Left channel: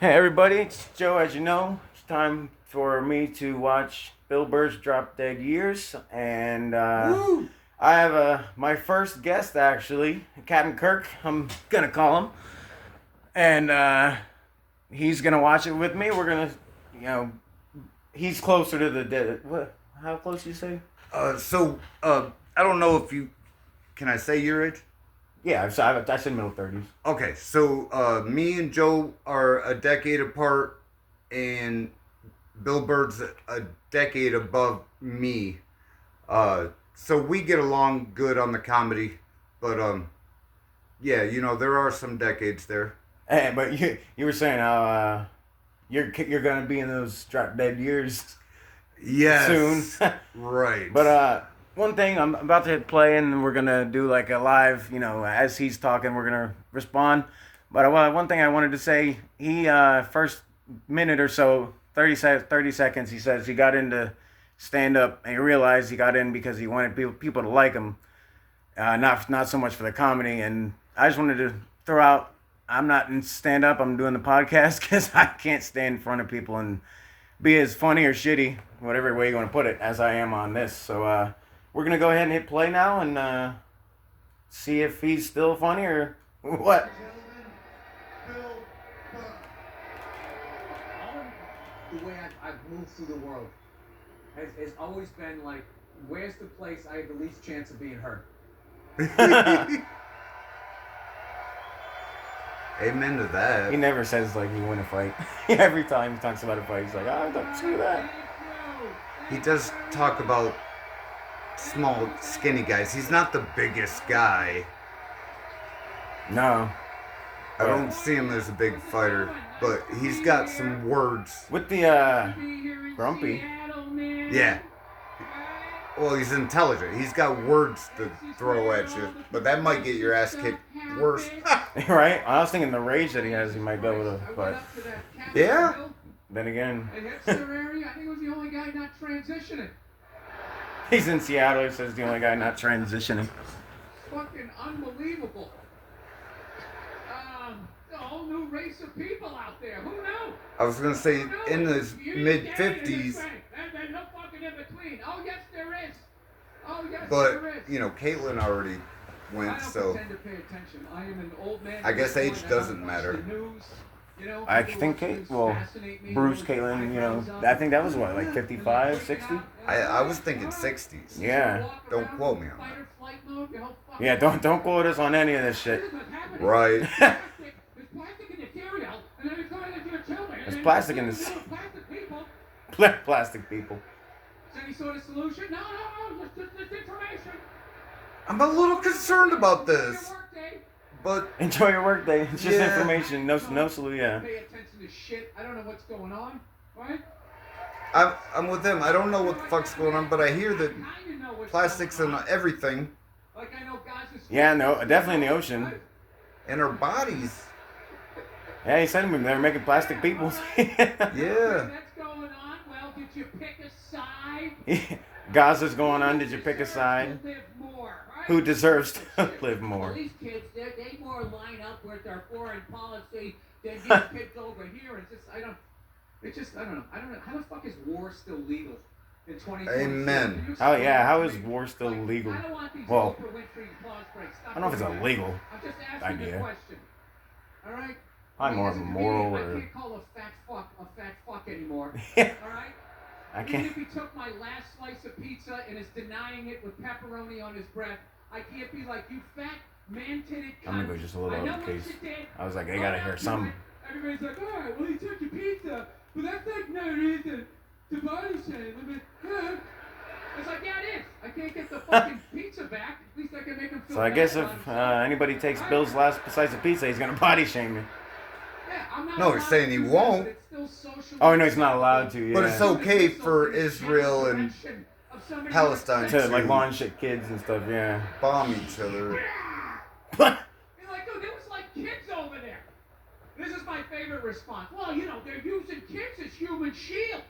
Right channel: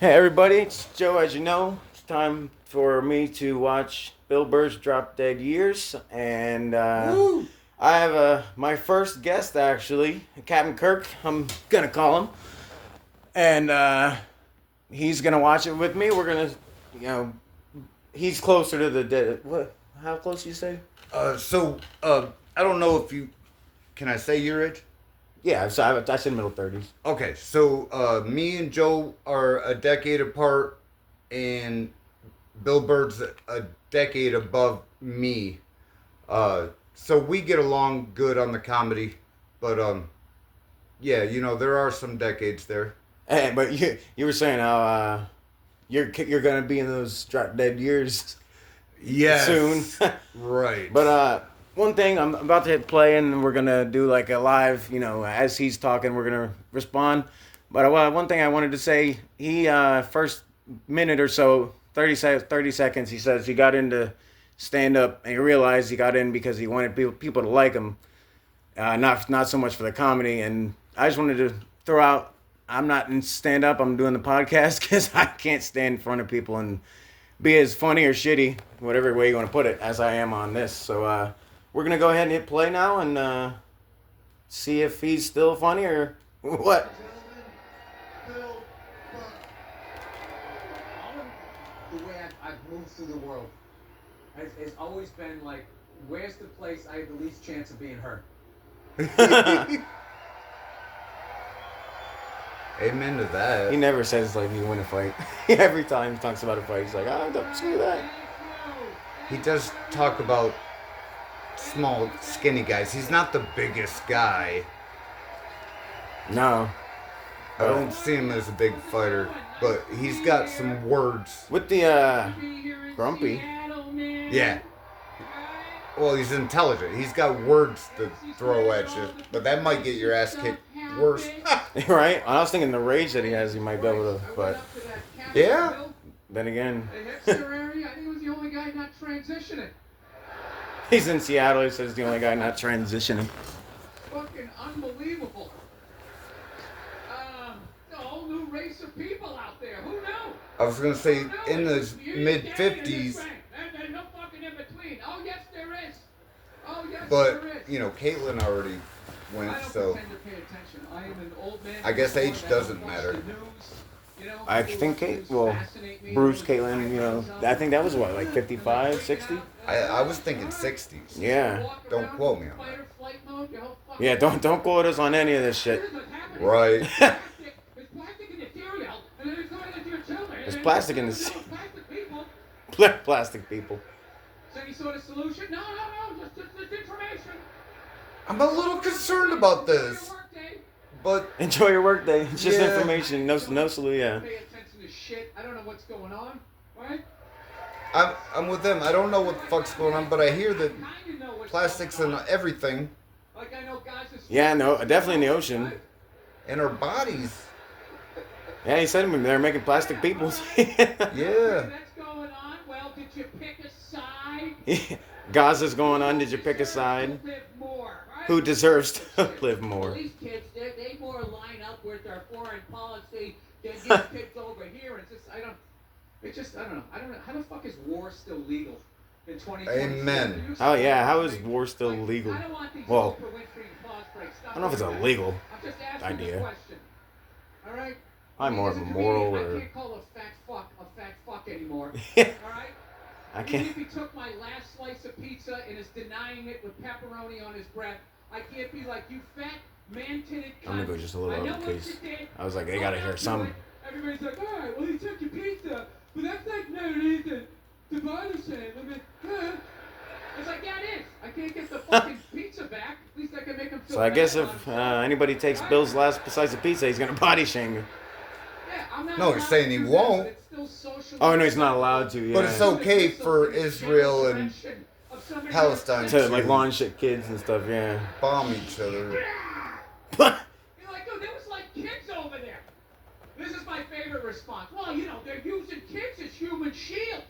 Hey everybody, it's Joe. As you know, it's time for me to watch Bill Burr's Drop Dead Years, and Woo! I have my first guest actually, Captain Kirk. I'm gonna call him, and he's gonna watch it with me. We're gonna, you know, he's closer to the dead. What? How close you say? I don't know if you can I say your age? Yeah, I said middle 30s. Okay, me and Joe are a decade apart, and Bill Bird's a decade above me. So we get along good on the comedy, but yeah, there are some decades there. Hey, but you were saying how you're gonna be in those Drop Dead Years soon. Yes, right. But one thing, I'm about to hit play and we're gonna do like a live. As he's talking, we're gonna respond. But one thing I wanted to say, he first minute or so, 30 seconds, he says he got into stand up and he realized he got in because he wanted people to like him, not so much for the comedy. And I just wanted to throw out, I'm not in stand up. I'm doing the podcast because I can't stand in front of people and be as funny or shitty, whatever way you want to put it, as I am on this. So we're gonna go ahead and hit play now and see if he's still funny or what. The way I've moved through the world has always been like, where's the place I have the least chance of being hurt? Amen to that. He never says like he won a fight. Every time he talks about a fight, he's like, "Ah, don't say that." He does talk about small, skinny guys. He's not the biggest guy. No, I don't see him as a big fighter, but he's got some words. with the grumpy. Yeah. Well, he's intelligent. He's got words to throw at you, but that might get your ass kicked worse. Right? I was thinking the rage that he has, he might be able to. But Yeah. then again, And hipster area, I think he was the only guy not transitioning. he's in Seattle. He says the only guy not transitioning. Fucking unbelievable. A whole new race of people out there. Who knew? I was gonna say in his mid And 50s, no fucking in between. Oh yes, there is. Oh yes, but there is. Caitlyn already I went, don't so pretend to pay attention. I am an old man. I guess age I doesn't don't watch matter. the news, I think Bruce, Caitlyn, I think that was what, like 55, 60? I was thinking 60s. Yeah. Don't quote me on that. Yeah, don't quote us on any of this shit. Right. There's plastic in this. Plastic people. Any sort of solution? No, just information. I'm a little concerned about this, but Enjoy your workday. It's just Yeah. information. No solution. Yeah. Pay attention to shit. I don't know what's going on, right? I'm with them. I don't know what the fuck's going on, but I hear that Kinda know what's plastics going in on. everything Like I know guys are Yeah, no, definitely in the ocean. in our bodies. Yeah, he said they're making plastic people. Yeah. That's going on. Well, did you pick a side? Gaza's going on. Did you pick a side? Live more, right? Who deserves to live Well, more? these kids, they more line up with their foreign policy than these kids over here. I don't know. I don't know. How the fuck is war still legal in 2020? Amen. Oh yeah, how is war still legal? I don't want these Well, Oprah Winfrey pause breaks. I don't know if it's illegal. I'm just asking idea. the question. All right? I'm more as a moral comedian, or- I can't call a fat fuck anymore. Yeah. All right? I Even can't. if he took my last slice of pizza and is denying it with pepperoni on his breath, I can't be like, you fat, man-titted cunt. I'm gonna go just a little I know out of what case. you did. I was like, they gotta hear something. Everybody's like, all right, well, he took your pizza, but that's like no reason to body shame. I mean, it's like, yeah, it is. I can't get the fucking pizza back. At least I can make him feel So I guess bad if about himself. anybody takes Bill's last slice of pizza, he's gonna body shame you. Yeah, I'm not No, he's allowed saying to he do that, won't. but it's still socially Oh no, he's not allowed to. Yeah. But it's okay for Israel and Palestine To like launch shit kids and stuff. Yeah. bomb each other. You're like, dude, there was like kids over there. This is my favorite response. Well, they're using kids as human shields.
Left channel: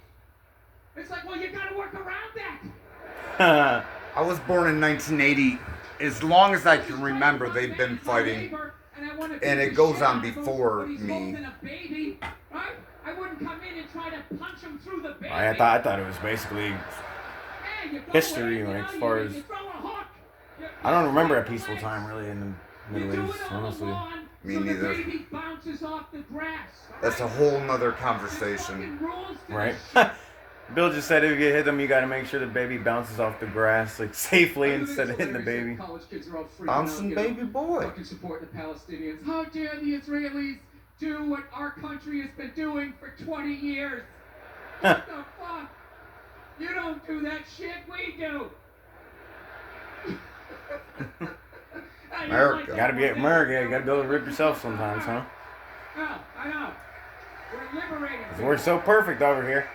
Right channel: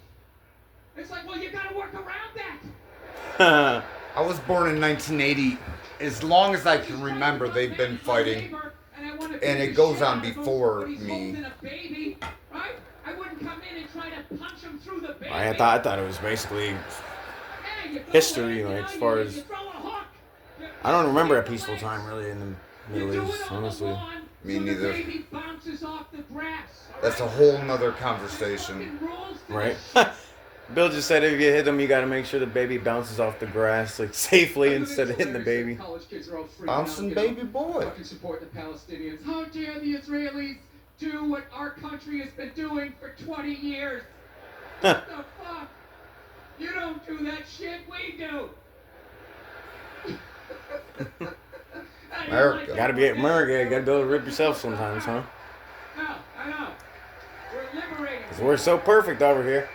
It's like, well, you gotta work around that. I was born in 1980. As long as I can remember, they've been fighting. And it goes on before me. Right? try to punch him through the baby. I thought it was basically Yeah, you go history, in, you like, know, as far you as... throw a hook. I don't remember a peaceful time, really, in the You Middle do East, it on the honestly. lawn, Me so neither. The baby bounces off the grass. That's a whole nother conversation. Right? Bill just said if you hit them, you got to make sure the baby bounces off the grass, like, safely instead of hitting the baby. College kids are all freaking Bouncing out, baby boy. Fucking support the Palestinians. How dare the Israelis do what our country has been doing for 20 years? What the fuck? You don't do that shit, we do. America. Gotta be at America, you gotta be able to rip yourself sometimes, huh? No, I know. We're liberating. 'Cause we're so perfect over here.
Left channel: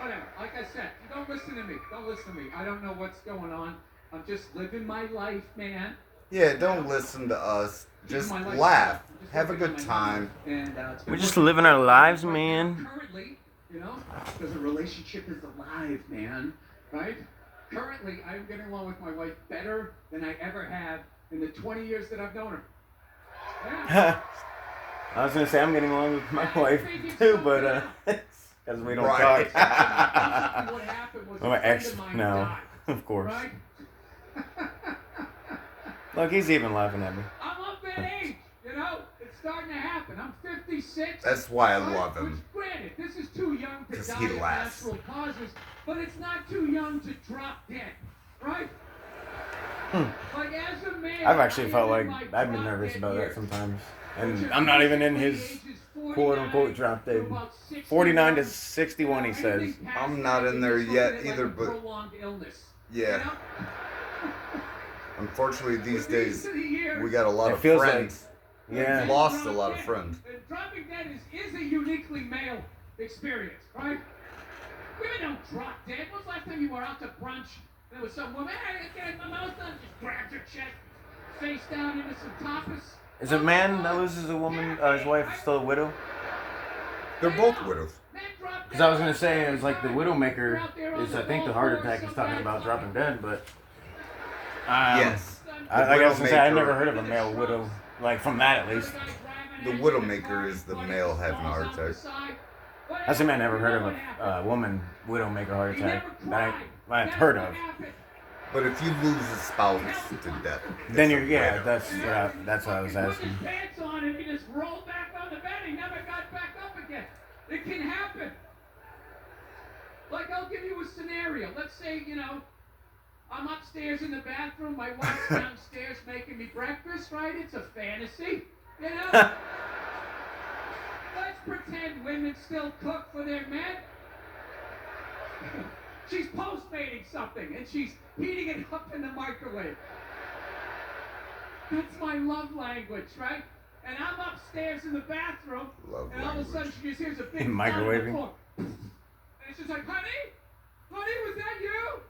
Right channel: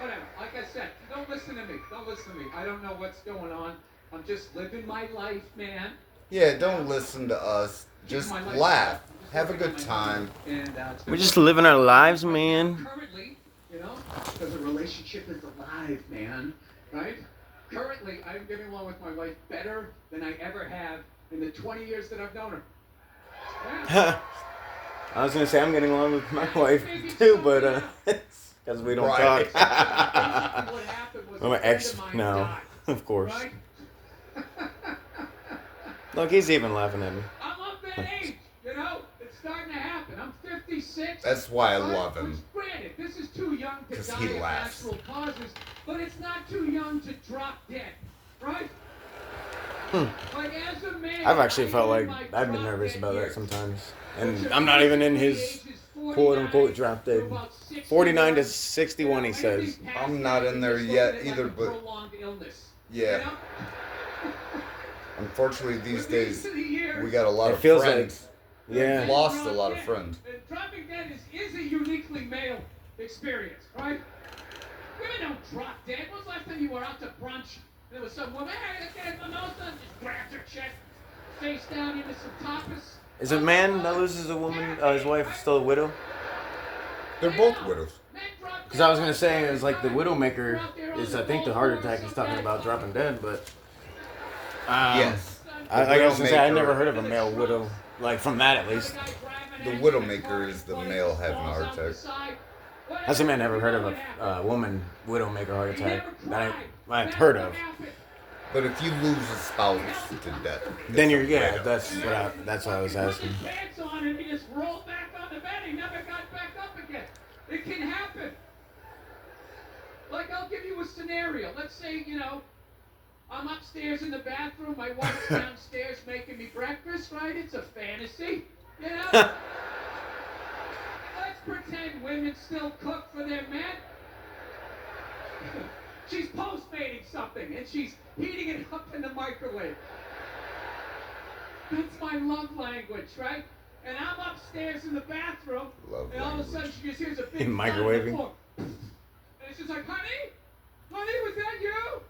Whatever. Like I said, don't listen to me. Don't listen to me. I don't know what's going on. I'm just living my life, man. Yeah, don't listen to us. Just laugh. Have a good time. And, We're just living our lives, man. Currently, you know, because a relationship is alive, man. Right? Currently, I'm getting along with my wife better than I ever have in the 20 years that I've known her. Yeah. I was gonna say I'm getting along with my wife too, but it's because we don't Right. What happened was talk. My a friend ex of mine now, died, of course. right? Look, he's even laughing at me. I'm up that age, you know? It's starting to happen. I'm 56. That's why I right? love him. Which, granted, this is too young to 'Cause die he of laughs. natural causes, but it's not too young to drop dead, right? Like, as a man, I've actually I felt am like in my I've been drop nervous dead about that years. sometimes, Which and are I'm not even in basically his ages quote unquote 49 drop to dead. about 61. 49 to 61, he says. Anything past I'm not that, in you're there just yet looking at either, like a but- prolonged illness, Yeah. you know? Unfortunately, these With days, of the years, we got a lot It of feels friends. Yeah. We've lost a lot of friends. And dropping dead is a uniquely male experience, right? Women don't drop dead. When's the last time you were out to brunch and there was some woman, hey, let's get a mimosa, and just grabs her chest, face down into some tapas? Is a man that loses a woman, his wife, still a widow? They're both widows. Because I was gonna say, it's like the widowmaker is, I think, the heart attack he's talking about dropping dead, but Yes. I guess to say I Widowmaker- never heard of a male widow, like from that at least. The widowmaker is the male having a heart attack. That's the man I never heard of a woman widow make a heart attack that I've heard of. But if you lose a spouse to death, Then you're that's what I was asking. Put his pants on and he just rolled back on the bed. He never got back up again. It can happen. Like, I'll give you a scenario. Let's say, you know, I'm upstairs in the bathroom. My wife's downstairs making me breakfast, right? It's a fantasy, you know? Let's pretend women still cook for their men. She's postmating something and she's heating it up in the microwave. That's my love language, right? And I'm upstairs in the bathroom, Love and all of a sudden language. she just hears a big Microwaving? thud on the floor. And she's like, honey? Honey, was that you?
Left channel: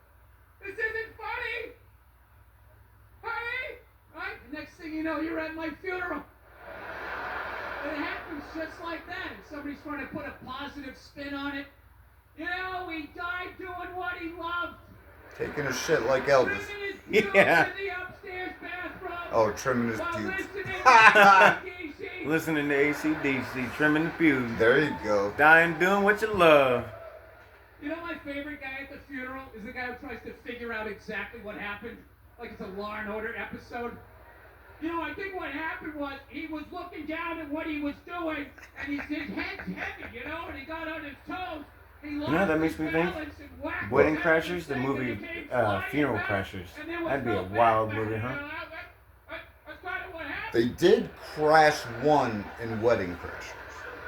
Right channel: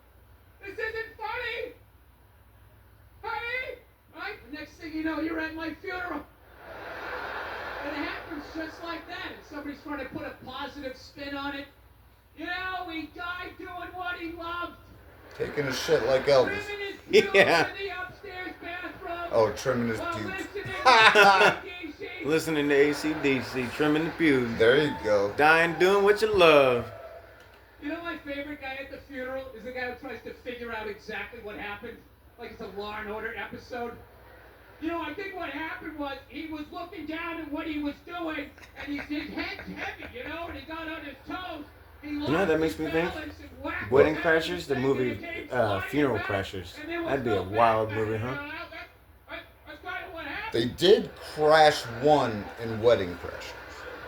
This isn't funny. Honey? Right? The next thing you know, you're at my funeral. It happens just like that. And somebody's trying to put a positive spin on it. You know, he died doing what he loved. taking a shit like Elvis. Trimming his pubes Yeah. in the upstairs bathroom. Oh, trimming his While pubes. listening to DC. Listening to AC/DC, trimming the pubes, There you go. dying doing what you love. You know my favorite guy at the funeral is the guy who tries to figure out exactly what happened, like it's a Law and Order episode. You know, I think what happened was he was looking down at what he was doing, and his head's heavy, you know, and he got on his toes. He lost know, that makes his me think balance and whacked Wedding his Crashers, head the and movie, it came flying Funeral back, Crashers. and there was That'd be no a wild back movie, then, huh? you know, that's kind of what happened. They did crash one in Wedding Crashers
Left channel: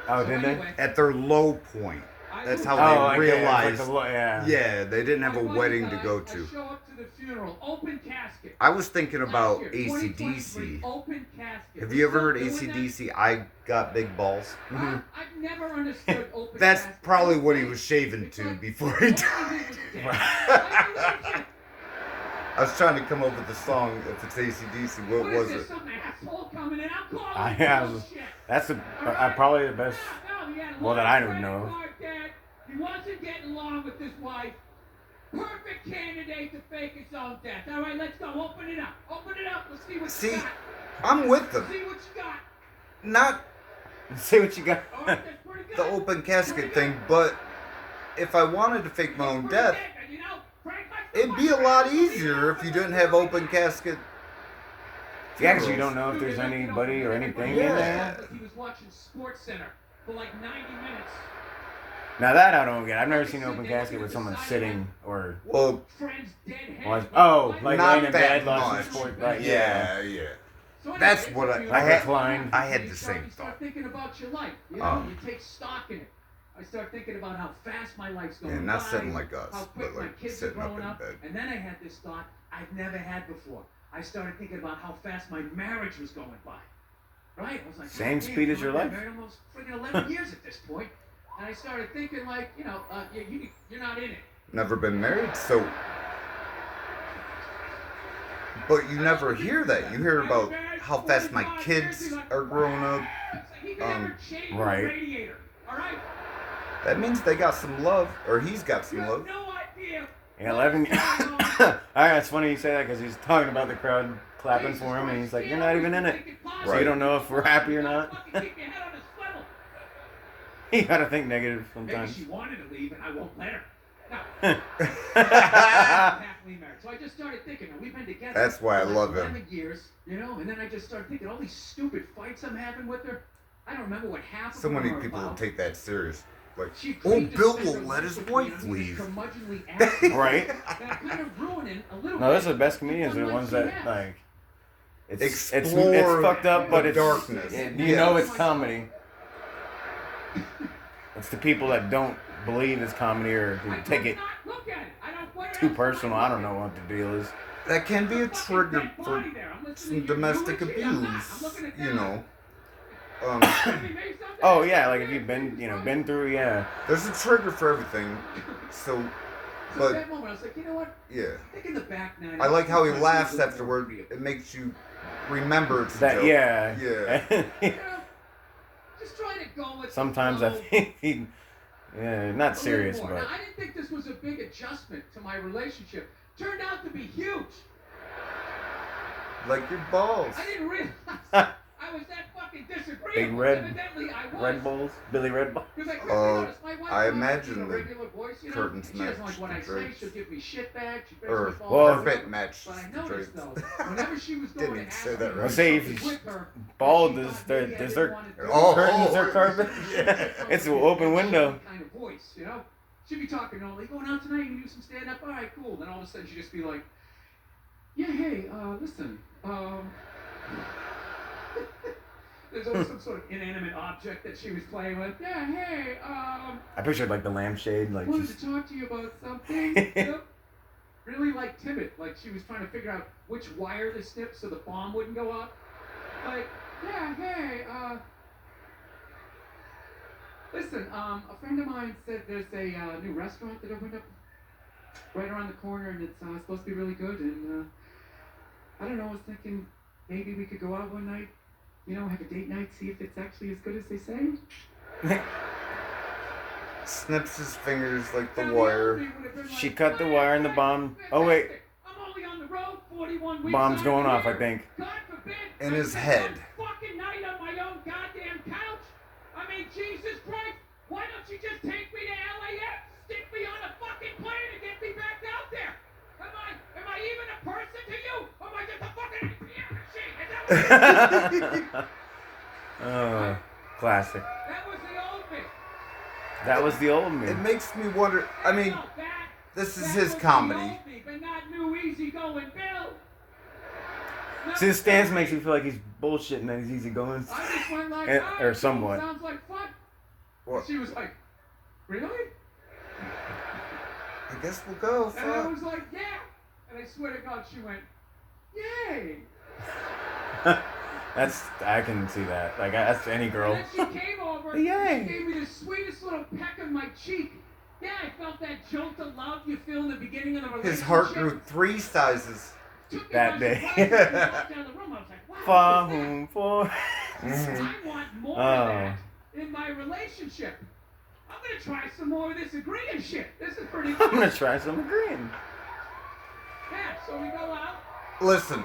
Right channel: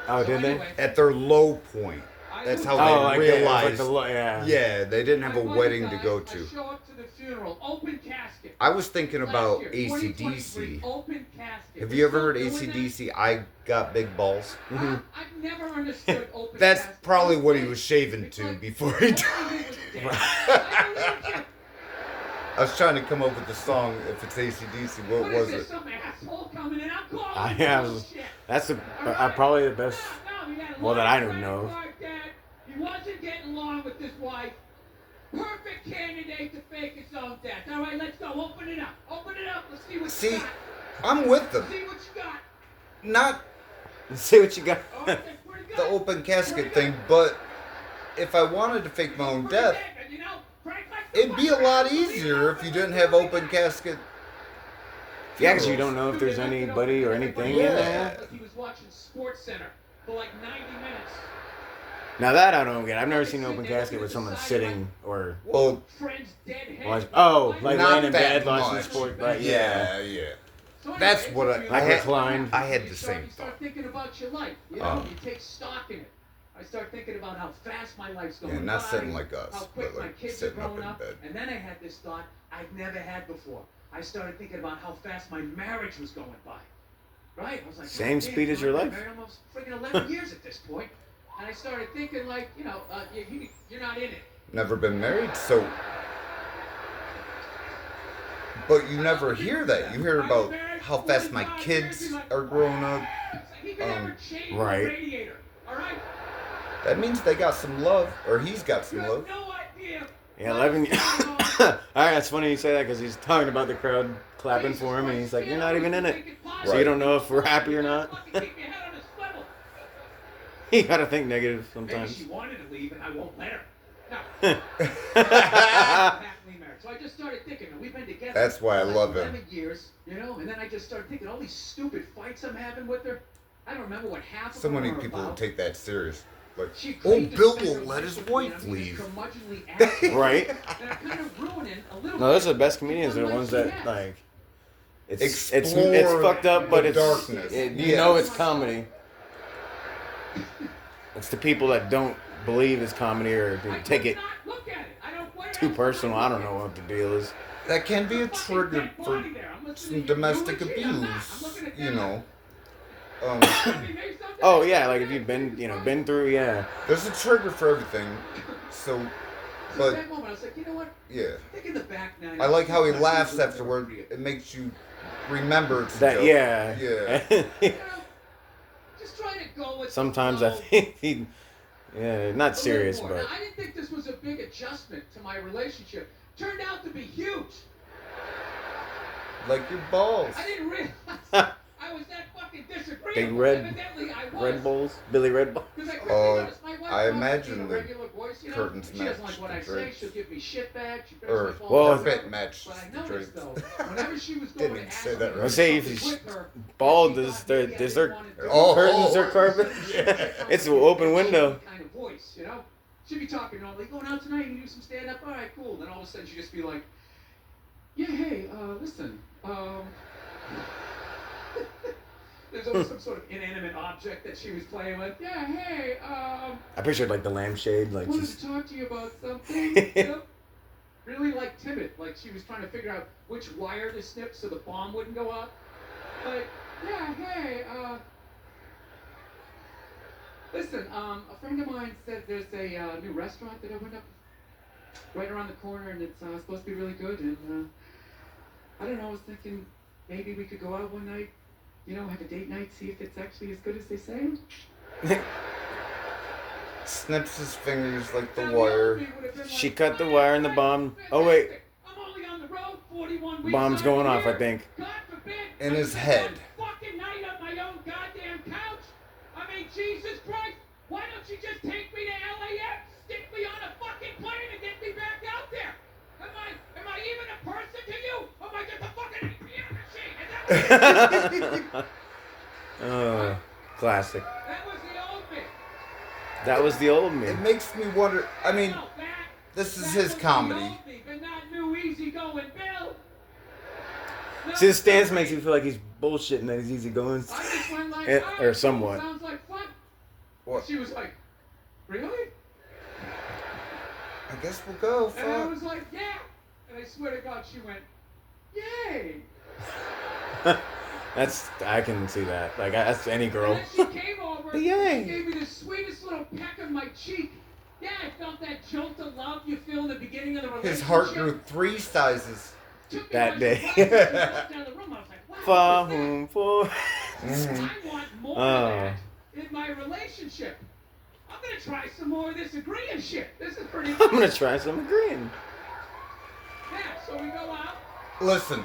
Oh, did they? Anyway, at their low point. That's how Oh, they like realized. yeah. Yeah, they didn't have a I won wedding the to guy, go I to. show up to the funeral, open casket. I was thinking Last about year, AC/DC. 2023, open casket. Have you ever heard Still doing that? AC/DC? I got big balls. Mm-hmm. I've never understood open That's casket. probably what he was It's shaving like- to before he it's died. like he was dead. I was trying to come up with the song. If it's AC/DC, what What was is this, it? some asshole coming in? I'm calling Yeah, bullshit. That's probably the best. No, he had a Well, that I long don't know. credit card debt. He wasn't getting along with his wife. Perfect candidate to fake his own death. All right, let's go. Open it up. Open it up. Let's see what See, you got. I'm with them. See what you got. Not See what you got. All right, that's pretty the open casket thing, but if I wanted to fake my own death, it'd be a lot easier if you didn't have open casket. Yeah, because you don't know if there's anybody or anything in there. He was watching Sports Center for like 90 minutes. Now that I don't get. I've never seen an open casket with someone sitting or. Well, Like not laying in that bed watching much. sport. Like, yeah. That's what I had. reclined. I had the same You start thought. thinking about your life. You know, you take stock in it. I start thinking about how fast my life's going. Yeah, not by, sitting like us, how quick but my like kids sitting are up growing in up. bed. And then I had this thought I've never had before. I started thinking about how fast my marriage was going by. Right? I was like, Same God, speed as your I've life. been married almost friggin' 11 years at this point. And I started thinking, like, you know, you're not in it. Never been married, so. But you never hear that. You hear about how fast my kids are growing up. He could never change right. the radiator. All right? That means they got some love, or he's got You some have love. no idea. Yeah, 11. Alright, it's funny you say that because he's talking about the crowd clapping for him, and he's like, "You're not even in it, so you don't know if we're happy or not." You gotta think negative Maybe sometimes. she wanted to leave, and I won't let her. No. Happily married. So I just started thinking, we've been together. That's why I for like love him. 11 years, you know, and then I just started thinking all these stupid fights I'm having with her. I don't remember what half of So them many are people about. take that serious. Like, She oh, agreed to Bill spend her won't let life his with me, wife and I'm leave. just curmudgeonly asking her. Right? And I'm kind of ruining a little No, those are the bit best comedians. the Are the fun ones life that she has. like. It's Explore fucked up, but the it's darkness. you know it's comedy. It's the people that don't believe it's comedy or I take would it not look at it. I don't, what too else personal. would I don't look know at? what the deal is. That can be a Fucking trigger dead for body there. I'm listening some to you domestic and shit. I'm not. I'm abuse. looking at You that. know. Somebody made something. Oh yeah, like if you've been been through, yeah. There's a trigger for everything. So, So at but that moment, I was like, you know what? yeah. Think in the back now. I like how he laughs afterward. It makes you remember it's a That joke. yeah. Yeah. You know, just trying to go with. Sometimes the I flow think he, yeah, not a serious, little more. but Now, I didn't think this was a big adjustment to my relationship. Turned out to be huge. Like your balls. I didn't realize I was that fucking disagreeable. Big red- Evidently, I was. Red Bulls, Billy Red Bull. Because I quickly noticed my wife I talks to me imagine in a the regular voice, you know, curtains and she doesn't match like what the I say. drapes. She'll give me shit back. She Or makes me fall well, apart. carpet match But I the noticed drapes. though, whenever she was Didn't going to even ask say me that to right. do Say if something he's with her, bald, she does thought their maybe I does didn't their want to do Oh, it. curtains or carpet? It's an open window. Kind of voice, you know. She'd be talking normally, going out tonight, you do some stand up, all right, cool. Then all of a sudden she'd just be like, yeah, hey, listen, there's always some sort of inanimate object that she was playing with. Yeah, hey, I pictured like the lampshade, like wanted just to talk to you about something. You know? Really like timid, like she was trying to figure out which wire to snip so the bomb wouldn't go up. Like, yeah, hey, listen, a friend of mine said there's a new restaurant that opened up right around the corner, and it's supposed to be really good. And I don't know, I was thinking maybe we could go out one night, you know, have a date night, see if it's actually as good as they say. Snips his fingers like the And wire. the would have been she like, cut the wire and the bomb. Oh wait, I'm only on the road 41 weeks bomb's out of going the off, I year. think. God forbid, In I his spend head. one fucking night on my own goddamn couch. I mean, Jesus Christ, why don't you just take me to LAX, stick me on a fucking plane, and get me back out there? Am I even a person to you? Or am I just a fucking ATM machine? Is that what Oh, classic. that was the old me. That was the old me. It makes me wonder. I mean, No, that this is was his the comedy. old me, but not new easygoing Bill. No, See, his stance makes me feel like he's bullshitting that he's easy going. I just went like, Eh, "All right, or cool, somewhat. sounds like fun." What? She was like, really? I guess we'll go. And I Fuck. was like, yeah. And I swear to God, she went, yay. I can see that. Like that's any girl. And then she came over Yay. and gave me the sweetest little peck on my cheek. Yeah, I felt that jolt of love you feel in the beginning of the relationship. His heart grew 3 sizes. Took me that by day. surprise as we walked down the room. I was like, wow, Far what is that? home for. I want more of that in my relationship. I'm gonna try some more of this agreeing shit. This is pretty I'm fun. gonna try some agreeing. Yeah, so we go out. Listen,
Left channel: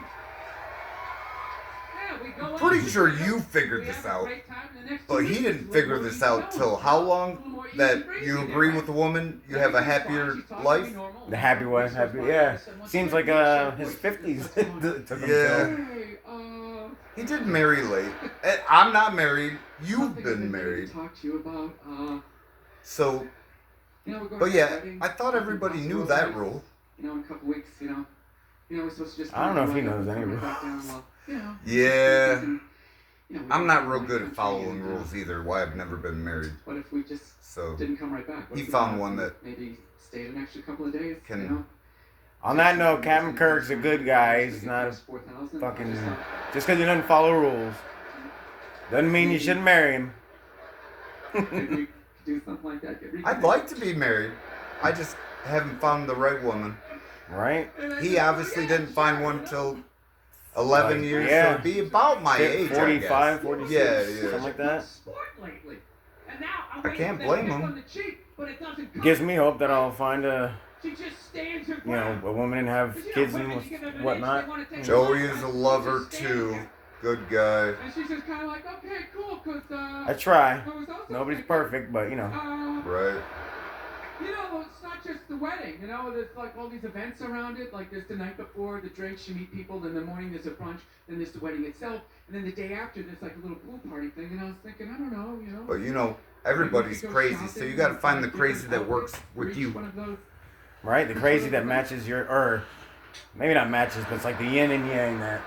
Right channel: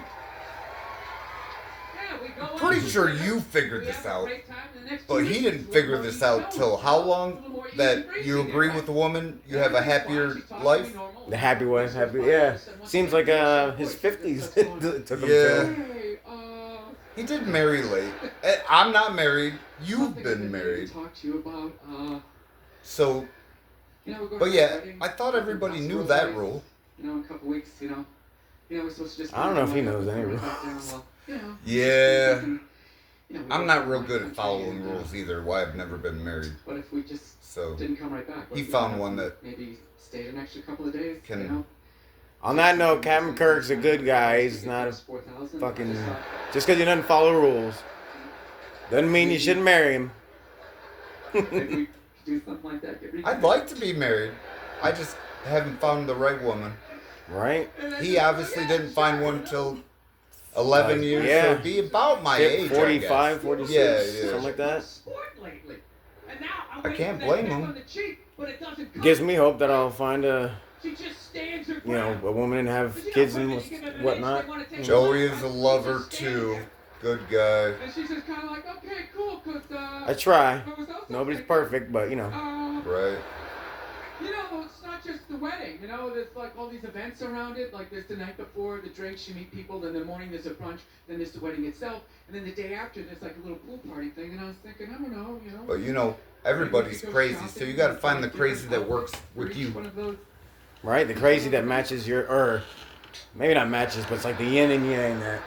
Yeah, we Pretty sure you figured this out, but he didn't figure this out till how long? That you agree with the woman, you have a happier life? The happy wife, happy, yeah. Seems like his 50s took him Yeah. He did marry late. I'm not married. You've been married. So, but yeah, I thought everybody knew that rule. In a couple weeks, we're supposed to just. I don't know if he knows any rules. Yeah. I'm not real good at following rules either. Why I've never been married. What if we just didn't come right back? He found one that maybe stayed an extra couple of days. Can. On that note, Captain Kirk's a good guy. He's not a fucking. Just because he doesn't follow rules doesn't mean you shouldn't marry him. I'd like to be married. I just haven't found the right woman. Right? He obviously didn't find one till 11 years, yeah. so it'd be about my age, 45, 46, yeah. something like that. I can't blame him. Gives me hope that I'll find a woman and have kids and whatnot. Joey is a lover too. Good guy. And she's just kind of like, okay, cool, because, I try. Nobody's perfect, but, Right. It's not just the wedding, there's like all these events around it, like there's the night before, the drinks, you meet people, then the morning there's a brunch, then there's the wedding itself, and then the day after there's like a little pool party thing, and I was thinking, I don't know, But everybody's crazy, so you gotta find the crazy that works with you. Right? The crazy that matches or maybe not matches, but it's like the yin and yang that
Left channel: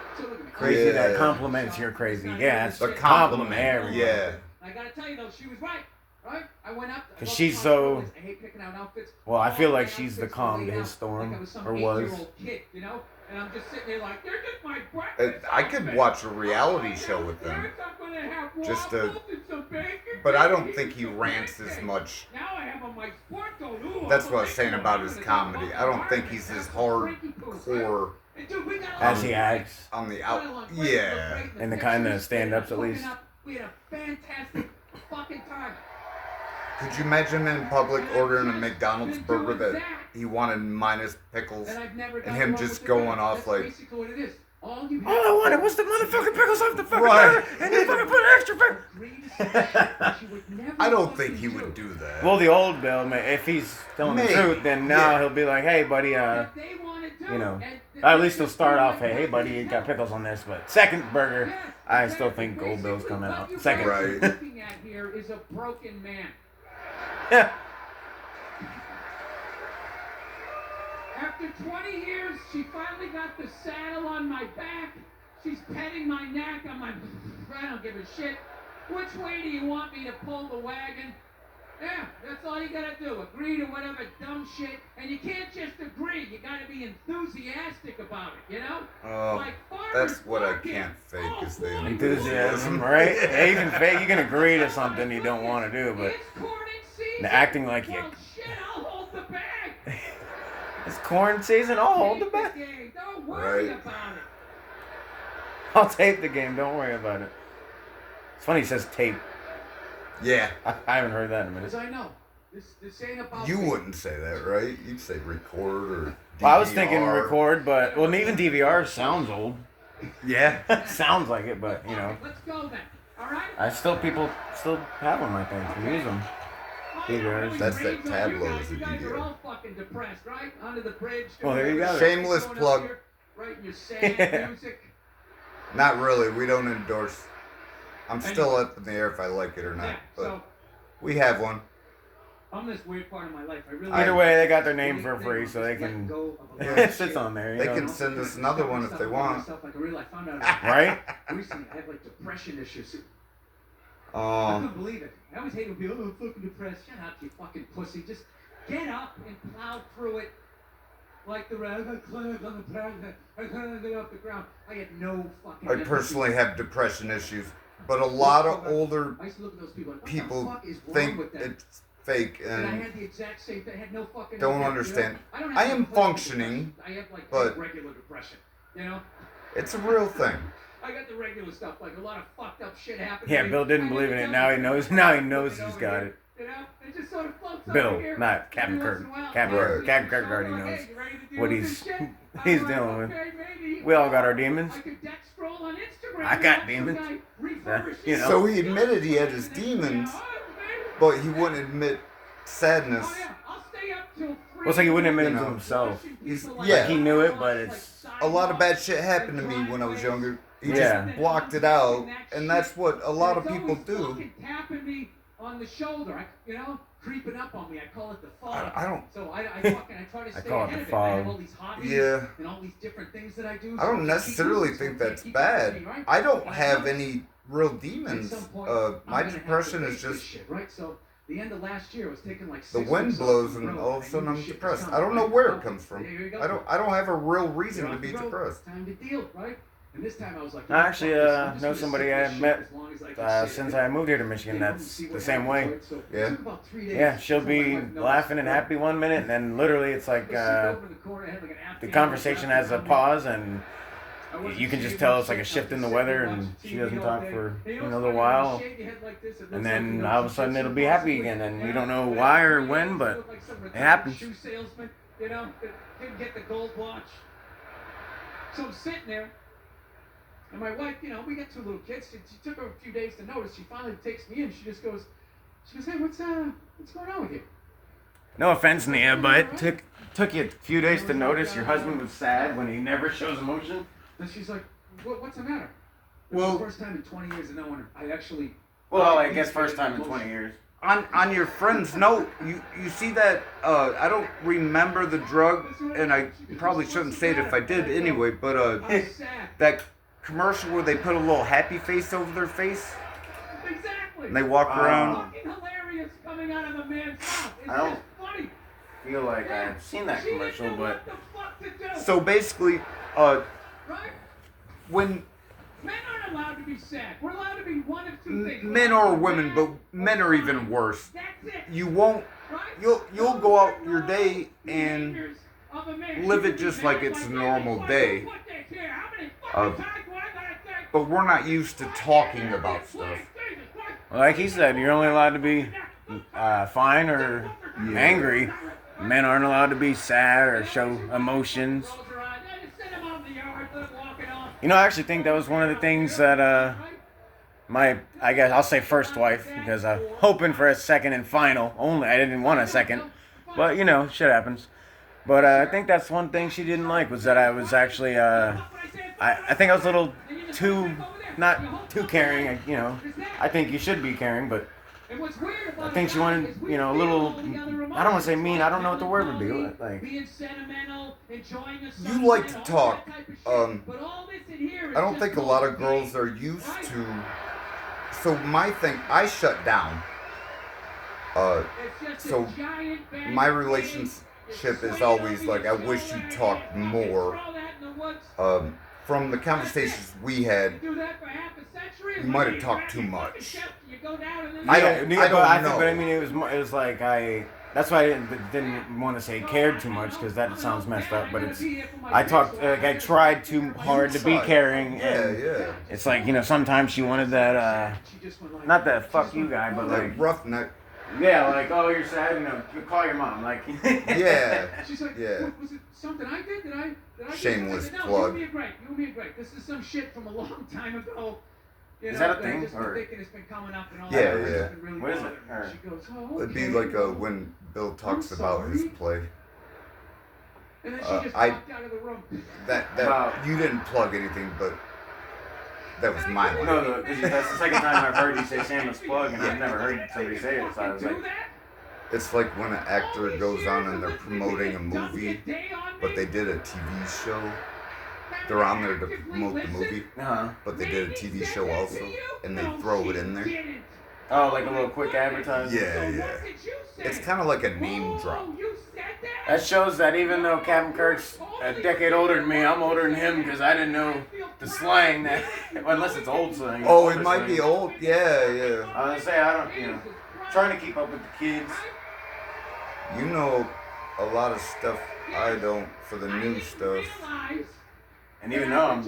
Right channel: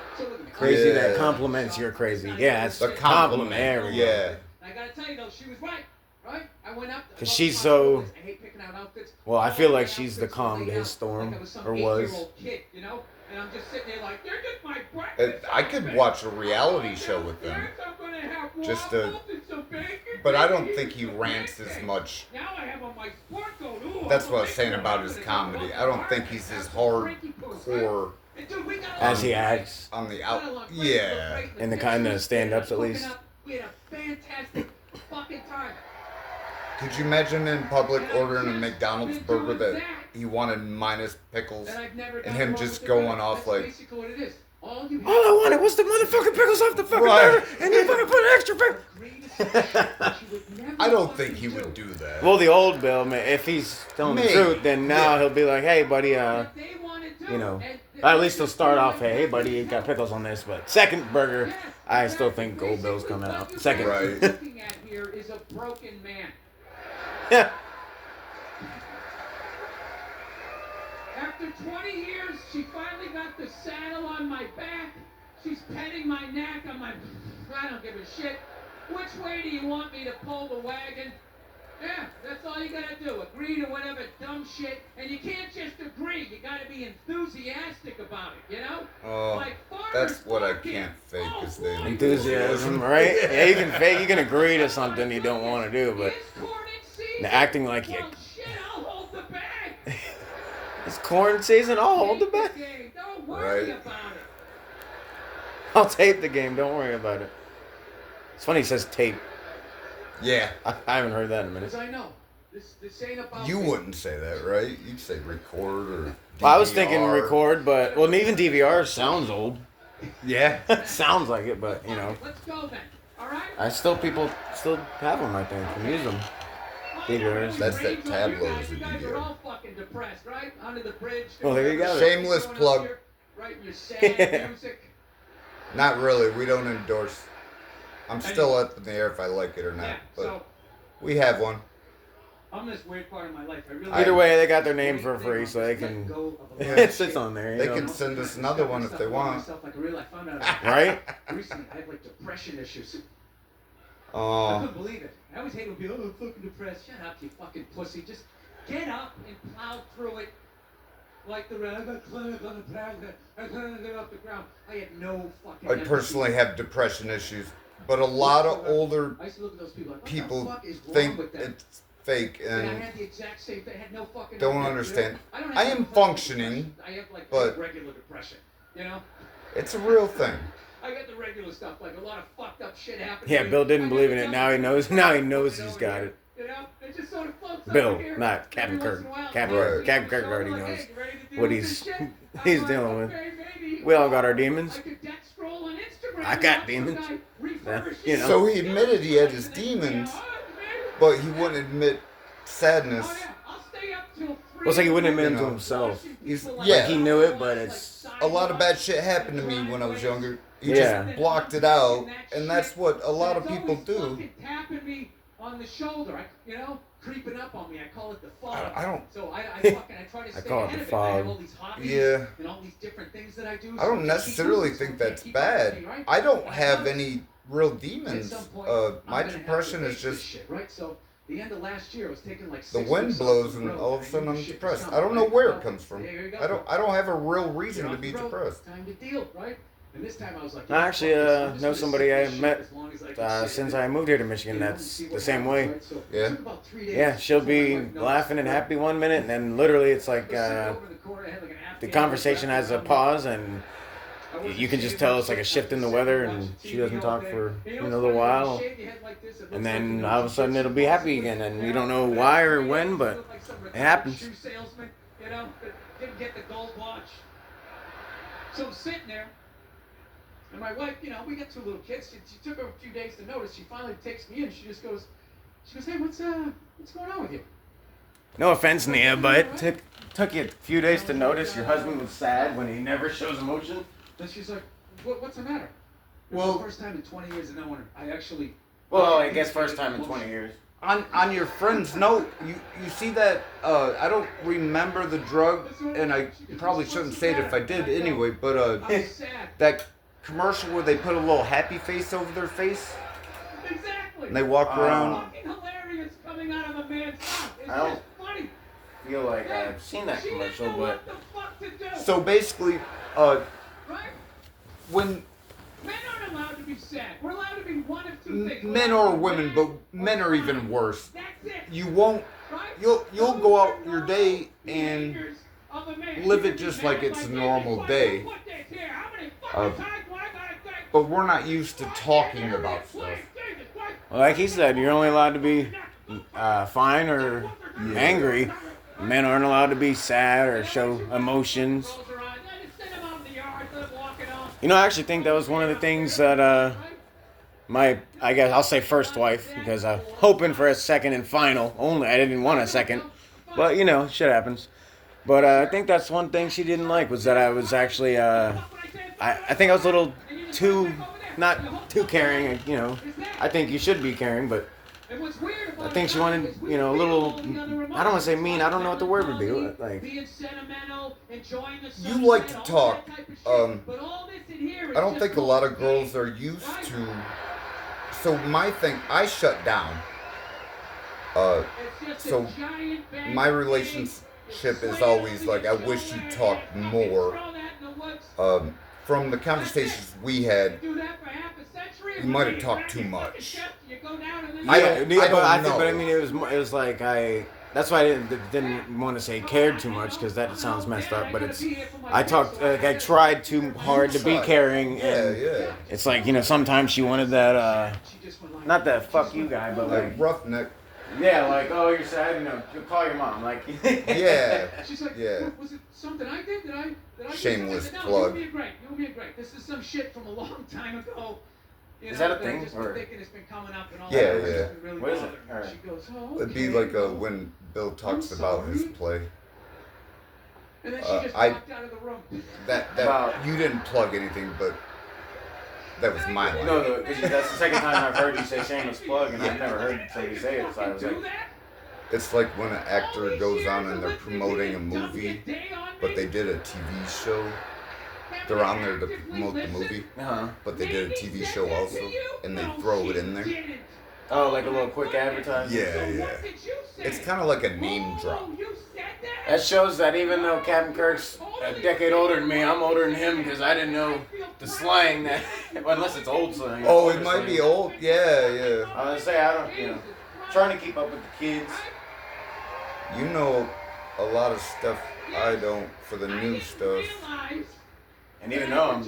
crazy that complements your crazy. Yeah, it's the compliment. Yeah. I gotta tell you though, she was right. Right? I went up. Because she's so. I hate picking out outfits. Well, I feel like she's the calm to his storm, or was. Kid, and I'm just sitting there like, they're just my breakfast. I could watch a reality show with them. Just but I don't think he rants as much. That's what I was saying about his comedy. I don't think he's as hardcore as he acts on the out. Yeah. In the kind of stand-ups, at least. We had a fantastic fucking time. Could you imagine in public ordering a McDonald's burger that he wanted minus pickles, and him just going off like, all I wanted was the motherfucking pickles off the fucking burger, and you fucking put an extra pickle. I don't think he would do that. Well, the old Bill, if he's telling the truth, then now he'll be like, hey, buddy, at least he'll start off, hey, buddy, you got pickles on this, but second burger, I still think Old Bill's coming out. Second. Right. What you're looking at here is a broken man. Yeah. After 20 years, she finally got the saddle on my back. She's petting my neck. I don't give a shit. Which way do you want me to pull the wagon? Yeah, that's all you gotta do. Agree to whatever dumb shit. And you can't just agree. You gotta be enthusiastic about it, Like that's what I can't fake is the enthusiasm, right? Yeah, you can fake. You can agree to something you don't want to do, but the acting like you. Shit, I'll hold the bag. It's corn season. I'll hold the bag. Don't worry about it. I'll tape the game. Don't worry about it. It's funny he says tape. Yeah. I haven't heard that in a minute. Because I know. This ain't about you wouldn't say that, right? You'd say record or DVR. Well, I was thinking record, but even DVR sounds old. Yeah. Sounds like it, but Let's go then. All right? People still have them, I think, and use them. DVRs. That's that tabloid as a You guys are DVR. all fucking depressed, right? Under the bridge. Well, there you go. Shameless plug. Writing your sad music. Not really. We don't endorse. I'm still up in the air if I like it or not, but we have one. I'm in this weird part of my life. Either way, they got their name for free, so they can. It sits on there. They can send us another one if they want. Right? Recently, I have like depression issues. I Oh, couldn't believe it. I always hate to be, I'm fucking depressed. Shut up, you fucking pussy. Just get up and plow through it. Like the rest. I couldn't on the ground. I couldn't get off the ground. I had no fucking. I personally have depression issues, but a lot of older I used to look at those people like, what people the fuck is wrong think with them? it's fake And I and had the exact same thing. I had no fucking. don't idea, understand. I don't I have am clinical functioning, depression. I have like but- regular depression. it's a real thing. I got the regular stuff, like a lot of fucked up shit happened. Yeah, to me. Bill didn't I believe never in it. tell Now he people. knows. Now he knows he's got it. It just sort of floats Bill, over here. not Captain Every Kirk. once in a while, Captain Kirk already like, knows hey, you ready to deal what with he's this shit? he's I'm dealing like, with. okay, maybe. We all got our demons. I could deck scroll on Instagram I got demons. You know. So he admitted he had his demons, but he wouldn't admit sadness. Well, it's like he wouldn't admit it to himself. Yeah. He knew it, but it's... A lot of bad shit happened to me when I was younger. He Yeah. just blocked it out, and that's what a lot of people do. Tapping me on the shoulder, creeping up on me. I call it the fog. I don't. So I try to stay call it ahead the of it. I have fog. all these hobbies Yeah. and all these different things that I do. I don't necessarily think that's bad. I don't have any real demons. My depression is just right. So the end of last year, I was taking like the wind blows, and all of a sudden I'm depressed. I don't know where it comes from. I don't have a real reason to be depressed. Time to deal, right? And this time I was like, I actually know somebody I met since I moved here to Michigan that's the same way. Yeah. Yeah, she'll be laughing and happy one minute, and then literally it's like the conversation has a pause, and you can just tell it's like a shift in the weather, and she doesn't talk for a little while, and then all of a sudden it'll be happy again, and you don't know why or when, but it happens. Didn't get the gold watch. So I'm sitting there. And my wife, we got 2 little kids. She took her a few days to notice. She finally takes me in. She goes, hey, what's going on with you? No offense, Nia, but it took you a few days to notice your husband was sad when he never shows emotion. And she's like, what's the matter? Well, it's the first time in 20 years, and no one, I actually. Well, I guess first time in 20 years. On your friend's note, you see that, I don't remember the drug, and I probably shouldn't say it if I did anyway, but that commercial where they put a little happy face over their face, Exactly. and they walk around. Fucking hilarious coming out of a man's mouth. It's I don't just funny. feel like I've seen that commercial, but... What the fuck to do. So basically, Right? when Men aren't allowed to be sad. We're allowed to be one of 2 things. men or women, but men are even worse. That's it. You won't. Right? You'll go out your day and live it just like it's a normal day. But we're not used to talking about stuff. Well, like he said, you're only allowed to be fine or angry. Men aren't allowed to be sad or show emotions. I actually think that was one of the things that I guess I'll say first wife, because I'm hoping for a second and final. Only I didn't want a second, but shit happens. But I think that's one thing she didn't like, was that I was actually I think I was a little not too caring. I think you should be caring, but I think she wanted a little. I don't want to say mean. I don't know what the word would be. Like, You like to talk. I don't think a lot of girls are used to. So my thing, I shut down. So my relationship is always like, I wish you talked more. From the conversations we had, you might have talked too much. I don't know. But I mean, it was like that's why I didn't want to say cared too much, because that sounds messed up. But I tried too hard to be caring. Yeah. It's like, sometimes she wanted that, not that fuck you guy, but like roughneck. Yeah, like, oh, you're sad, call your mom, like. Yeah. She's like, yeah. Was it something I did? Did I Shameless no, plug. You would be a great. This is some shit from a long time ago. Is that a thing? Just Or? thinking it's been coming up and all Yeah, that. yeah. Really what is it? She goes, oh, It'd be okay. like when Bill talks about his play. And then she just walked out of the room. That you didn't plug anything, but that was my line. No, because that's the second time I've heard you say shameless plug, and I've never heard somebody say it, so I was like... It's like when an actor goes on and they're promoting a movie, but they did a TV show. They're on there to promote the movie, but they did a TV show also, and they throw it in there. Oh, like a little quick advertisement? Yeah. It's kind of like a name drop. That shows that even though Captain Kirk's a decade older than me, I'm older than him, because I didn't know the slang that, unless it's old slang. Oh, it might be old. Yeah. I was gonna say, I don't, trying to keep up with the kids. You know a lot of stuff I don't for the new stuff. And even though I'm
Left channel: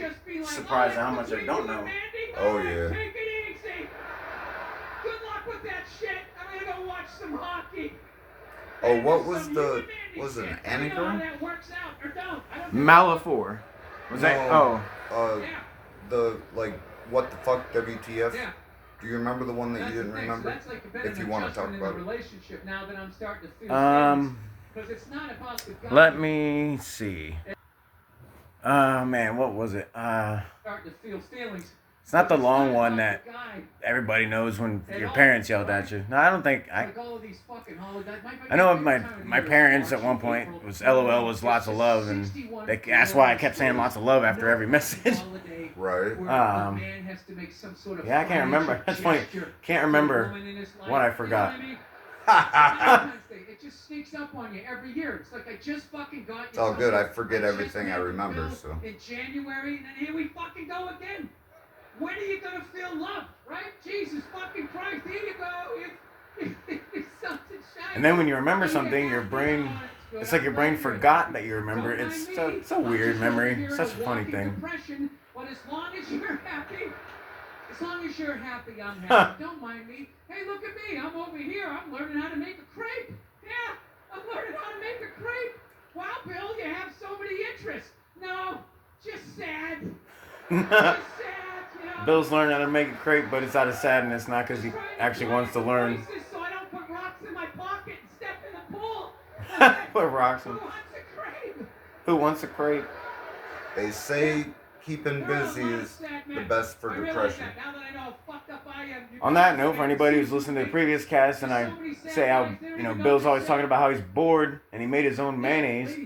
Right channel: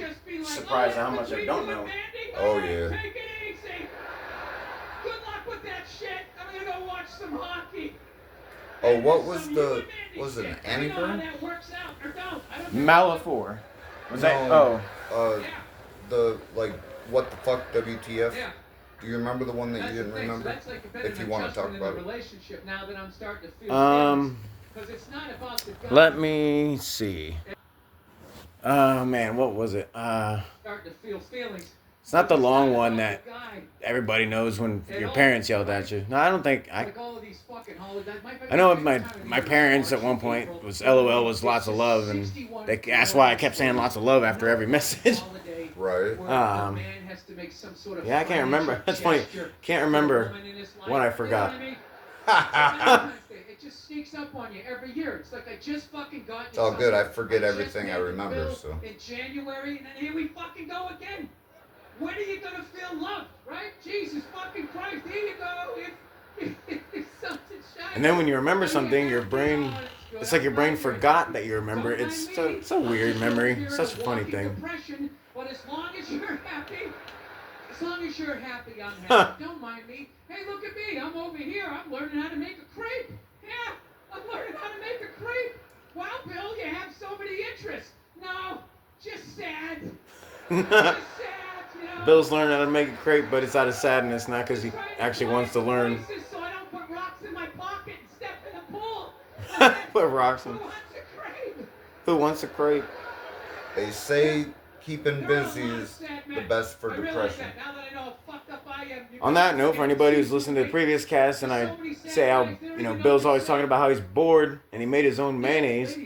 surprised at how much I don't know. Oh, yeah. Take it easy. Good luck with that shit. I'm gonna go watch some hockey. Oh, what was it an anagram? Malafor. Was that? No, the what the fuck, WTF? Yeah. Do you remember the one that That's you didn't the thing. remember? So that's like a bit If of you an want to talk adjustment in about the it. relationship now that I'm starting to feel feelings. Because it's not about the guy. Let me see. Oh man, what was it? Starting to feel feelings. It's not the It's long not one about that the guy. everybody knows when At your all, parents yelled right? at you. No, I don't think. Like all of these fucking holidays. I know my parents at one point was LOL was lots of love, and that's why I kept saying lots of love after every message. Right. Yeah, I can't remember. That's funny. Can't remember what I forgot. It just sneaks up on you every year. It's like I just fucking got you. It's all good. I forget just everything I paid the remember, bill so. in January, and then here we fucking go again. When are you gonna feel loved, right? Jesus fucking Christ! Here you go. It's something shiny. And then when you remember something, your brain, it's like your brain forgot that you remember. It's a weird memory. Such a funny thing. But as long as you're happy, I'm happy. Don't mind me. Hey, look at me. I'm over here. I'm learning how to make a crepe. Yeah, I'm learning how to make a crepe. Wow, Bill, you have so many interests. No, just sad. Just sad, you know. Bill's learning how to make a crepe, but it's out of sadness, not because he actually wants to learn. So I don't put rocks in my pocket and step in the pool. Put rocks in. Who wants a crepe? Who wants a crepe? They say keeping busy is the best for depression. On that note, for anybody who's listened to the previous cast, and I say how, Bill's always talking about how he's bored and he made his own mayonnaise.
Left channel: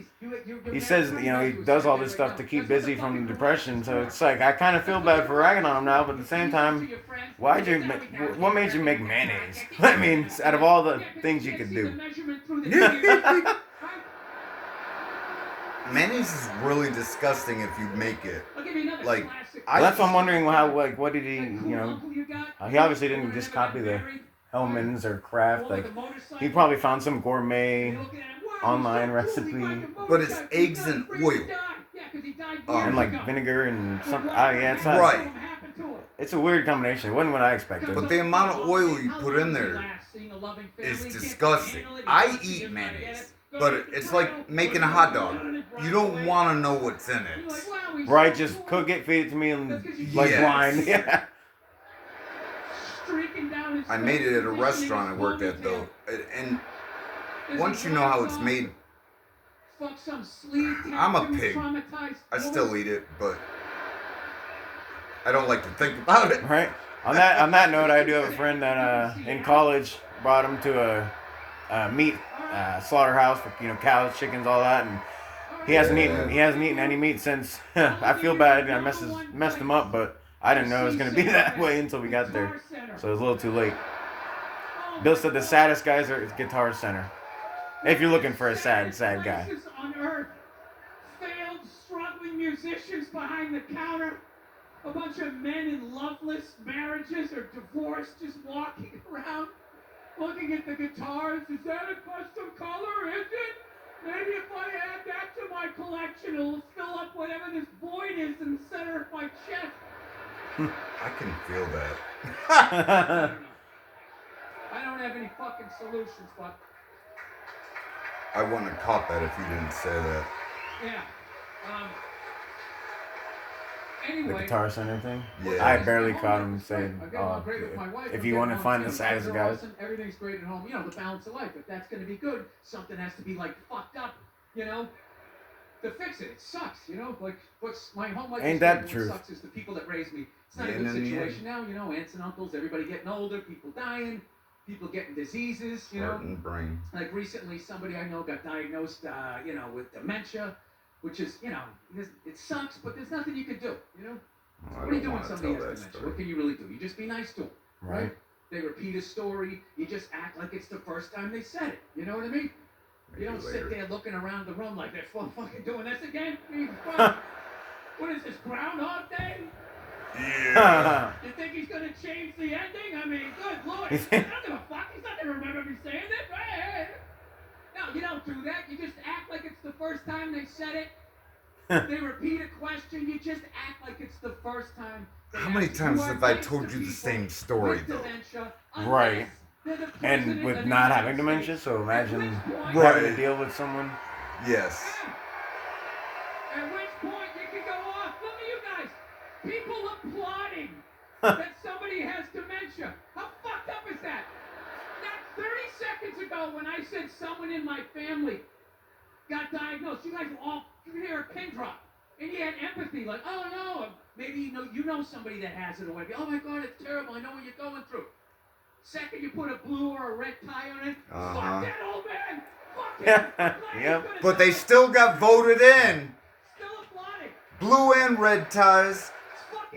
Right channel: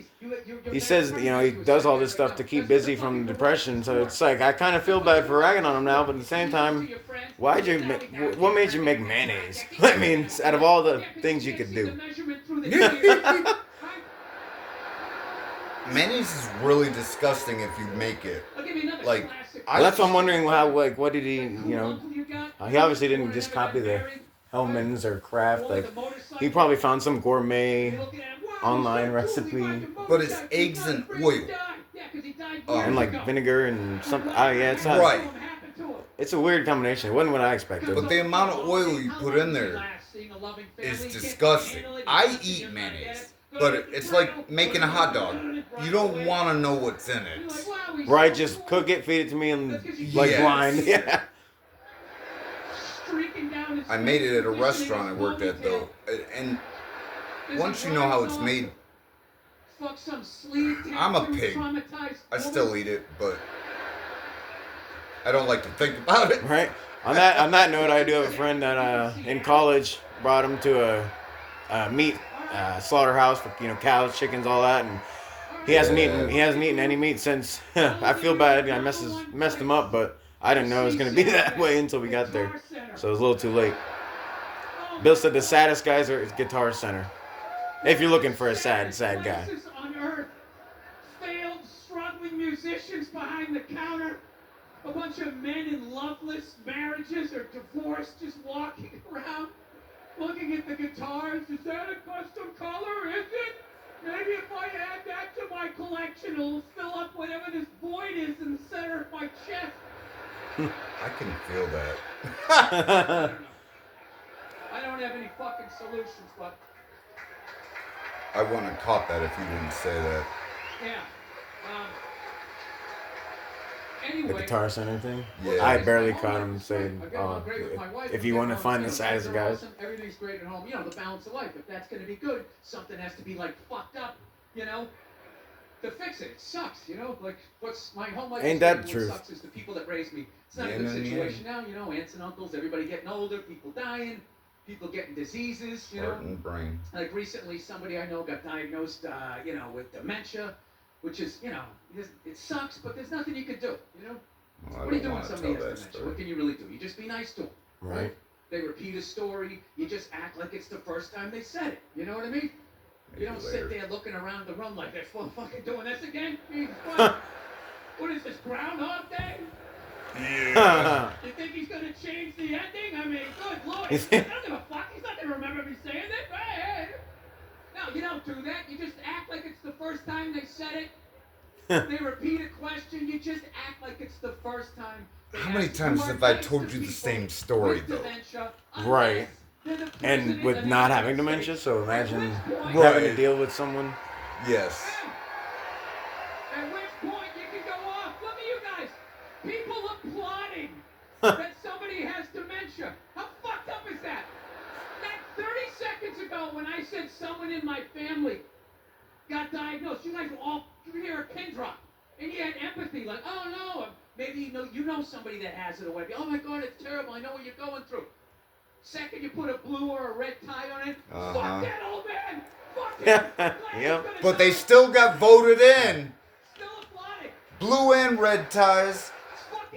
He says, he does all this stuff to keep busy from depression. So it's like, I kind of feel bad for ragging on him now, but at the same time, what made you make mayonnaise? I mean, out of all the things you could do. Mayonnaise is really disgusting if you make it. Like, that's what I'm wondering. What did he, he obviously didn't just copy the Hellman's or Kraft. Like, he probably found some gourmet online recipe. But it's eggs and oil. And like vinegar and something. Oh yeah, it's not, Right. It's a weird combination. It wasn't what I expected. But the amount of oil you put in there is disgusting. I eat mayonnaise, but it's like making a hot dog. You don't want to know what's in it. Right, just cook it, feed it to me, and like Yes. blind. Yeah. I made it at a restaurant I worked at though, and once you know how it's made, I'm a pig. I still eat it, but I don't like to think about it. Right. On that note, I do have a friend that in college brought him to a meat slaughterhouse for cows, chickens, all that, and he hasn't eaten any meat since. I feel bad. I messed him up, but I didn't know it was gonna be that way until we got there, so it was a little too late. Bill said the saddest guys are at Guitar Center. If you're looking for a sad guy. On earth, failed, struggling musicians behind the counter, a bunch of men in loveless marriages or divorced, just walking around, looking at the guitars. Is that a custom color? Is it? Maybe if I add that to my collection, it'll fill up whatever this void is in the center of my chest. I can feel that. I don't have any fucking solutions, but I wouldn't have caught that if you didn't say that. yeah. The Anyway, Guitar Center thing? Yeah. I barely caught him saying, I get along great with my wife. if I you get want to along find great the with saddest my guys. husband, everything's great at home. The balance of life. If that's going to be good, something has to be like fucked up, to fix it. It sucks, like what's my home life. Ain't that what truth? sucks is the people that raised me. It's not a Yin good and situation now, aunts and uncles, everybody getting older, people dying, people getting diseases, Heart and brain. Like recently, somebody I know got diagnosed, with dementia, which is, it sucks, but there's nothing you can do, Well, What I do you don't do when want to somebody tell has that dementia? What story. can you really do? You just be nice to them, Right. They repeat a story, you just act like it's the first time they said it. You know what I mean? You don't sit there looking around the room like they're fucking doing this again. Jesus Christ. What is this, Groundhog Day? Yeah. You think he's gonna change the ending? I mean, good lord. I don't give a fuck. He's not gonna remember me saying it. Right? No, you don't do that. You just act like it's the first time they said it. They repeat a question. You just act like it's the first time. How many times have I told you the same story though? Right. And with not having dementia, so imagine having Right. to deal with someone. Yes. At which point you can go off. Look at you guys. People applauding that somebody has dementia. How fucked up is that? Not 30 seconds ago when I said someone in my family got diagnosed, you guys were all, you hear a pin drop. And you had empathy, like, oh no, maybe you know somebody that has it, or maybe, oh my God, it's terrible, I know what you're going through. Second, you put a blue or a red tie on it, fuck that old man, fuck him. Yep. But they still got voted in. Still applauding. Blue and red ties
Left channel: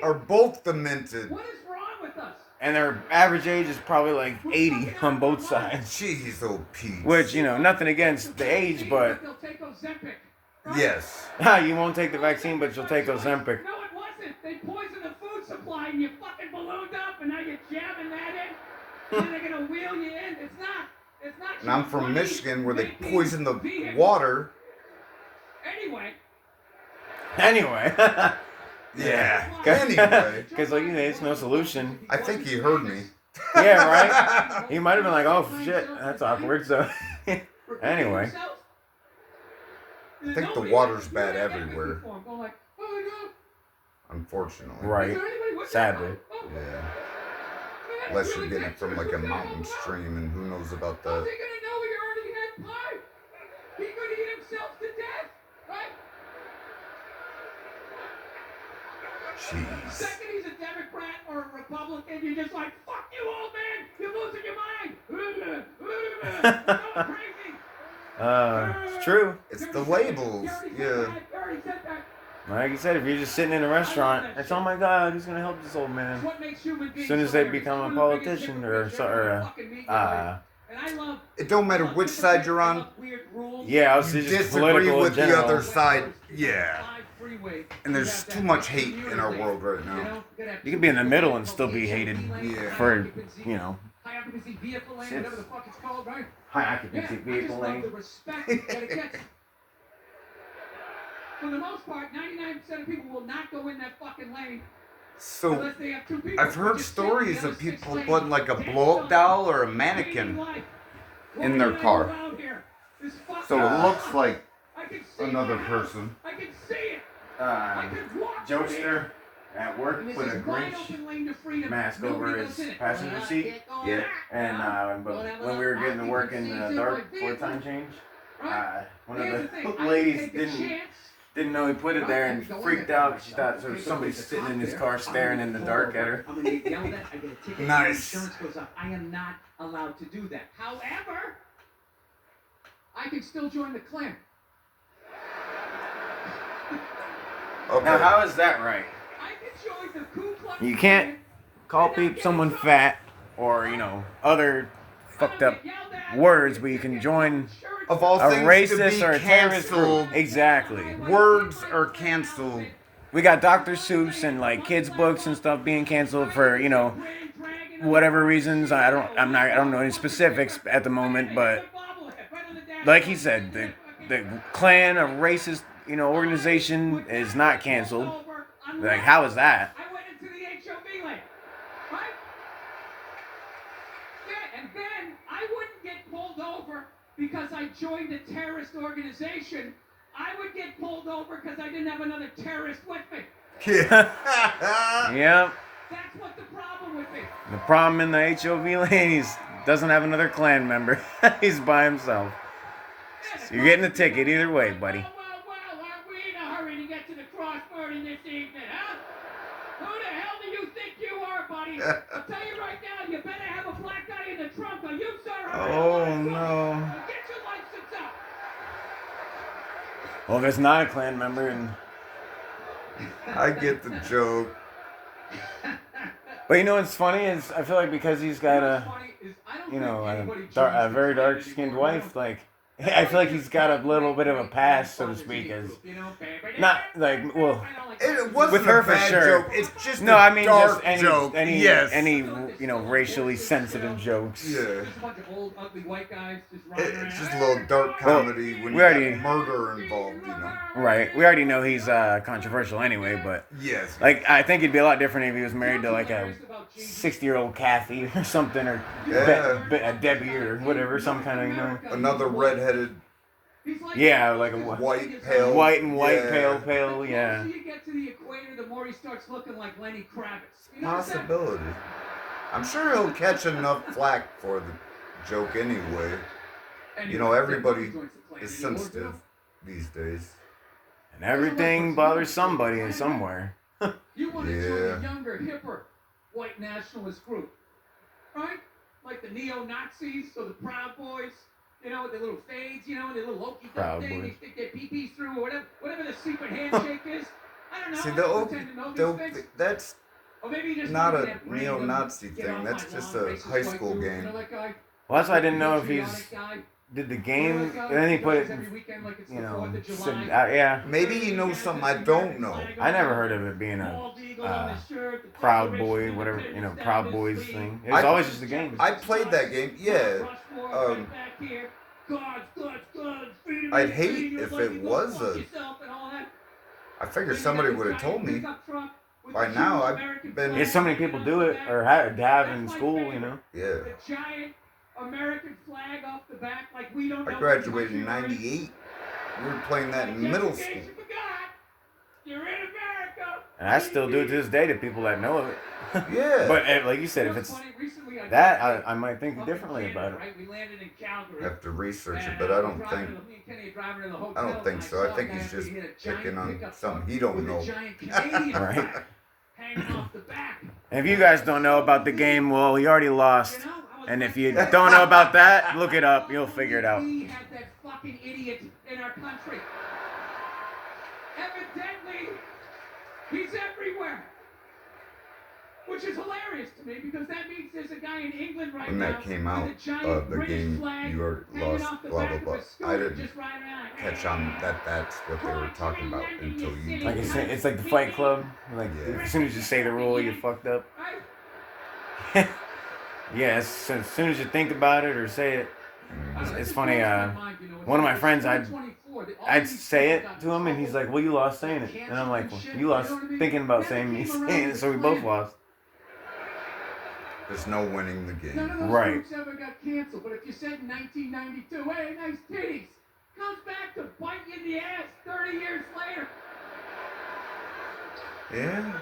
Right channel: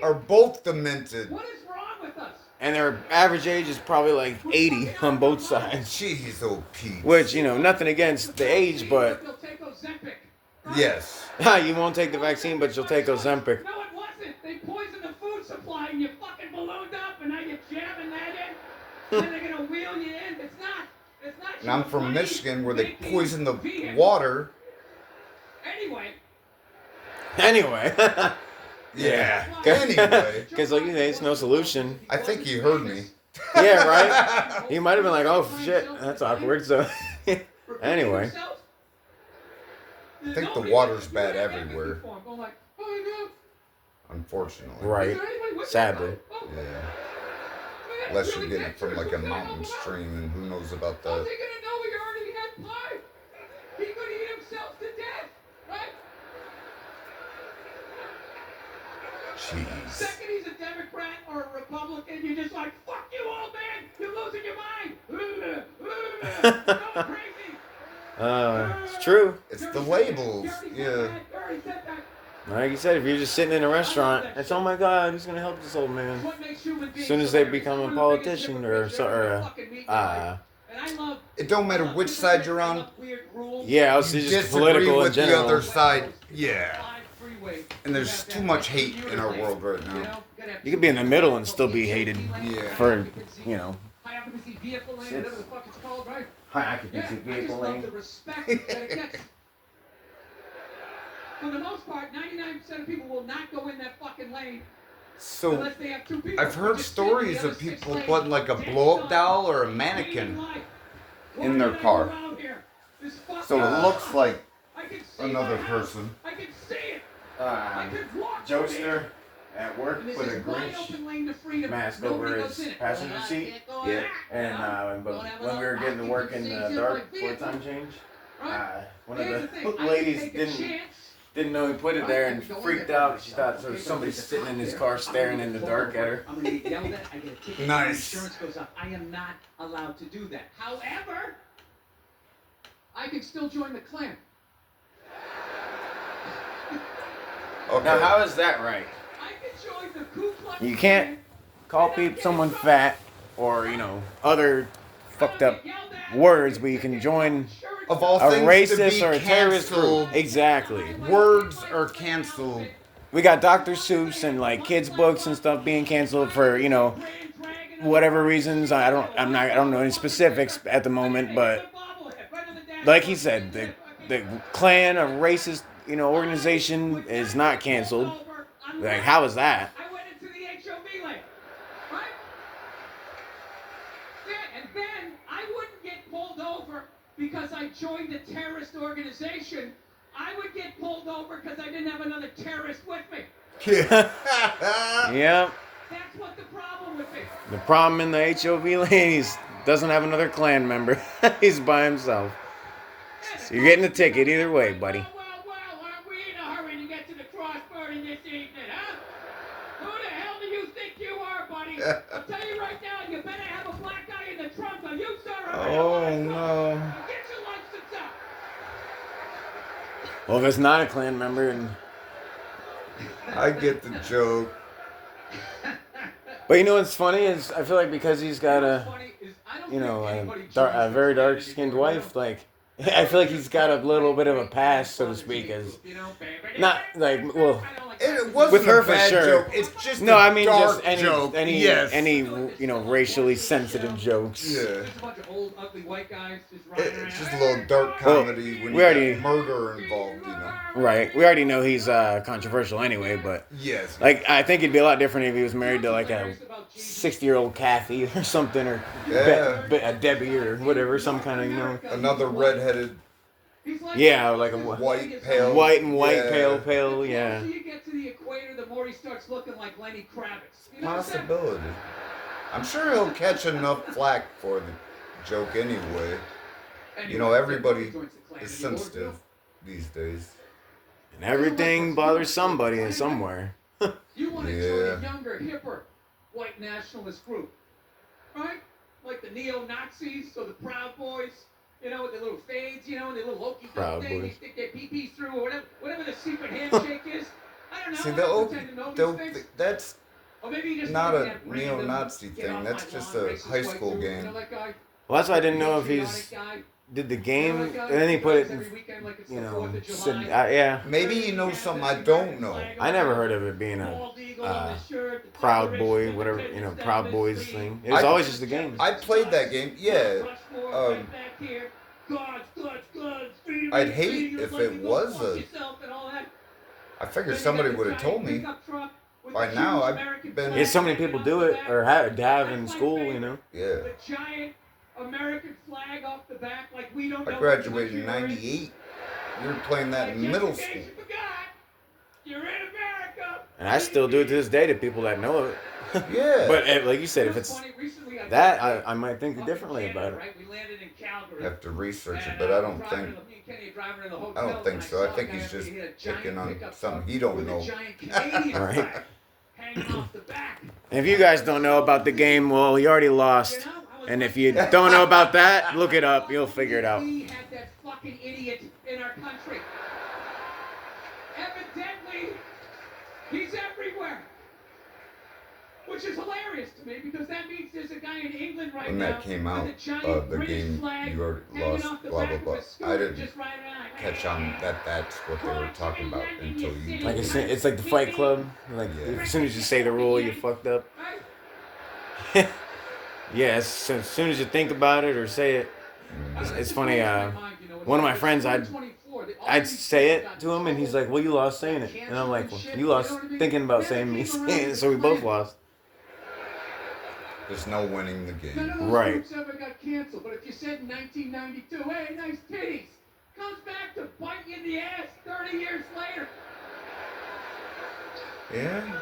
are both demented. What is wrong with us? And their average age is probably like 80 on both sides. Jeez, old Pete. Which, you know, nothing against the age, but They'll take Ozempic. Yes. you won't take the vaccine, but you'll take Ozempic. No, it wasn't. They poisoned the food supply and you fucking ballooned up and now you're jamming that in. And they're going to wheel you in. It's not. It's not. And I'm from Michigan where they poison the water. Anyway. Yeah. Anyway. Because, like you say, it's no solution. I think he heard me. Yeah, right? He might have been like, oh, shit, that's awkward. So, anyway. I think the water's bad everywhere. Unfortunately. Right. Sadly. Yeah. Unless you're getting it from like a mountain stream, and who knows about that. How's he gonna know he already had pie? He could eat himself to death, right? Jeez. Second he's a Democrat or a Republican, you're just like, fuck you, old man! You're losing your mind! You're going crazy! It's true. It's the labels. Yeah. Like you said, if you're just sitting in a restaurant, it's, oh my God, who's going to help this old man? As soon as they become a politician It don't matter which side you're on. yeah, I was You just disagree political with in the general. other side. Yeah. And there's too much hate in our world right now. You could be in the middle and still be hated Yeah. for, you know, High occupancy vehicle lane, whatever the fuck it's called, right? high occupancy Yeah, I vehicle just love lane. the respect that it gets. For the most part, 99% of people will not go in that fucking lane So unless they have two people. I've heard Just sit in the stories other of six people lanes. putting like a Take blow-up some doll or a dating mannequin life. in their What car. are you out here? This fucking So it looks like I can see another my house. person. I can see it. I can walk through it. Jokester at work And this put a is wide Grinch open lane to freedom. mask Nobody over goes his in it. passenger seat. Yeah. And but when we were getting to work in the dark for a time change, one of Here's the thing, I can ladies take a didn't chance. know he put it there and freaked out. She thought there was somebody sitting in his car staring in the dark at her. I'm gonna get yelled at. I get a ticket. Nice. Insurance goes up. I am not allowed to do that. However, I can still join the Klan. Okay. Now, how is that right? I can join the Ku Klux You can't Klan call and not get someone in trouble. fat or, you know, other fucked up words, but you can join Of all a things to racist be or a terrorist group. canceled, Exactly. words are canceled. We got Dr. Seuss and like kids' books and stuff being canceled for, you know, whatever reasons. I don't know any specifics at the moment, but like he said, the Klan, a racist, you know, organization is not canceled. Like, how is that? I went into the HOV lane, right? Yeah, and then I wouldn't get pulled over because I joined a terrorist organization. I would get pulled over because I didn't have another terrorist with me. Yep. That's what the problem with me. The problem in the HOV lane, he doesn't have another Klan member. He's by himself. So you're getting a ticket either way, buddy. Well, aren't we in a hurry to get to the crossburning this evening, huh? Who the hell do you think you are, buddy? I'll tell you right now, you better have a black guy in the trunk or you, sir. Oh, no. Get your license up. Well, if it's not a Klan member, and I get the joke. but you know what's funny is I feel like because he's got a, you know, a very dark-skinned wife, like I feel like he's got a little bit of a pass, so to speak, as not like well. It wasn't With her a for bad sure. joke. It's just No, a I mean dark just joke. any Yes. you know, racially sensitive jokes. Yeah. Just a bunch of old, ugly white guys just riding around. It's just a little dark comedy when we you already- got murder involved, you know. Right. We already know he's controversial anyway, but Yes. like I think it'd be a lot different if he was married to like a 60-year-old Kathy or something, or Yeah. a Debbie or whatever, some kind of, you know. Another redheaded like Yeah, like a white, pale. white and white, Yeah. pale, The pale. Yeah. closer you get to the equator, the more he starts looking like Lenny Kravitz. You know what I'm saying? Possibility. I'm sure he'll catch enough flack for the joke anyway. Anyway, You know, everybody Joins the Klan. is You know, sensitive these days. And everything bothers somebody in somewhere. You want to join Yeah. a younger, hipper, white nationalist group, right? Like the neo-Nazis or the Proud Boys, you know, with their little fades, you know, their little okey Proud doke thing, they Boys. stick their pee-pees through, or whatever the secret handshake is. I don't know. See, I don't pretend to know these things. that's Or maybe you just not looking a at random, neo-Nazi get thing. off That's my just lawn, a racist high white school dude. You game. know that guy? Well, that's why I didn't know if Patriotic he's guy? did the You know game, that guy and then he who put raves it. every weekend like it's You the know, 4th of said, July. yeah. Maybe you know something I don't know. I never heard of it being a Proud Boy, whatever, you know, Proud Boys thing. It was always just a game. I played that game. Yeah. I'd hate if it was a. I figured somebody would have told me. By now, I've been. Yeah, so many people do it or have in school, you know. Yeah. The giant American flag off the back, like we don't know. I graduated in '98. We were playing that in middle school. You're in America. And I still do it to this day to people that know it. Yeah. But like you said, if it's that, I might think differently about it. We landed in Calgary. I have to research it, but I don't think. I don't think so. I think he's just picking on something he don't know. All right. If you guys don't know about the game, well, you already lost. And if you don't know about that, look it up. You'll figure it out. We had that fucking idiot in our country. Evidently, he's everywhere. Which is hilarious to me because that means there's a guy in England right When now. that came out, with a giant the British game flag you already hanging lost, off the blah back blah of blah. a scooter I didn't just riding around. catch on that that's what they were talking about until you. Like it's like the Fight Club. Like as soon as you say the rule, you're fucked up. Yeah, as soon as you think about it or say it, it's funny. One of my friends, I'd say it to him, and he's like, "Well, you lost saying it," and I'm like, "Well, you lost thinking about saying me saying it, so we both lost." There's no winning the game. None of those Right. groups ever got canceled, but if you said in 1992, "Hey, nice titties," comes back to bite you in the ass 30 years later. Yeah.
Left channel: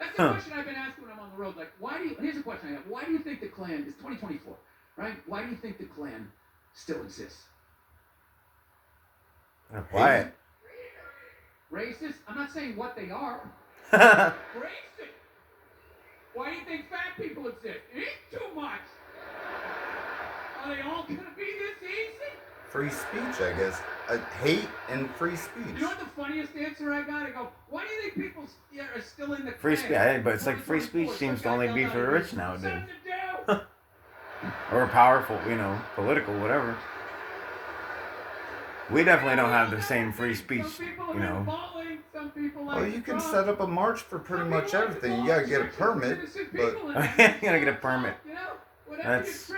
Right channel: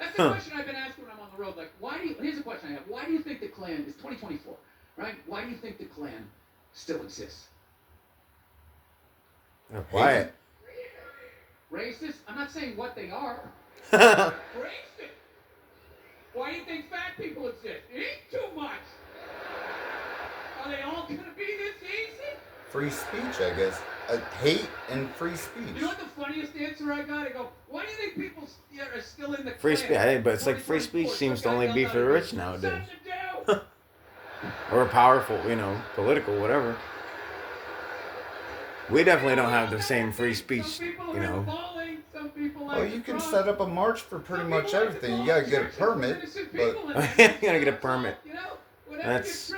That's the question I've been asking when I'm on the road. Like, why do you? Here's a question I have: why do you think the Klan is 2024, right? Why do you think the Klan still exists? They're quiet. Racist? I'm not saying what they are. Racist. Why do you think fat people exist? Eat too much. Are they all gonna be this easy? Free speech, I guess. Hate and free speech. You know what the funniest answer I got? I go, why do you think people are still in the Free Klan? speech, but it's like free speech seems to only be for the rich nowadays, or powerful, you know, political, whatever. We definitely don't have the same free speech, you know. Well, you can set up a march for pretty much everything. You gotta get a permit, but You gotta get a permit. That's.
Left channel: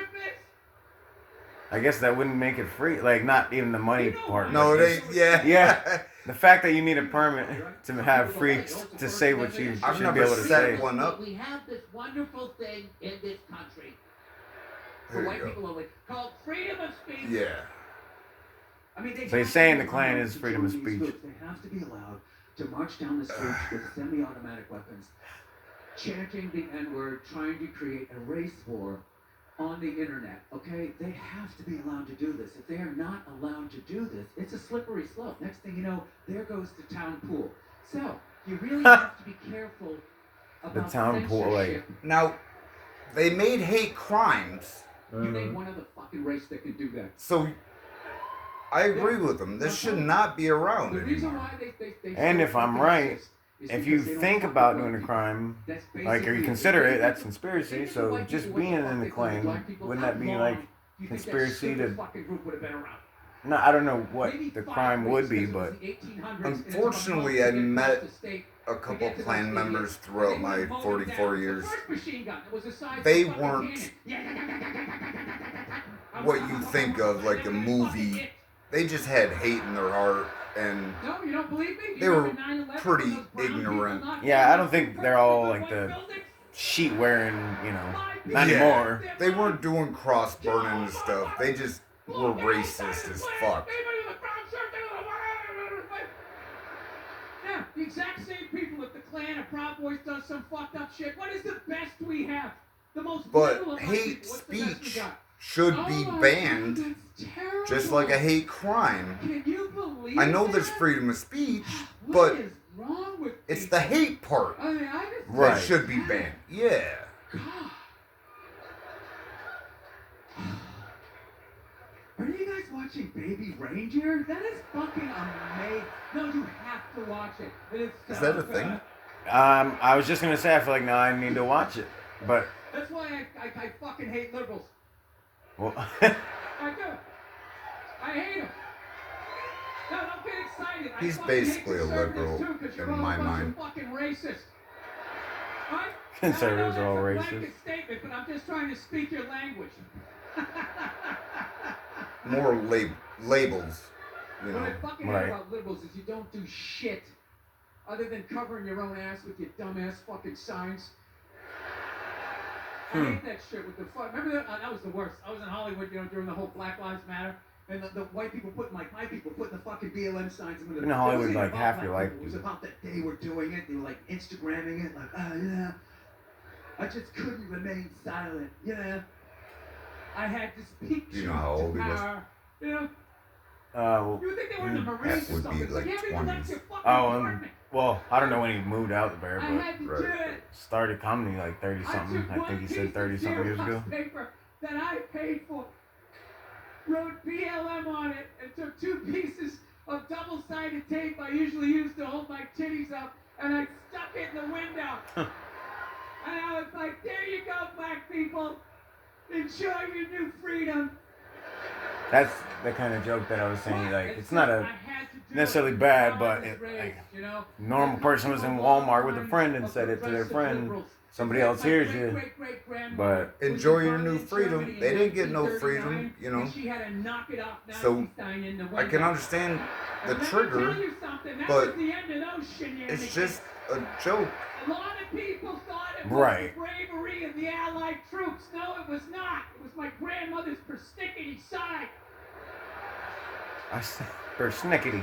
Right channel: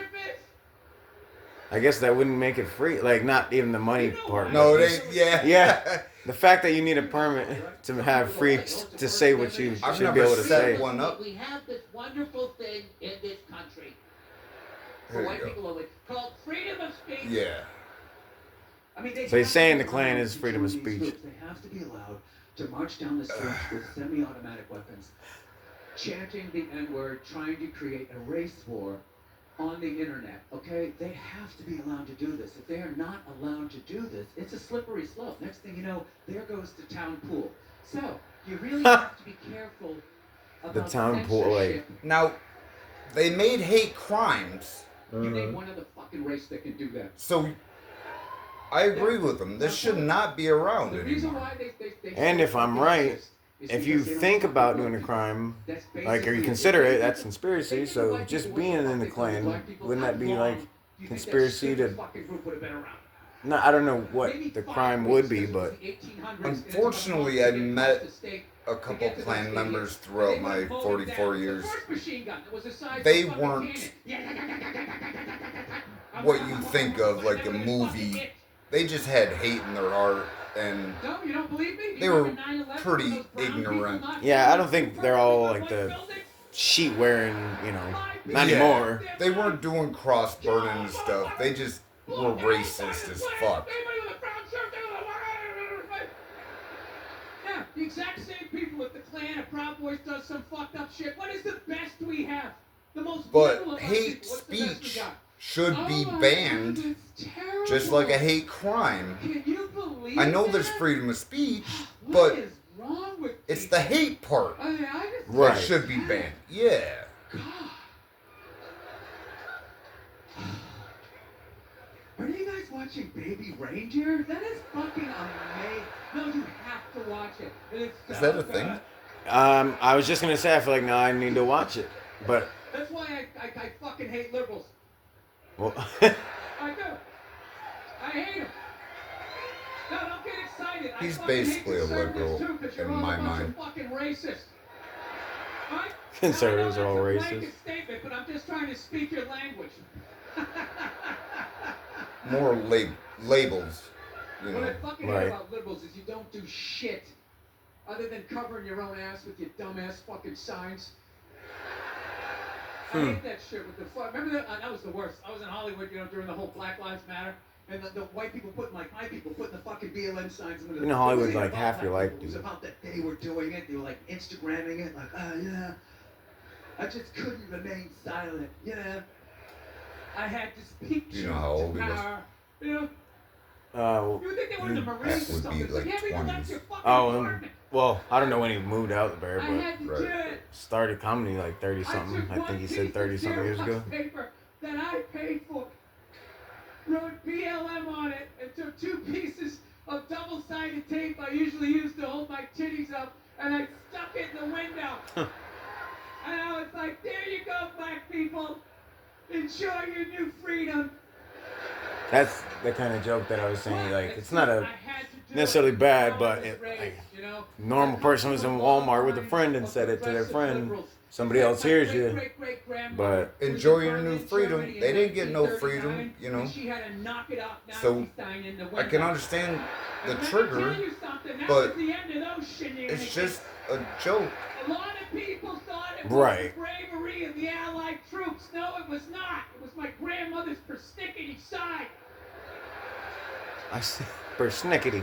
I guess that wouldn't make it free. Like, not even the money part. no, but it just- ain't. Yeah. Yeah. The fact that you need a permit to have free to say what you I've should never be able to set say. one up. We have this wonderful thing in this country. For There you white go. people only, called freedom of speech. Yeah. I mean, So he's saying the have to Klan be is allowed freedom of to do speech. these groups. They have to be allowed to march down the streets with semi-automatic weapons, chanting the N-word, trying to create a race war on the internet. Okay, they have to be allowed to do this. If they are not allowed to do this, it's a slippery slope. Next thing you know, there goes the town pool. So you really have to be careful about town pool, like- censorship. Now, they made hate crimes, You name one other fucking race that can do that. so I agree with them. This should not be around The reason anymore. why they And say if I'm fucking right, exist is If you because they don't think fucking about know doing a people. crime, That's like, or you basically consider it, They that's think conspiracy. the So white just people being were the in the fuck they call Klan, black people. wouldn't How that be long like do you think that conspiracy stupid to? fucking group would have been around? No, I don't know what Maybe the 5 crime weeks, would be, because but it was the 1800s, and it's Unfortunately, about I to get met across the state a to couple get to Klan those members idiots. throughout They my went mowing 44 down. years. The first machine gun that was the size They of a fucking weren't cannon. what you think of like a movie. They just had hate in their heart, and No, you don't believe me? They You were remember 9/11 pretty when those brown people ignorant. knocked Yeah, down I don't those think two they're all perfectly like white the buildings? sheet wearing, you know, not Yeah. anymore. they weren't doing cross burning and stuff. They just We're racist as fuck. Yeah, the exact same people. If the Klan or Proud Boys does some fucked up shit, what is the best we have? The most But little of our hate people. What's the best we speech got? should be Oh my banned, God, that's terrible. just like a hate crime. Can you believe I know that? there's freedom of speech, What but is wrong with it's people? the hate part I mean, I just Right. that should be banned. Yeah. God. Are you guys watching Baby Reindeer? That is fucking amazing. No, you have to watch it. It is so Is that a good. thing? I was just gonna say I feel like now I need to watch it, but That's why I fucking hate liberals. well, I do. I hate them. No, don't get excited. He's I fucking basically hate a liberal conservatives too, 'cause you're in all my a bunch mind. Of fucking racist. Right? Conservatives Now, I are know all that's a racist. blanket statement, but I'm just trying to speak your language. More labels, you What I know. fucking hate Right. about liberals is you don't do shit other than covering your own ass with your dumbass fucking signs. I hate that shit with the fuck. Remember that was the worst. I was in Hollywood, during the whole Black Lives Matter, and the white people putting, like, my people putting the fucking BLM signs in the. In Hollywood, it wasn't like, about half your black life, people. It was dude. about that they were doing it. They were like Instagramming it, like, oh yeah. I just couldn't remain silent, I had to speak. Do you know how old he was? power, You know. well, You would think they were in the Marines That or would be something. like You haven't even left 20s. your fucking oh, apartment. well, I don't know when he moved out there, I but had to Right. do it. started comedy like 30 something. I think he said 30 something years ago. Paper that I paid for, wrote BLM on it, and took 2 pieces of double-sided tape I usually use to hold my titties up, and I stuck it in the window. And I was like, there you go, black people. Enjoy your new freedom. That's the kind of joke that I was saying. Like, it's not I a had to do necessarily it. bad, How I but was it, raised, like, normal person was in Walmart with a friend and said it to their friend. Somebody else hears you, but Enjoy your new freedom. They didn't get no freedom, So I can understand the trigger, but it's just a joke. A lot of people thought it was Right. the bravery of the Allied troops. No, it was not. It was my grandmother's persnickety side. I said, persnickety.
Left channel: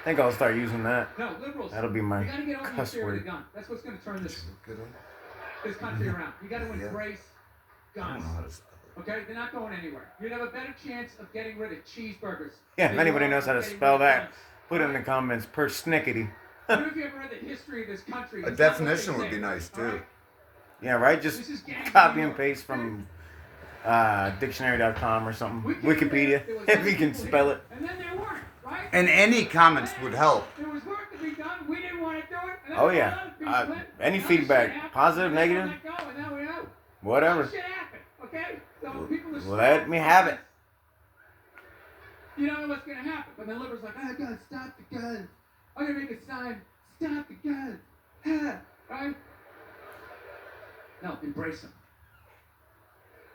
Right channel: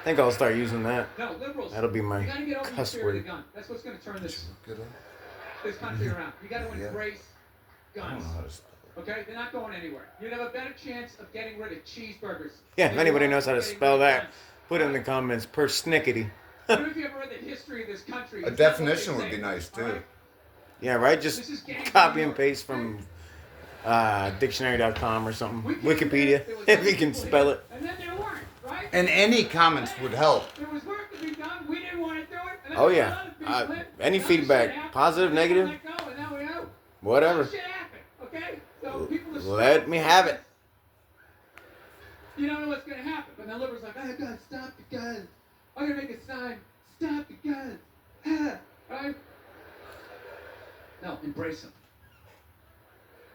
I think I'll start using that. No, liberals. That'll be my you gotta get over the cuss fear of the word. gun. That's what's going to turn this Good one. country around. You got to Yeah. embrace I don't guns. know how to spell it. Okay, they're not going anywhere. You'd have a better chance of getting rid of cheeseburgers. Yeah, than if you anybody are knows how to getting spell rid of that, guns. put it in the comments. Persnickety. I don't know if you ever read the history of this country. A It's not what they definition would say, be nice, all too. right? Yeah, right? This Just is gang copy and York. paste from dictionary.com or something. We came here, Wikipedia, there was if other you can people spell here, it. And then there weren't, right? And any comments would help. There was work to be done. We didn't want to do it. And then Oh, there yeah. were other people in. Any Now feedback, shit happened, positive, and then negative, let go, and now we know. whatever. Shit happened, okay? So people are Let smart. me have it. You don't know what's going to happen. But the liberals like, oh, God, stop the guns. I'm going to make a sign. Stop the guns. Right? No, embrace them.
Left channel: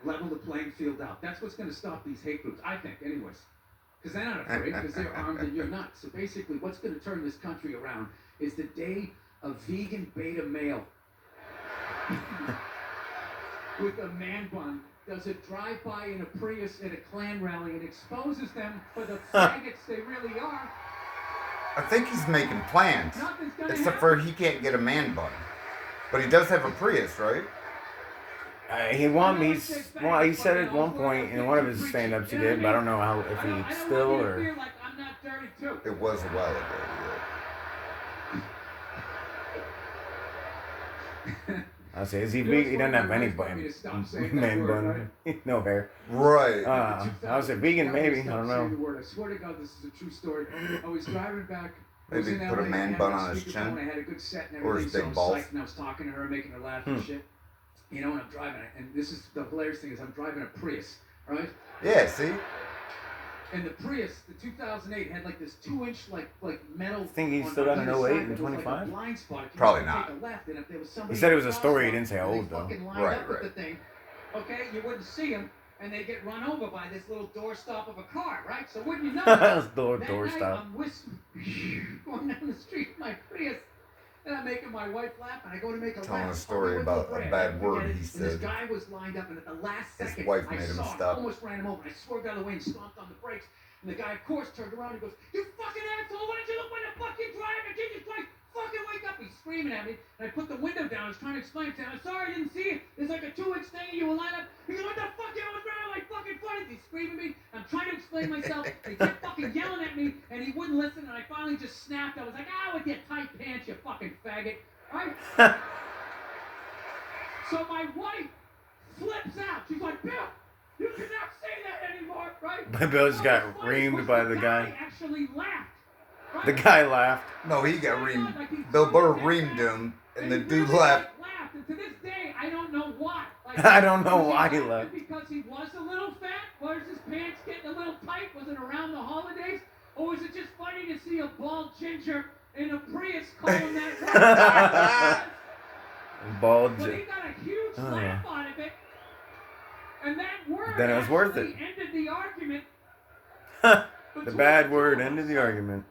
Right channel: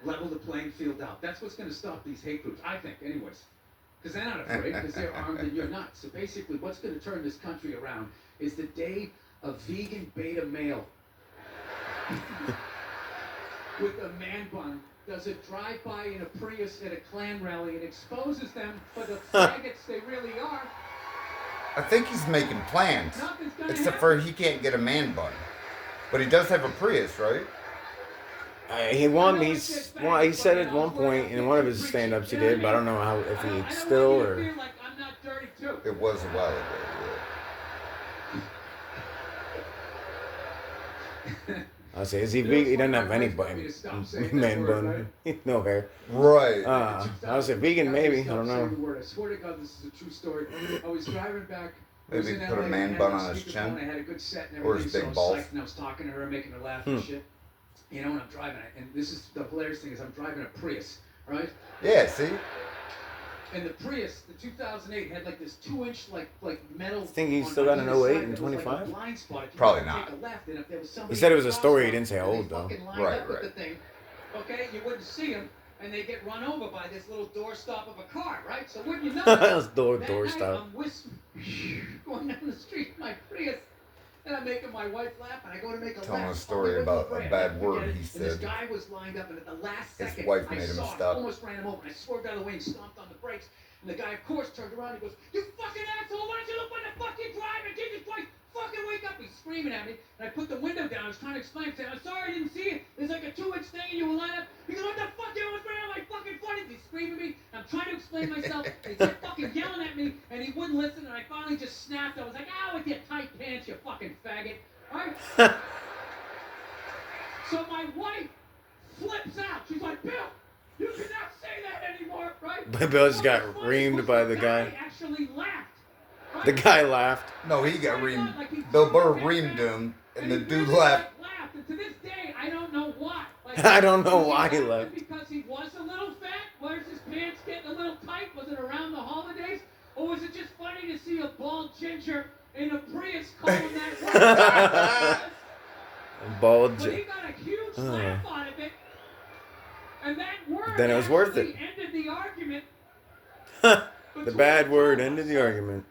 Level the playing field out. That's what's going to stop these hate groups, I think, anyways. Because they're not afraid, because they're armed and you're not. So basically, what's going to turn this country around is the day a vegan beta male with a man bun does a drive-by in a Prius at a Klan rally and exposes them for the faggots they really are. I think he's making plans. Nothing's gonna Except happen. for he can't get a man bun. But he does have a Prius, right? He won. He said at one point in one of his stand-ups he did, but I don't know how if he still I don't want you to or. feel like I'm not dirty too. It was a while ago. I say, is he vegan? He doesn't have any bun. Man bun. No hair. Yeah. Right. I was a vegan, maybe. I don't know. I swear to God, this is a true story. I was driving back. Maybe put a man bun on his chin. I had a good set and Or everything. his big so I was balls. psyched, and I was talking to her, making her laugh and shit. And I'm driving it, and this is the hilarious thing is I'm driving a Prius, right? Yeah, see? And the Prius, the 2008, had like this 2-inch like metal. Think he's on still got either an 08 side and that was like a 25? blind spot. If you Probably wanted to not. take a left, and if there was somebody He said it was a in the story, he crosswalk didn't say and they old, though. fucking lined Right, up with right. the thing, okay, you wouldn't see them, and they get run over by this little doorstop of a car, right? So wouldn't you know? That's That night, doorstop. I'm going down the street in my Prius, And I'm making my wife laugh, and I go to make a Telling laugh. a story about a bad word he And said. this guy was lined up, and at the last His second, wife I made him saw it, stop. almost ran him over. I swerved out of the way and stomped on the brakes. And the guy, of course, turned around and goes, "You fucking asshole! Why didn't you look when the fucking driver? Jesus Christ! Fucking wake up!" He's screaming at me, and I put the window down. I was trying to explain to him, "I'm sorry, I didn't see it. There's like a 2-inch thing, and you were lined up." He goes, "What the fuck? You was running like fucking funny." He's screaming at me. I'm trying to explain myself. And he kept fucking yelling at me, and he wouldn't listen. And I finally just snapped. I was like, "Ah, with your tight pants, you fucking faggot!" Right? So my wife flips out. She's like, "Bill, you cannot say that anymore," right? But Bill just got reamed by the guy. Actually laughed. Right? The guy laughed. No, he got reamed. Bill Burr reamed him, and the dude laughed. And to this day, I don't know why. Like, I don't know why he left. Because he was a little fat? Was his pants getting a little tight? Was it around the holidays? Or was it just funny to see a bald ginger in a Prius calling that? Bald. But he got a huge laugh out of it. And that word Then it was worth it. ended the argument. The bad word ended the argument.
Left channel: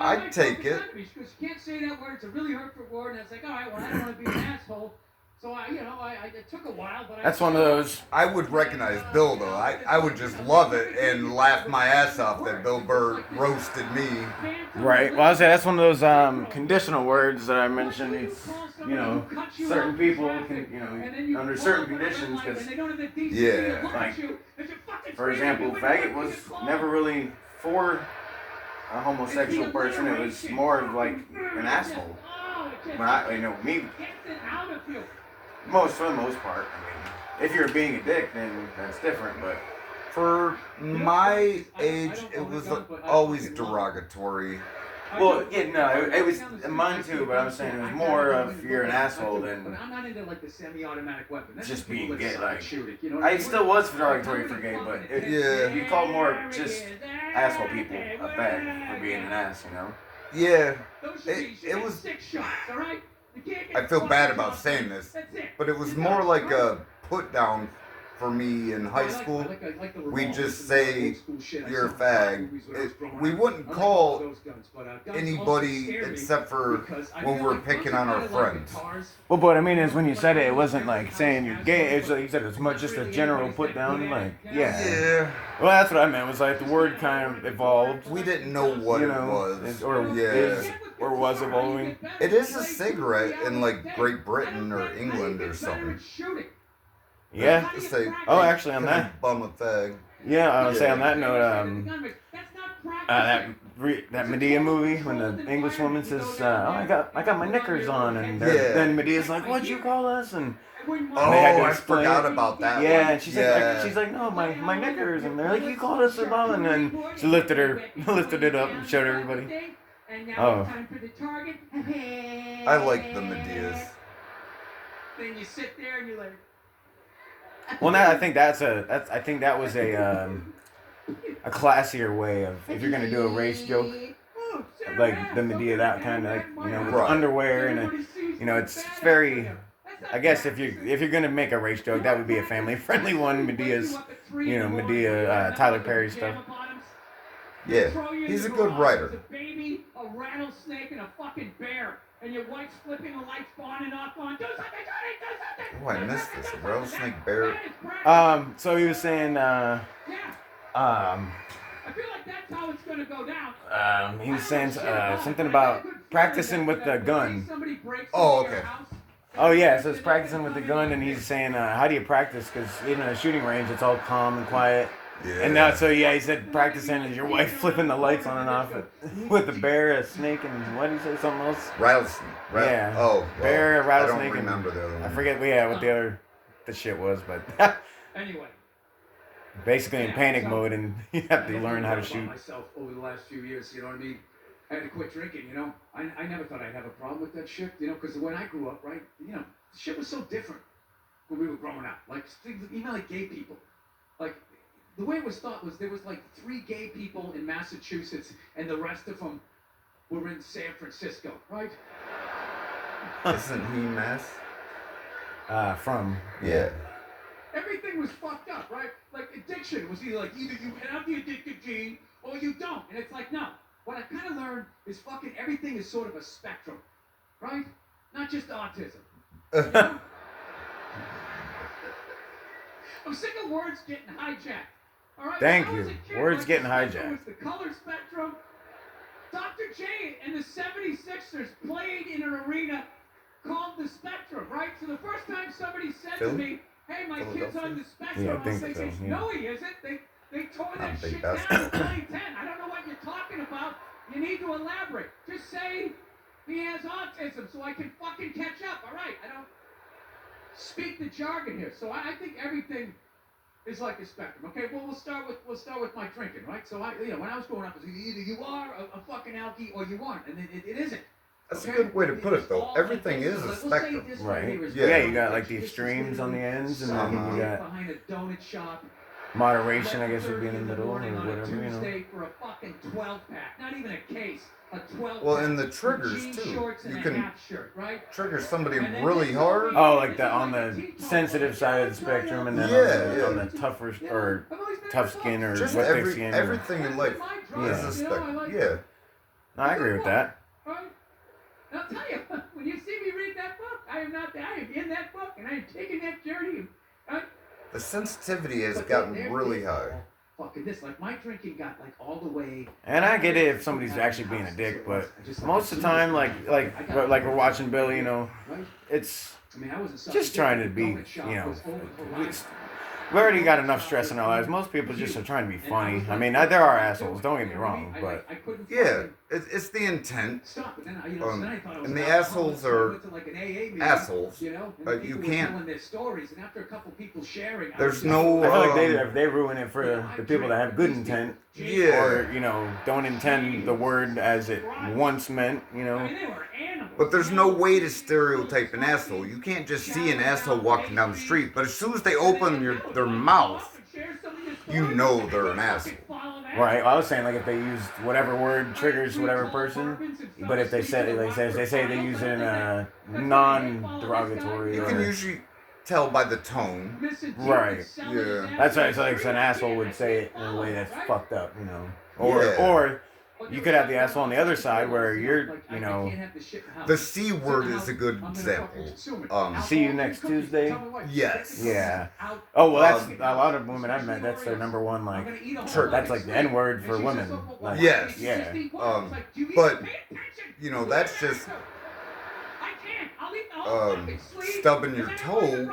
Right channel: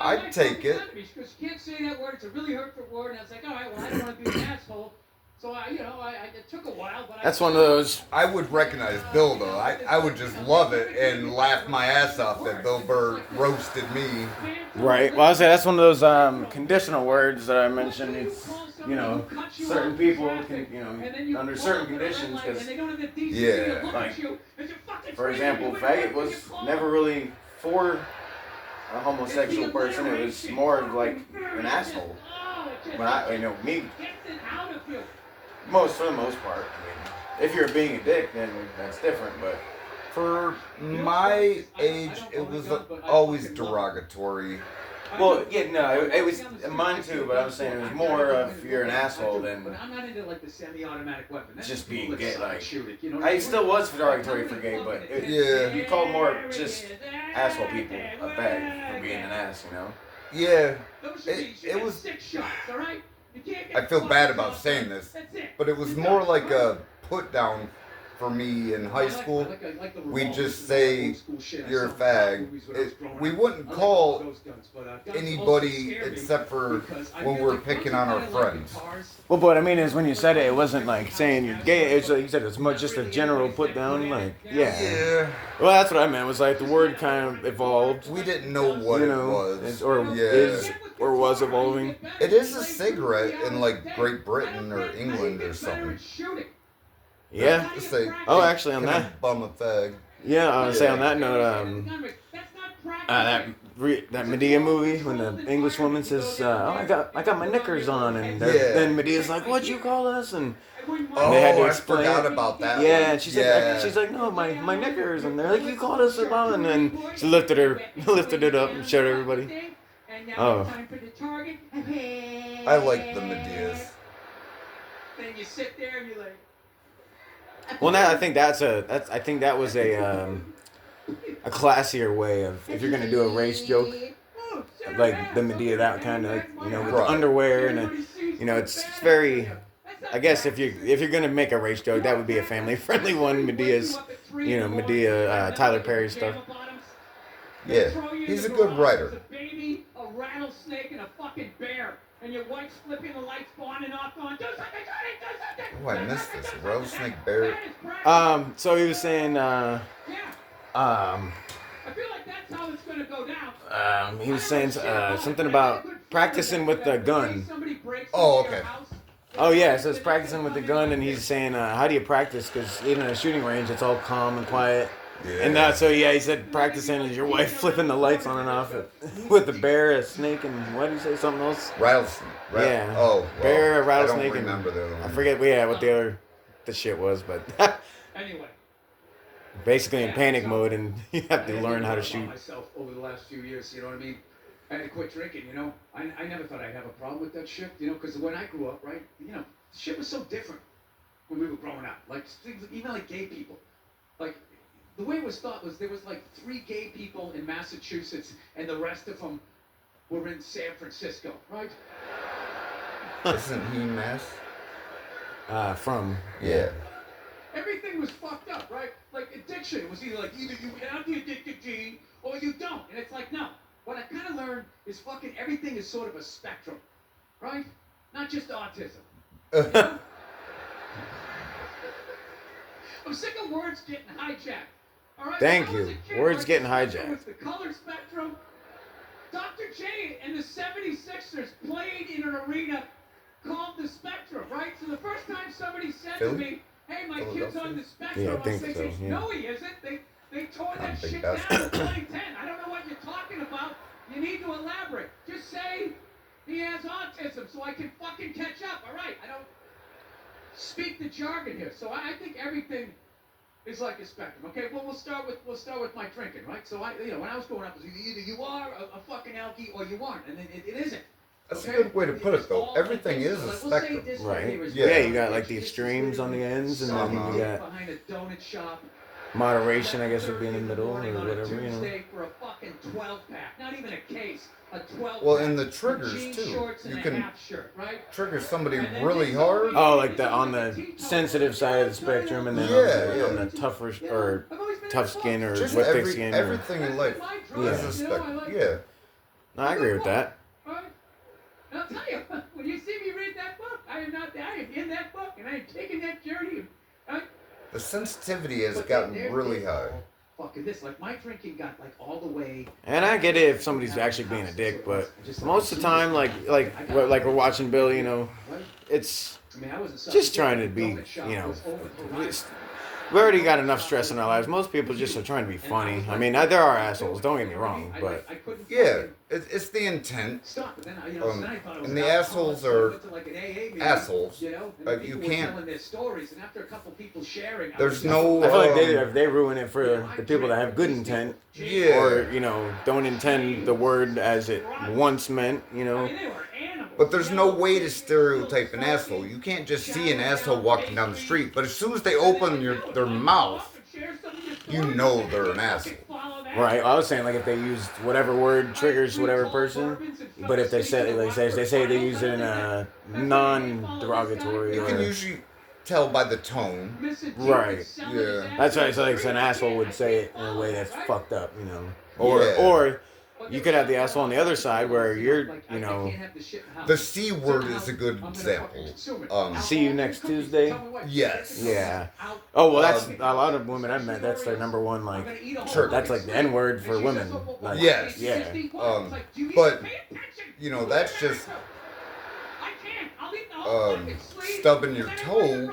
I'd take it. Because you can't say that word. It's a really hurtful word. And I was like, all right, well, I don't want to be an asshole. So, it took a while. But That's one of those. I would recognize Bill, though. I would just love it and laugh my ass off that Bill Burr roasted me. Right. Well, I say that's one of those conditional words that I mentioned. It's, certain people can, under certain conditions, because, Yeah. like, for example, faggot was never really for a homosexual person. It was more of like an asshole. But me, for the most part. I mean, if you're being a dick, then that's different. But For my age, it was always derogatory. well, yeah, no, it was mine too. But I'm saying it was more of you're an asshole than But I'm not into like the semi-automatic weapon. That's just people being that gay. suck Like, and shoot it, you know what I mean? still was derogatory for gay, but Yeah. you called more just asshole people a fag for being an ass, Yeah, Those should be it was. 6 shots, all right? You can't I get feel caught bad with about one. saying this, That's it. but it was more like a put down for me in high school. I like the We revolver. just This is say old school shit. I you're a saw in fag. movies when I was growing We up. wouldn't I like call those guns, but, guns also anybody scare me except for because I when feel we're like picking once on you our kinda like friends. guitars, Well, what I mean is when you said it, it wasn't like saying you're gay. It's like you said it's much just a general put down. Like, yeah. Yeah, Well, that's what I meant. It was like the word kind of evolved. we didn't know what it was. or Yeah. is or was evolving. It is a cigarette in like Great Britain or England or something. Yeah. Just say, Oh, actually, on can I that. bum a fag. Yeah, I'll say on that note, that Medea movie when the English woman says, "Oh, I got my knickers on," and Yeah. then Medea's like, "What'd you call us?" And Oh, they had to I explain. forgot about that yeah, one. and she's like, "No, my knickers," and they're like, "You called us a bum," and then she lifted it up and showed everybody. Oh. I like the Medeas. Then you sit there and you're like, Well, now I think I think that was a classier way of if you're gonna do a race joke, like the Medea, that kind of like with the Right. underwear and it's very. I guess if you're gonna make a race joke, that would be a family friendly one. Medea's, Medea, Tyler Perry stuff. Yeah, he's a good writer. A baby, a rattlesnake, and a fucking bear. And your wife's flipping the lights on and off on. Do something, do something. Oh, I missed this. Rattlesnake bear. So he was saying, Yeah. I feel like that's how it's gonna go down. he was saying something about practicing with the gun. Oh, okay. Oh yeah, so it's practicing with the gun, and he's saying, how do you practice? Because even at a shooting range, it's all calm and quiet. Yeah. And now, he said practicing is your wife flipping the lights on and off with a bear, a snake, and what did he say? Something else? Rattlesnake. Yeah. Oh, well, bear, rattlesnake. I don't remember the other one. I forget. What the shit was, but Anyway. Basically in panic mode, and you have to learn how to shoot. Myself over the last few years, you know what I mean? I had to quit drinking, I never thought I'd have a problem with that shit, because when I grew up, right, shit was so different when we were growing up. Like, even like gay people. Like, the way it was thought was there was like 3 gay people in Massachusetts, and the rest of them were in San Francisco, right? Isn't he Mass? From. Yeah. Everything was fucked up, right? Like addiction. It was either you have the addictive gene or you don't. And it's like, no. What I kind of learned is fucking everything is sort of a spectrum. right? Not just autism. You know? I'm sick of words getting hijacked. All right? Thank When I was you. a kid, Words like, getting the spectrum hijacked. was the color spectrum. Dr. J and the 76ers played in an arena called the Spectrum, right? So the first time somebody said to me, hey, my kid's on the Spectrum, Yeah, I I'm think thinking, so, yeah. no, he isn't. They tore that big shit down in basketball. 2010. I don't know what you're talking about. You need to elaborate. Just say he has autism so I can fucking catch up. All right, I don't speak the jargon here. So I think everything is like a spectrum. Okay, well we'll start with my drinking, right? So when I was growing up, it was either you are a fucking alkie or you aren't, and it isn't. That's Okay? a good way to put it, though. All Everything like is this. a We'll say spectrum. this Right. here is Yeah, right. you got, like, the This is extremes on the literally ends, and then someone you got behind a donut shop. moderation, I guess, would be in the middle or morning on a whatever, you know. Tuesday for a fucking 12-pack, not even a case, a 12-pack. Well, and the triggers, jean too. shorts and You a can half shirt, right? trigger somebody And then really they told hard. me- Oh, like on the sensitive side of the spectrum, and then on the tougher or tough skin or Just what thick skin. or- everything in life is a spectrum. Yeah. No, I agree with that. Right? And I'll tell you, when you see me read that book, I am in that book, and I am taking that journey. Right? The sensitivity has But gotten they're really high. Fucking this, like my drinking got like all the way. And I get it if somebody's actually being a dick, but most of the time, like we're watching Bill, you know, it's I mean, I wasn't just trying to be, you know, we already got enough stress in our lives. Most people just are trying to be funny. I mean, there are assholes, don't get me wrong, but Yeah, it's the intent. And the assholes are assholes. But you can't. There's no. I feel like they ruin it for the people that have good intent. Yeah. Or, you know, don't intend the word as it once meant, you know. But there's no way to stereotype an asshole. You can't just see an asshole walking down the street, but as soon as they open their mouth, you know they're an asshole. Right. I was saying, like, if they used whatever word triggers whatever person, but if they say they use it in a non-derogatory. You can usually tell by the tone. Right. Yeah. That's why it's like an asshole would say it in a way that's fucked up, you know. Yeah. Or you could have the asshole on the other side where you're, you know. The C word is a good example. See you next Tuesday. Yes. Yeah. Oh well, that's a lot of women I've met. That's their number one, like. That's like the N word for women. Like, Yes. Yeah. But you know that's just stubbing your toe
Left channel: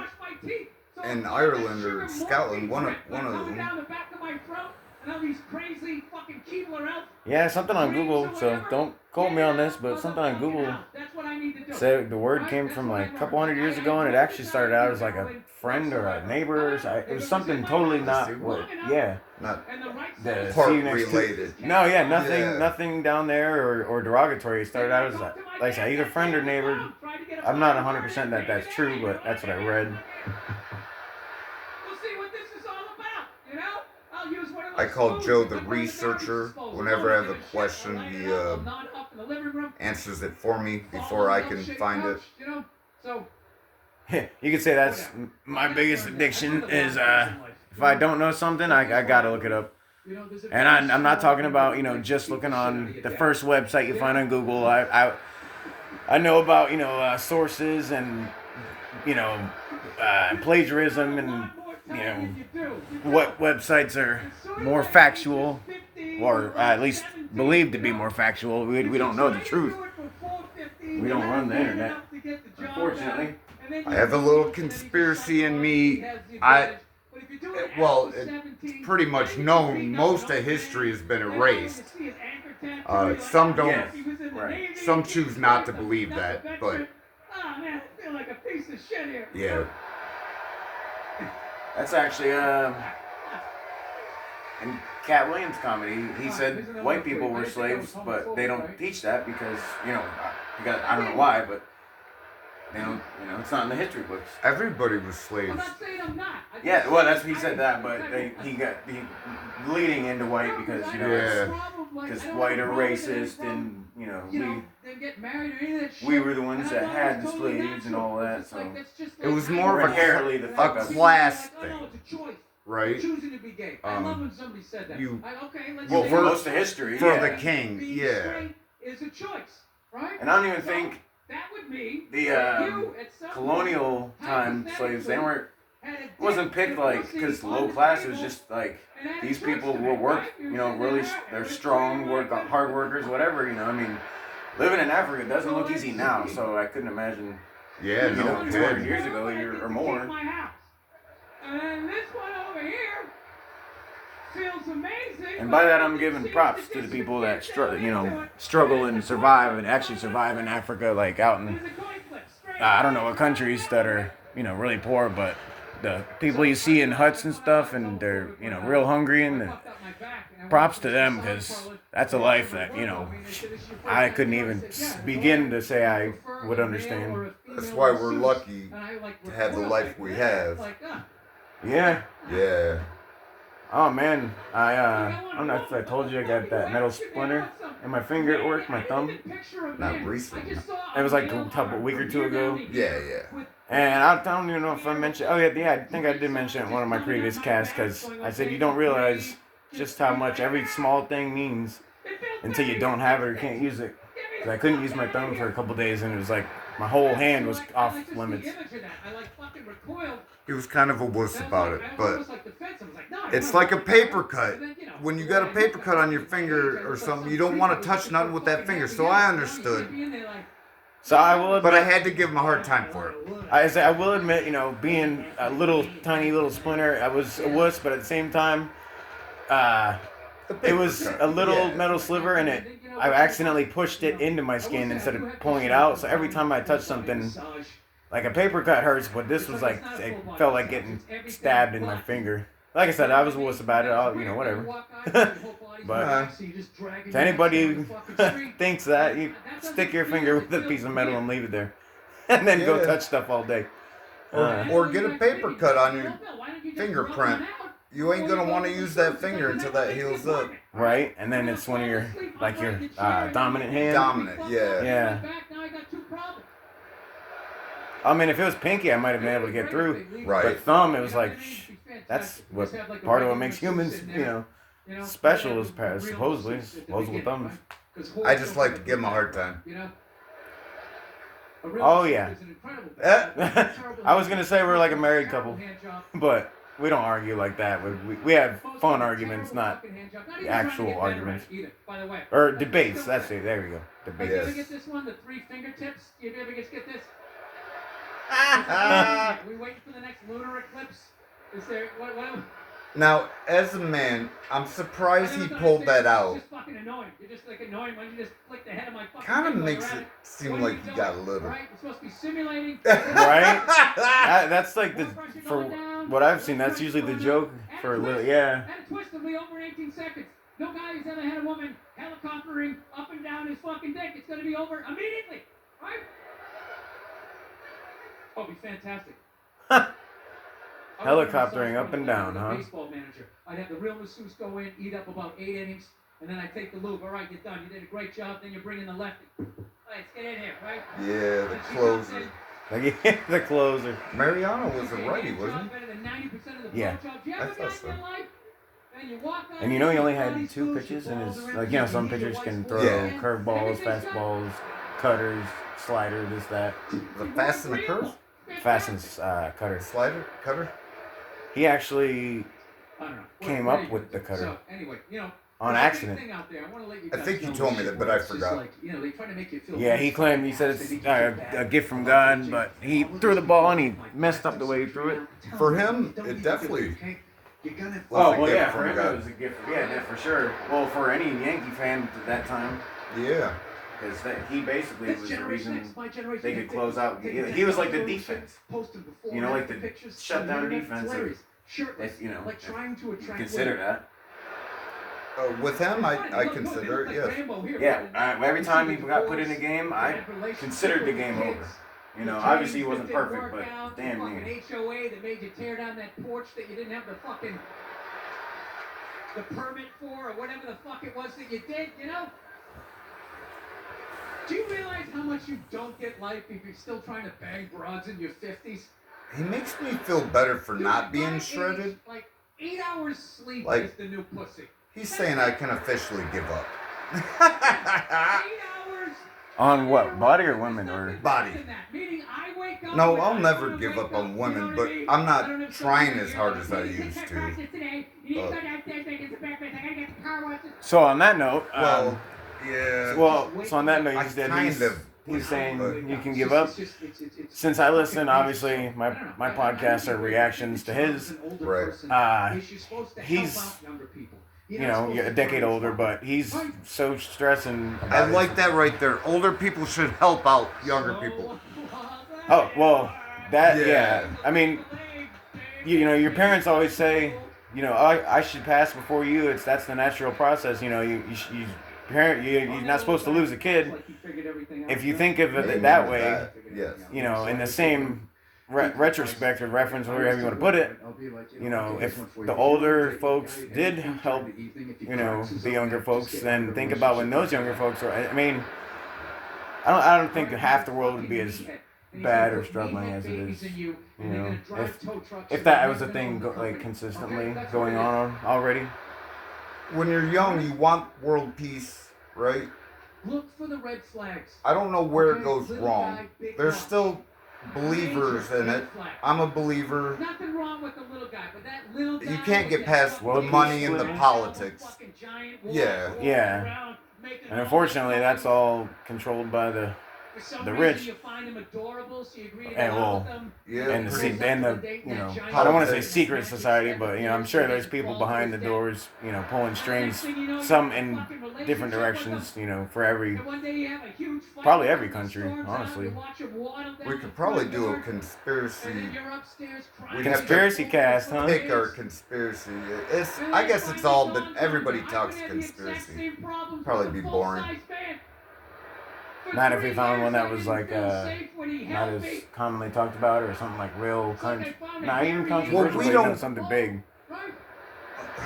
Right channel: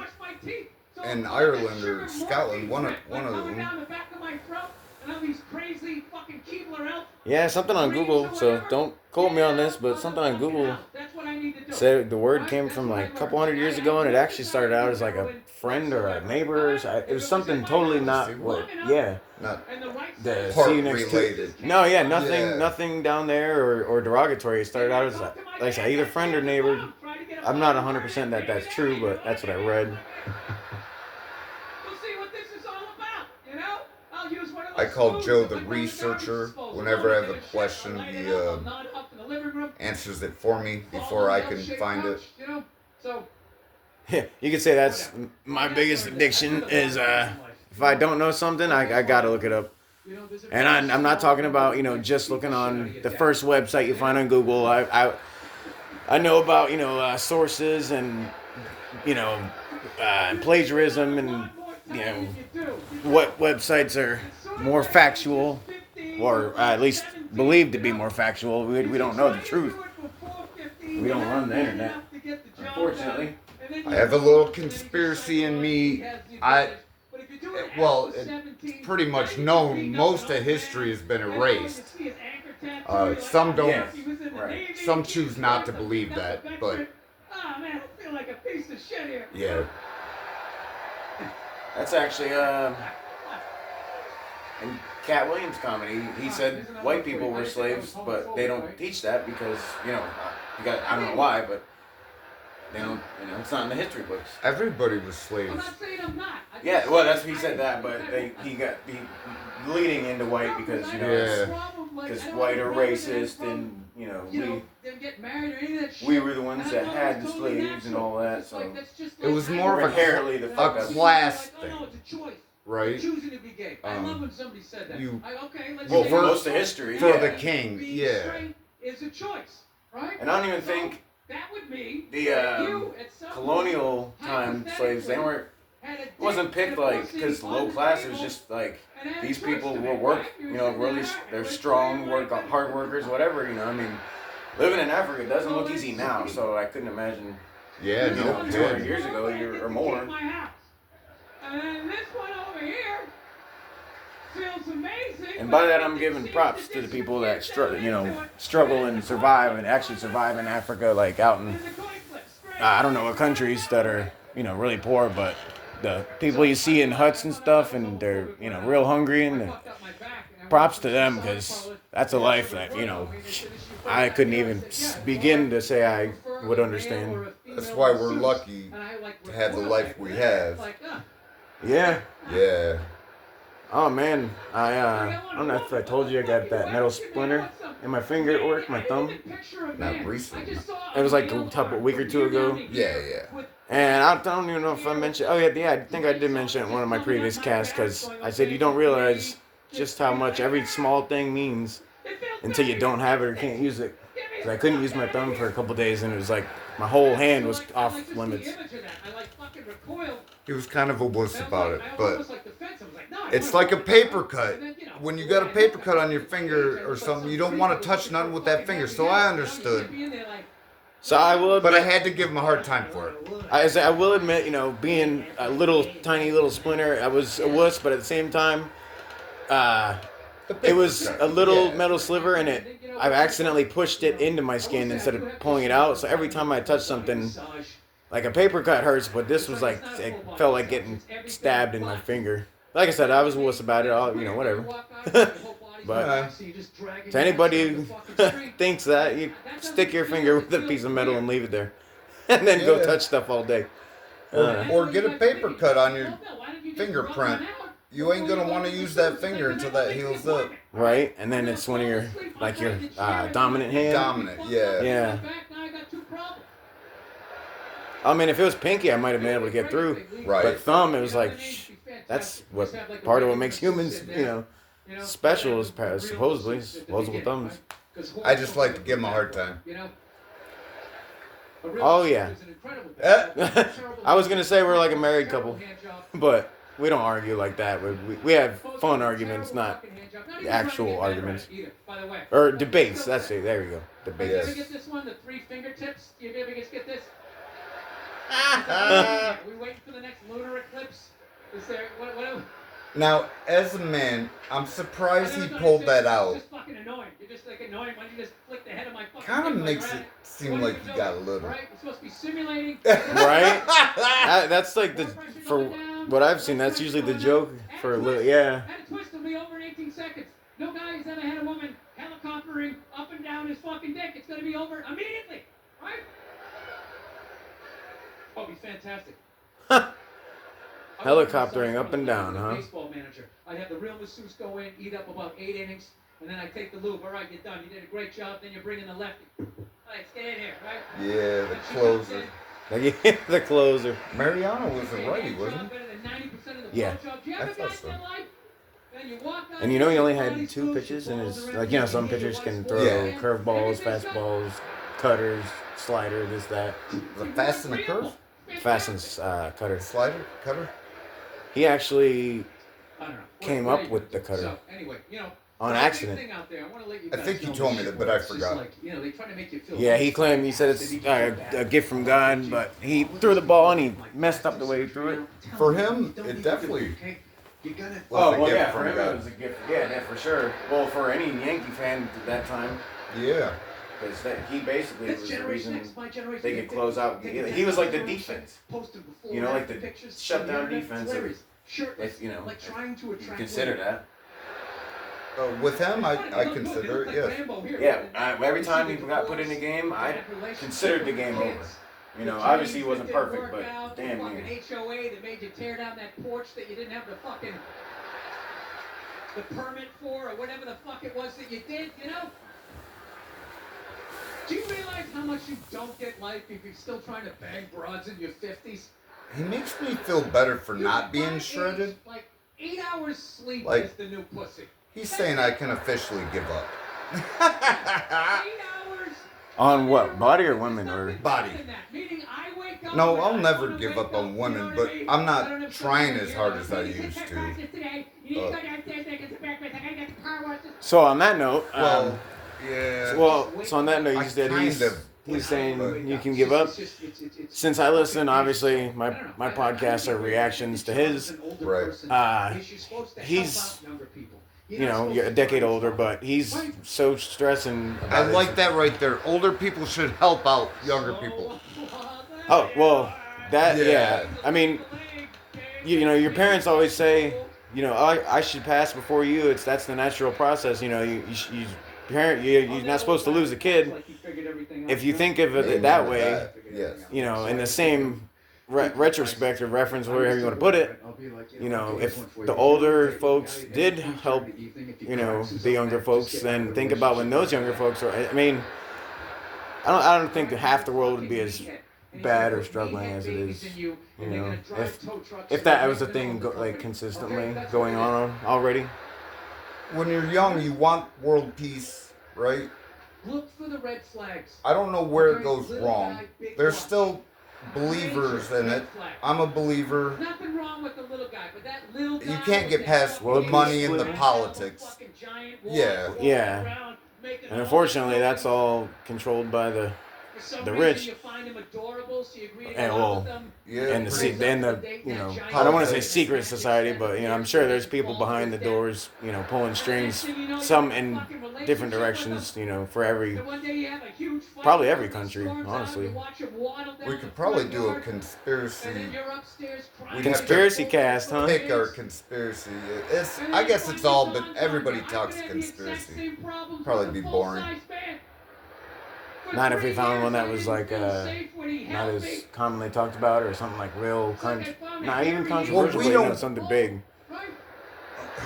in Ireland or Scotland. One of them. Yeah, something on Google. So don't quote me on this, but something on Google said the word came from like a couple hundred years ago, and it actually started out as like a friend or a neighbor. It was something totally not what. Yeah. Not The part see you next related. No, yeah, nothing, Yeah. nothing down there or derogatory. It started out as like I said, either friend or neighbor. I'm not 100% that that's true, but that's what I read. I call Joe the researcher. Whenever I have a question, he answers it for me before I can find it. You could say that's my biggest addiction is if I don't know something, I gotta look it up. And I'm not talking about, you know, just looking on the first website you find on Google. I know about, you know, sources and, you know, plagiarism and, you know, what websites are more factual or at least believed to be more factual. We don't know the truth. We don't run the internet, unfortunately. I have a little conspiracy in me. It's pretty much known. Most of history has been erased. Some don't. Yeah, right. Some choose not to believe that, but yeah. That's actually in Cat Williams' comedy. He said white people were slaves, but they don't teach that because, you know, I don't know why, but they don't, you know, it's not in the history books. Everybody was slaves. Yeah, well, that's he said that, but he got leading into white because, you know, because white are racist and, you know, we were the ones that had the slaves and all that, so It was more of inherently the fuck a up. class thing, right? Choosing to be gay. I love when somebody said that. Well, say for most of history, For yeah. the king, being yeah. straight is a choice, right? And I don't even think that would mean the you at some colonial time slaves, they weren't wasn't picked like because low class. It was just like these people will work, you know, really they're strong, hard workers, whatever, you know. I mean, living in Africa doesn't look easy now, so I couldn't imagine. Yeah, You no know, 200 kidding. years ago, or more. And this one over here feels amazing. And by that, I'm giving props to the people that struggle and survive and actually survive in Africa, like out in I don't know what countries that are really poor, but the people you see in huts and stuff, and they're real hungry, and props to them, because that's a life that I couldn't even begin to say I would understand. That's why we're lucky to have the life we have. Yeah. Yeah. Oh man, I don't know if I told you I got that metal splinter in my finger at work, my thumb. Not recently. It was like a week or two ago. Yeah, yeah. And I don't even know if I mentioned. Oh yeah, I think I did mention it in one of my previous casts, because I said you don't realize just how much every small thing means until you don't have it or can't use it. 'Cause I couldn't use my thumb for a couple days, and it was like my whole hand was off limits. He was kind of a wuss about it, but it's like a paper cut. When you got a paper cut on your finger or something, you don't want to touch nothing with that finger. So I understood. So I will, but I had to give him a hard time for it. I will admit, being a tiny little splinter, I was a wuss, but at the same time, it was a little metal sliver, and I accidentally pushed it into my skin instead of pulling it out. So every time I touched something, like a paper cut hurts, but this was like, it felt like getting stabbed in my finger. Like I said, I was a wuss about it, whatever. But to anybody who thinks that, you stick your finger with a piece of metal and leave it there. And then go touch stuff all day. Or get a paper cut on your fingerprint. You ain't going to want to use that finger until that heals up. Right? And then it's one of your, dominant hand. Dominant, yeah. Yeah. I mean, if it was pinky, I might have been able to get through. Right. But thumb, it was like, that's what part of what makes humans, special is supposedly opposable thumbs. I just like to give them a hard time. Oh yeah. I was gonna say we're like a married couple, but we don't argue like that. We have fun arguments, not actual arguments or debates. That's it. There you go. Debates. Yes. You ever get this one, the 3 fingertips? You ever get this? We waiting for the next lunar eclipse? Is there what? Now, as a man, I'm surprised he pulled that out. It's just fucking annoying. You're just like annoying. Why don't you just flick the head of my fucking Kind of head makes around it seem like you got a little. Right? We're supposed to be simulating. Right? That's like for what I've seen, that's usually the joke for a little, yeah. And a twist will be over in 18 seconds. No guy who's ever had a woman helicoptering up and down his fucking dick. It's going to be over immediately. Right? Oh, it'll be fantastic. Helicoptering up and down, huh? Baseball manager. I'd have the real masseuse go in, eat up about 8 innings, and then I take the lube. All right, you're done. You did a great job. Then you bring in the lefty. All right, let's get in here, right? Yeah, the closer. The closer. Mariano was a righty, wasn't he? Yeah. I thought so. And he only had 2 pitches in his, some pitchers can throw curveballs, fastballs, cutters, slider, this, that. The fast and the curve? Fast and cutter. Slider? Cutter? He actually came up with the cutter. So, anyway, on accident. I think you told me that, but I forgot. Yeah, he said it's a gift from God, but he threw the ball and he messed up the way he threw it. For him, it definitely for him it was a gift. Yeah, for sure. Well, for any Yankee fan at that time. Yeah. Because he basically was the reason they could close out. He was like the defense. Like the shutdown defense. Consider that. With him, I consider it, yes. Yeah, every time he got put in a game, I considered the game over. Obviously he wasn't perfect, but damn near. HOA that made you tear down that porch that you didn't have the permit for, or whatever the fuck it was that you did, Do you realize how much you don't get life if you're still trying to bang broads in your 50s? He makes me feel better for not being shredded. Like 8 hours sleep Like, is the new pussy. He's saying I can officially give up. 8 hours On what? Body or women or? Body. No, I'll never give up on women, but I'm not trying as hard as I used to. So on that note, Well, yeah. so on that note, I you said kind of. he's saying you can give up. Since I listen, obviously my podcasts are reactions to his. Right. He's a decade older, but he's so stressing. I like that right there. Older people should help out younger people. Oh well, yeah. I mean, your parents always say, I should pass before you. That's the natural process. You're not supposed to lose a kid. If you think of it that way, yes. In the same retrospect or reference, wherever you want to put it, if the older folks did help, the younger folks, then think about when those younger folks were. I mean, I don't think half the world would be as bad or struggling as it is. If that was a thing consistently going on already. When you're young, you want world peace, right? Look for the red flags. I don't know where it goes wrong. There's still believers in it. I'm a believer. Nothing wrong with the little guy, but that little guy. You can't get past the money and the politics. Yeah. Yeah. And unfortunately, that's all controlled by the rich. And I don't want to say secret society, but I'm sure there's people behind the doors, pulling strings, some in different directions, for probably every country, honestly. We could probably do a conspiracy. Conspiracy cast, huh? Pick our conspiracy. I guess it's all, but everybody talks conspiracy. Probably be boring. Not if we found one that was not as commonly talked about, or something like real not even controversial. Well, we don't something big.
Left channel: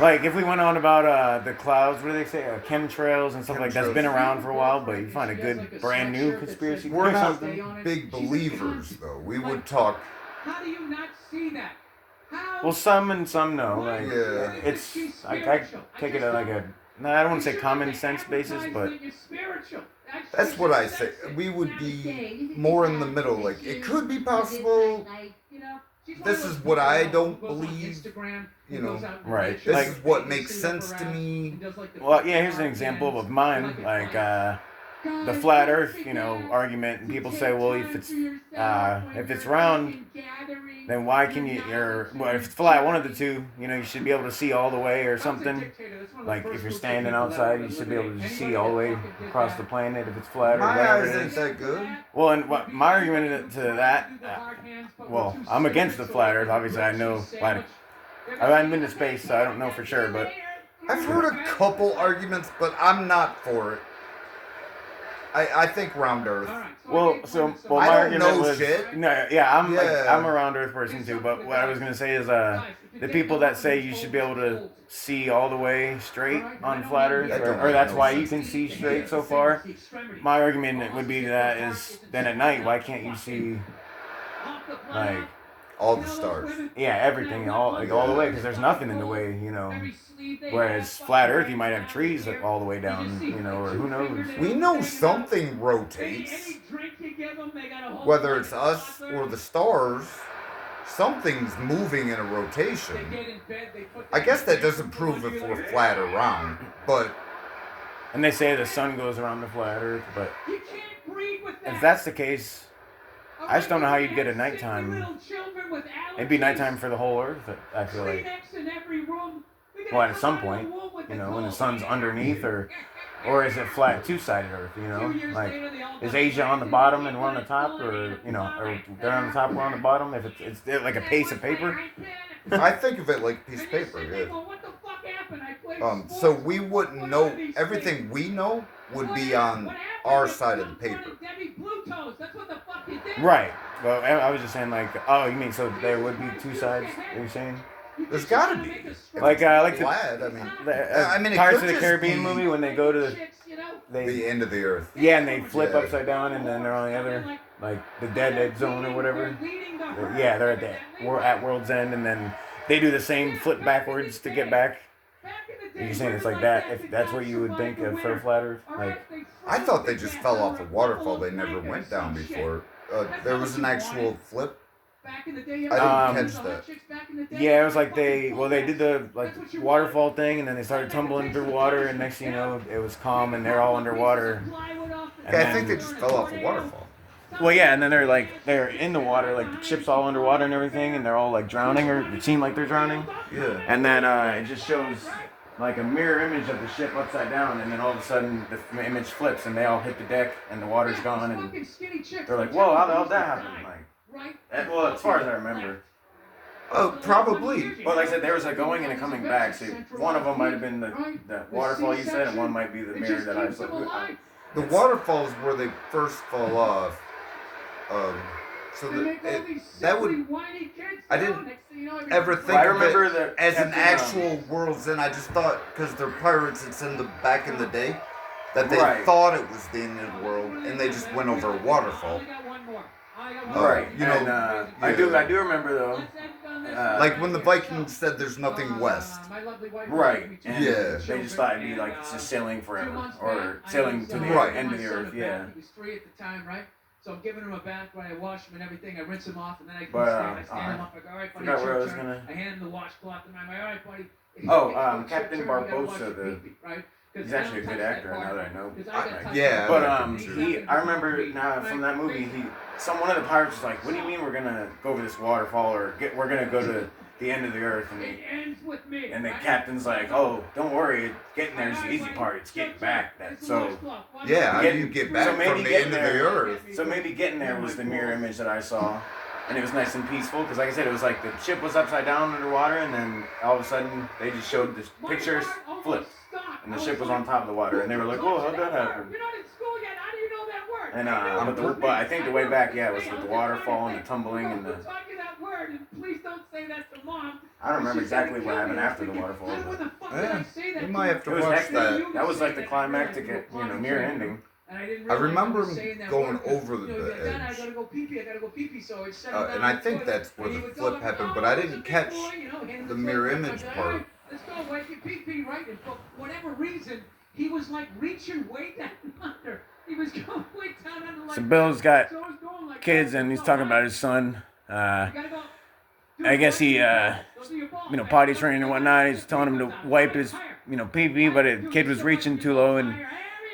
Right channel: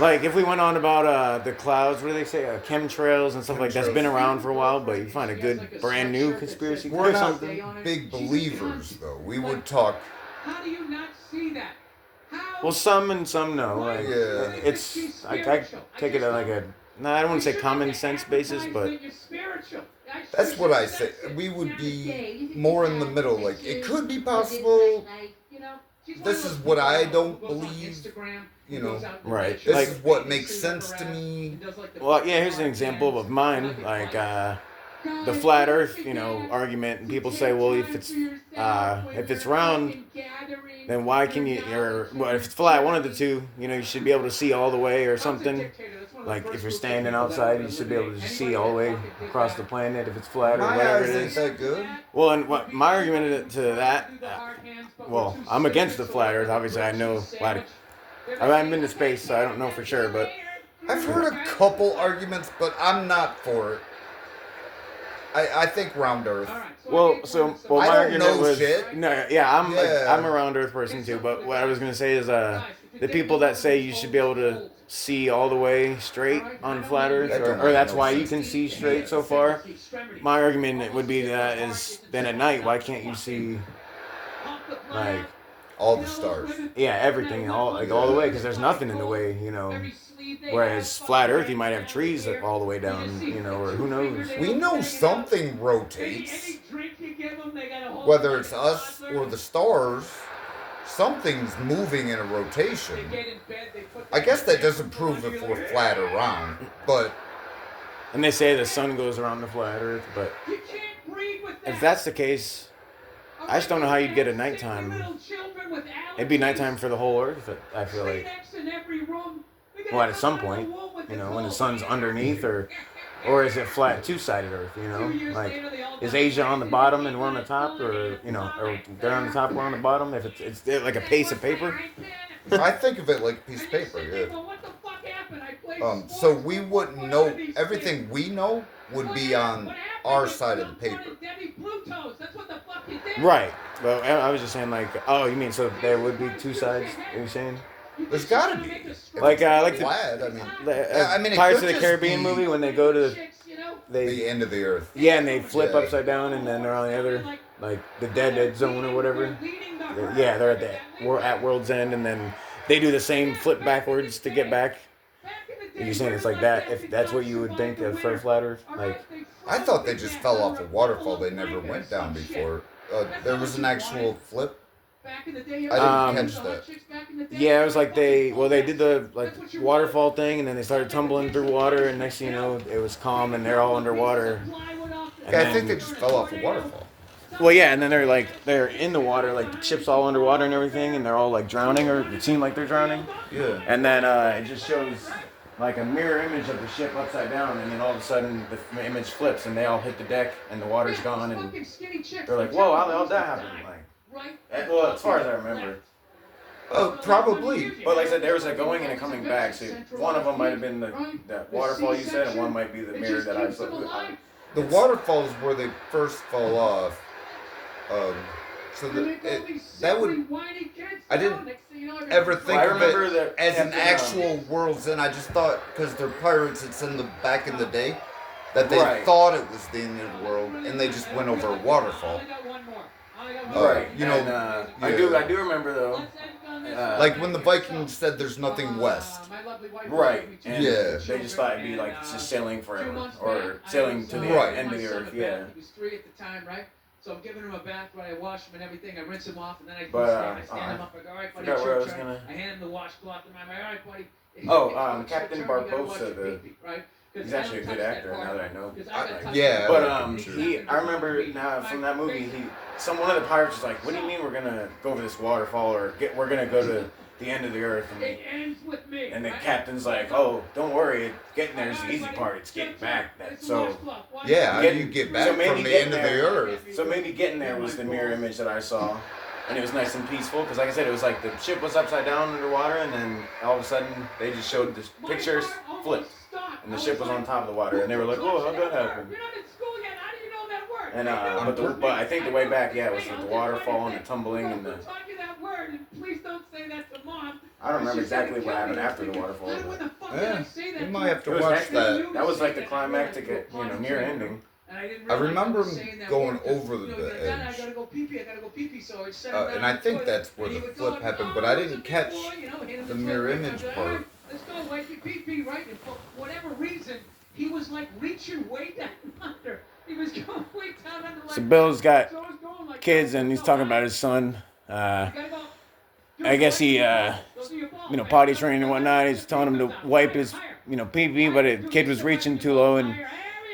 Like if we went on about the clouds, what do they say? Chemtrails and stuff like that's been around for a while, but you find a good brand new conspiracy. We're not big believers, though. We would talk. How do you not see that? Well, some and some no. It's I take it at I don't want to say common sense basis, but. That's what I say. We would be more in the middle. Like, it could be possible. This is what I don't believe. Right. This is what makes sense to me. Well, yeah, here's an example of mine. Like, the flat Earth, argument. And people say, well, if it's round, then why can you? If it's flat, one of the two, you should be able to see all the way or something. Like if you're standing outside, you should be able to see all the way across the planet if it's flat or whatever it is. That good? Well, and my argument to that, I'm against the flat Earth. Obviously, I know I've been to space, so I don't know for sure, but I've heard a couple arguments, but I'm not for it. I think round Earth. My I don't know was, shit. No, I'm a round Earth person too. But what I was gonna say is, the people that say you should be able to see all the way straight on flat Earth, or that's why you can see straight so far. My argument would be then at night, why can't you see like all the stars? Yeah, everything, all the way, because there's nothing in the way, Whereas flat Earth, you might have trees all the way down, or who knows. We know something rotates. Whether it's us or the stars, something's moving in a rotation. I guess that doesn't prove if we're flat or round, but... And they say the sun goes around the flat Earth, but if that's the case, I just don't know how you'd get a nighttime. It'd be nighttime for the whole Earth, I feel like. Well, at some point, when the sun's underneath, or is it flat, two-sided Earth, Like, is Asia on the bottom and we're on the top, or they're on the top, we're on the bottom? If it's like a piece of paper? I think of it like a piece of paper, yeah. So we wouldn't know, everything we know would be on our side of the paper. Right. Well, I was just saying, you mean so there would be two sides, are you saying? There's gotta be. Like the flat, Pirates of the Caribbean movie when they go to the end of the earth. Yeah, and they flip upside down, and then they're on the other, like the dead zone or whatever. They're at World's End, and then they do the same flip backwards to get back. Are you saying it's like that? If that's what you would think of for flat Earth, like I thought they just fell off a waterfall. They never went down before. There was an actual flip. Back in the day, I didn't Um, catch that. Yeah, it was like they did the like waterfall thing, and then they started tumbling through water, and next thing you know, it was calm, and they're all underwater. And Yeah, I think they then, just fell off a waterfall. well, yeah, and then they're in the water, like the ship's all underwater and everything, and they're all like drowning, or it seemed like they're drowning. Yeah. And then it just shows like a mirror image of the ship upside down, and then all of a sudden the image flips, and they all hit the deck, and the water's gone, and they're like, "Whoa, how the hell did that happen?" Like, well, as far as I remember. Probably. But like I said, there was a going and a coming back. So one of them might have been the waterfall you said, and one might be the mirror that I saw. The waterfalls where they first fall off. So that would. I didn't ever think of it as an actual world's end. I just thought because they're pirates, it's in the back in the day that they thought it was the end of the world, and they just went over a waterfall. Right. You know, yeah. I do remember though. Like when the Vikings said there's nothing west. Right. And yeah. They just thought it'd be like just sailing forever or sailing to the end of the earth. Yeah. He was 3 at the time, right? So I'm giving him a bath where I wash him and everything. I rinse him off, and then I stand him up. I go, all right, buddy, it's your turn. I hand him the washcloth, and I'm like, all right, buddy. Captain Barbosa, he's actually a good actor. Now that I know. Yeah. But I remember from that movie, one of the pirates was like, "What do you mean we're gonna go over this waterfall or we're gonna go to the end of the earth?" And the captain's like, "Oh, don't worry, getting there is the easy part. It's getting back." Yeah, how do you get back from the end of the earth? So maybe getting there was the mirror image that I saw. And it was nice and peaceful, because like I said, it was like the ship was upside down underwater, and then all of a sudden, they just showed the pictures flipped. And the ship was on top of the water, and they were like, "Whoa, how'd that happen?" You're not in school yet, how do you know that word? And but I think the way back, yeah, it was with the waterfall and the tumbling and the... I don't remember exactly what happened after the waterfall. Yeah, we might have to watch that. That was like the climactic, near ending. I remember him going over the edge. And I think that's where the flip happened, but I didn't catch the mirror image part. Let's go wipe your pee-pee, right? And for whatever reason, he was like reaching way down under. He was going way down under. Like so Bill's got kids, and he's talking about his son. I guess he, potty training and whatnot. He's telling him to wipe his, pee-pee, but the kid was reaching too low, and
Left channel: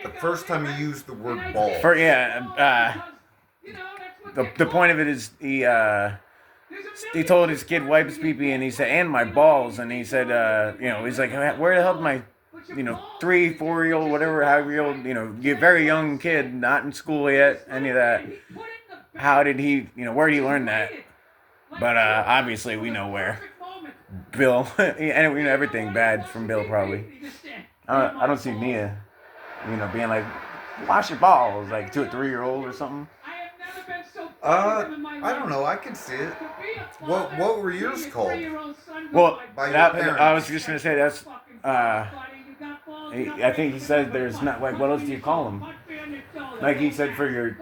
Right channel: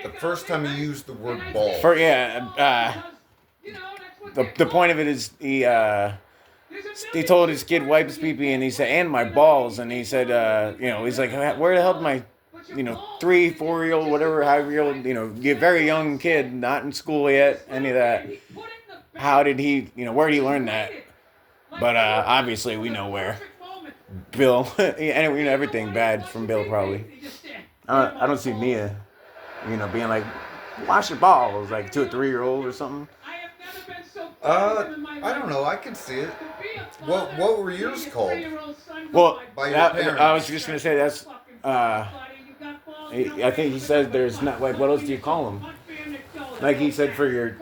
the first time he used the word ball. The point of it is he told his kid wipe his pee-pee, and he said, "and my balls," and he said, he's like, "Where the hell did my, 3, 4-year-old, whatever, however-year-old, you're a very young kid, not in school yet, any of that. How did he, where did he learn that?" But obviously we know where. Bill, and we know everything bad from Bill probably. I don't see Nia, being like, "Wash your balls," like to a 3-year-old or something. I don't know. I can see it. What were yours called? Well, by your parents? I was just gonna say that's. I think he said there's not like what else do you call them? Like he said for your,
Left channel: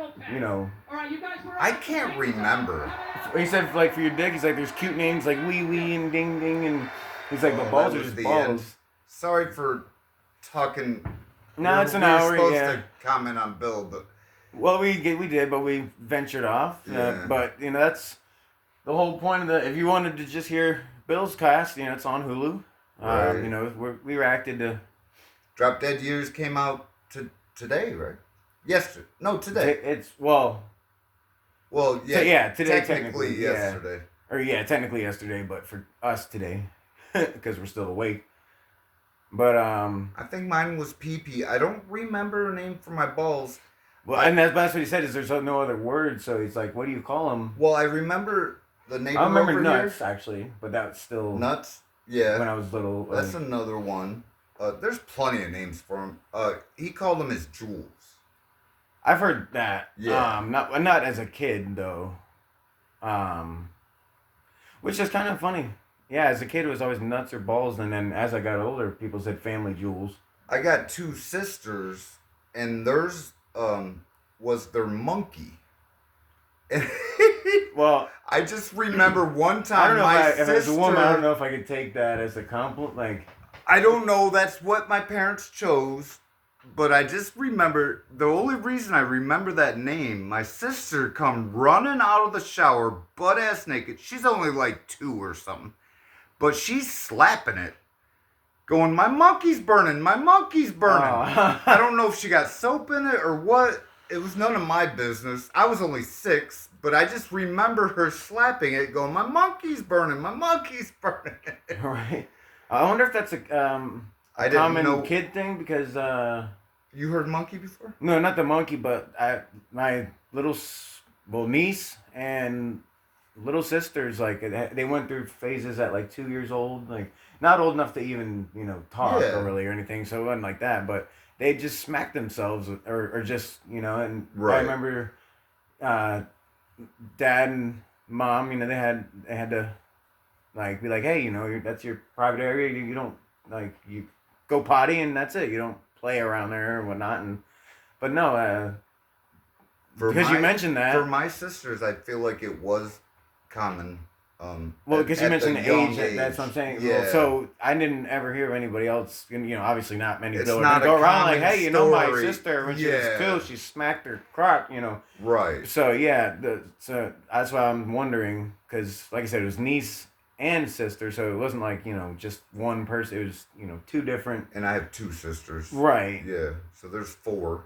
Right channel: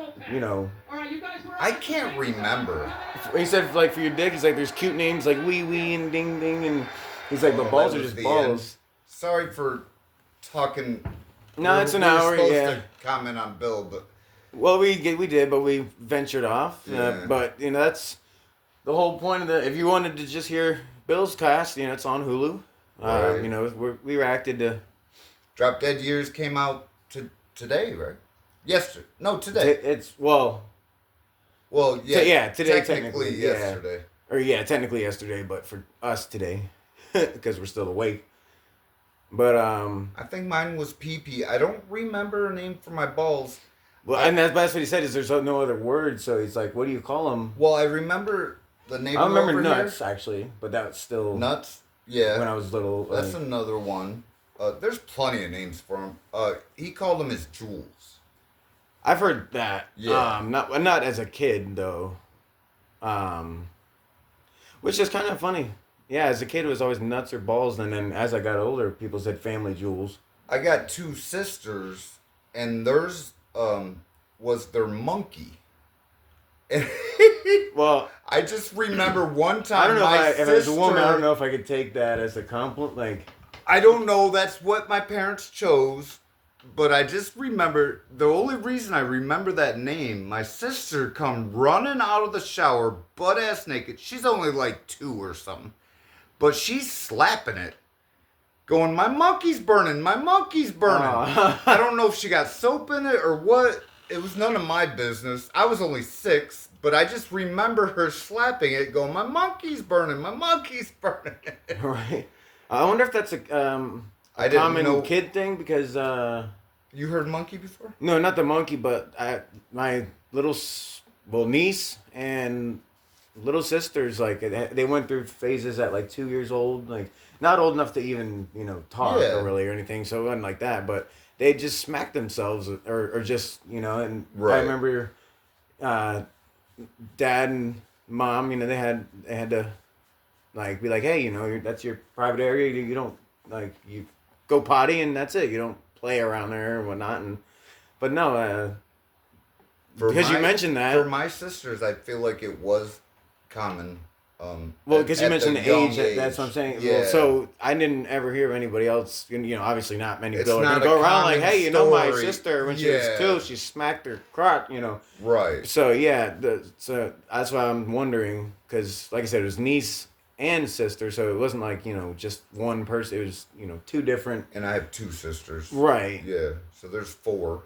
I can't remember. He said like for your dick, he's like there's cute names like wee wee and ding ding, and he's like the balls are just balls. End. Sorry for talking. No, it's an hour. We're supposed to comment on Bill, but. Well, we did, but we ventured off. Yeah. But that's the whole point of the. If you wanted to just hear Bill's cast, it's on Hulu. Right. We reacted to. Drop Dead Years came out today, right? Yesterday. No, today. It's well. Well, yeah. Today technically yesterday. Technically yesterday, but for us today, because we're still awake. But I think mine was PP. I don't remember a name for my balls. Well, and that's what he said is there's no other word, so he's like, what do you call them? Well, I remember the neighbor I remember over nuts, here. Actually, but that was still... Nuts? Yeah. When I was little. That's another one. There's plenty of names for him. He called them his jewels. I've heard that. Yeah. Not as a kid, though. Which is kind of funny. Yeah, as a kid, it was always nuts or balls, and then as I got older, people said family jewels. I got 2 sisters, and theirs... was their monkey. Well, I just remember one time I don't know my if as a woman, I don't know if I could take that as a compliment. Like, I don't know. That's what my parents chose. But I just remember, the only reason I remember that name, my sister come running out of the shower, butt ass naked. She's only like 2 or something. But she's slapping it. Going, my monkey's burning, my monkey's burning. Oh. I don't know if she got soap in it or what. It was none of my business. I was only 6, but I just remember her slapping it, going, my monkey's burning, my monkey's burning. Right. I wonder if that's a I didn't common know. kid thing because You heard monkey before? no, not the monkey, but my little niece and little sisters, like they went through phases at like 2 years old, like not old enough to even talk really or anything, so it wasn't like that, but they just smacked themselves or just and Right. I remember dad and mom, they had to like be like, hey, that's your private area, you don't like you go potty and that's it, you don't play around there or whatnot, but no, because you mentioned that. For my sisters, I feel like it was common. Well, because you mentioned the young age, that's what I'm saying. Yeah. Well, so I didn't ever hear of anybody else. Obviously not many It's people not go a around like, common hey, my story. sister when she was 2, she smacked her crotch. Right. So yeah, so that's why I'm wondering, because like I said, it was niece and sister, so it wasn't like just one person. It was 2 different. And I have 2 sisters. Right. Yeah. So there's 4.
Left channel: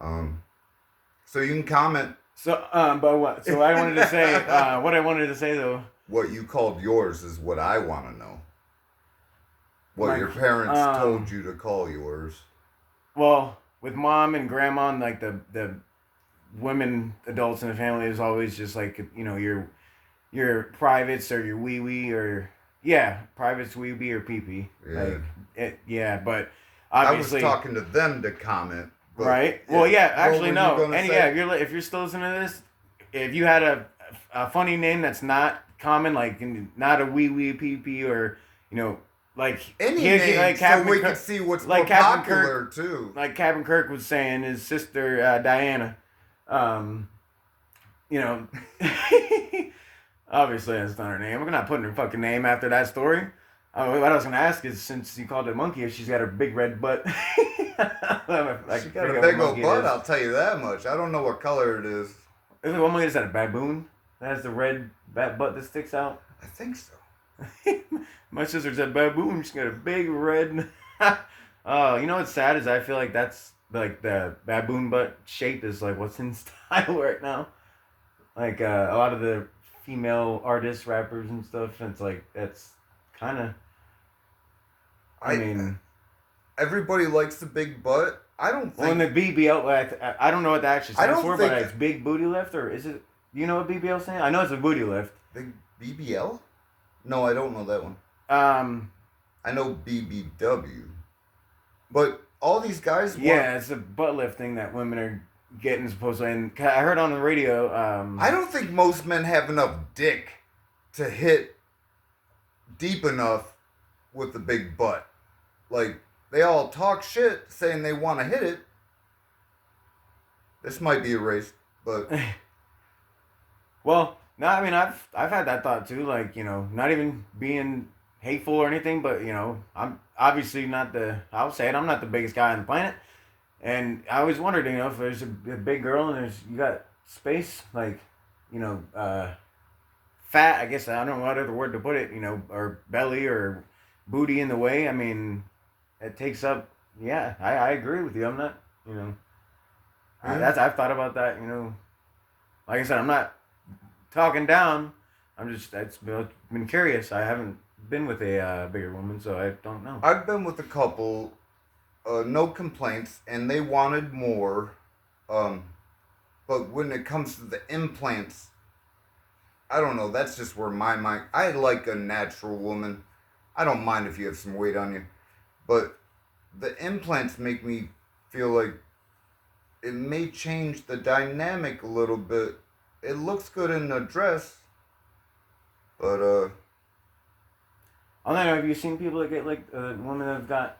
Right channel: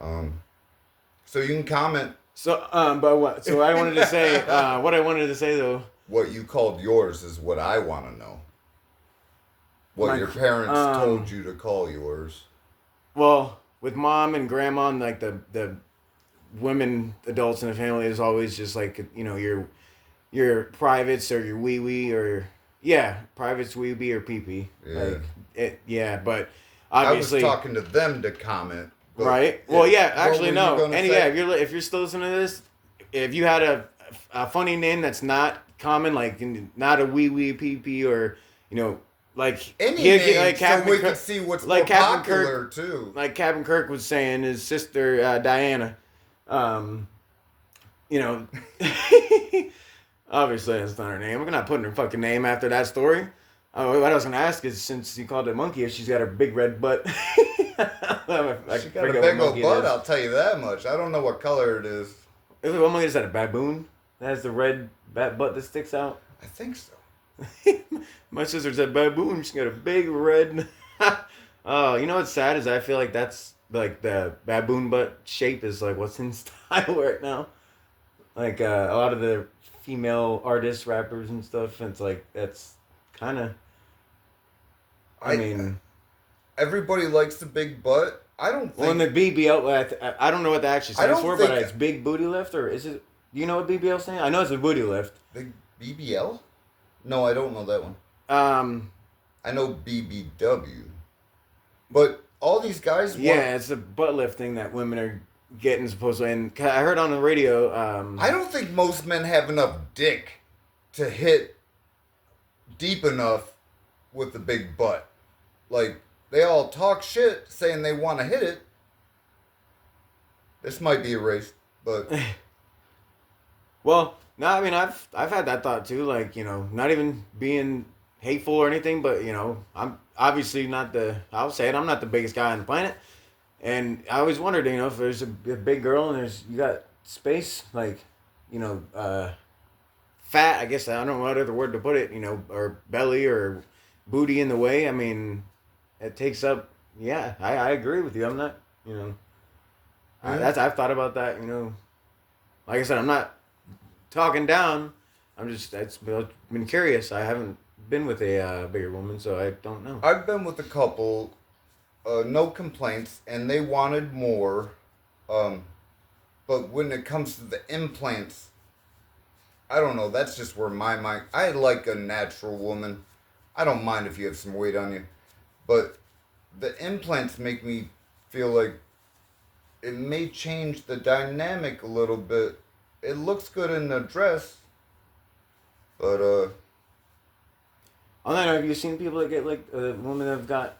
So you can comment So but what? So I wanted to say what I wanted to say though. what you called yours is what I want to know. What Like, your parents told you to call yours. Well, with mom and grandma, and like the women adults in the family is always just like your privates or your wee wee or privates, wee wee or pee pee. Yeah. But obviously I was talking to them to comment. But right. Well, yeah, what actually were no. you gonna And say? if you're still listening to this, if you had a funny name that's not common, like not a wee wee pee pee or like Any here- name, so Captain we Kirk- can see what's like more Captain popular too. like Captain Kirk was saying, his sister Diana, obviously that's not her name. I'm not putting her fucking name after that story. What I was gonna ask is, since you called it monkey, if she's got a big red butt. She got a big old butt, I'll tell you that much. I don't know what color it is. Is that a baboon that has the red butt that sticks out? I think so. My sister's a baboon. She's got a big red. Oh, what's sad is I feel like that's like the baboon butt shape is like what's in style right now. Like a lot of the female artists, rappers, and stuff. It's like that's kind of. I mean, everybody likes the big butt. I don't think. well, in the BBL, I don't know what that actually I stands don't for, but think- it's big booty lift, or is it? Do you know what BBL stands? I know it's a booty lift. The BBL? No, I don't know that one. I know BBW. But all these guys want... Yeah, it's a butt lift thing that women are getting supposedly. And I heard on the radio. I don't think most men have enough dick to hit deep enough with the big butt. Like, they all talk shit saying they want to hit it. This might be erased, but... Well, no, I mean I've had that thought too. Like not even being hateful or anything, but I'm obviously not I'll say it. I'm not the biggest guy on the planet, and I always wondered, if there's a big girl and you got space, like, fat. I guess I don't know what other word to put it. Or belly or booty in the way. I mean, it takes up. Yeah, I agree with you. I'm not. I've thought about that. Like I said, I'm not talking down. I've been curious. I haven't been with a bigger woman, so I don't know. I've been with a couple, no complaints, and they wanted more. But when it comes to the implants, I don't know. That's just where my mind... I like a natural woman. I don't mind if you have some weight on you. But the implants make me feel like it may change the dynamic a little bit. It looks good in the dress, but On that note, have you seen people that get like women that have got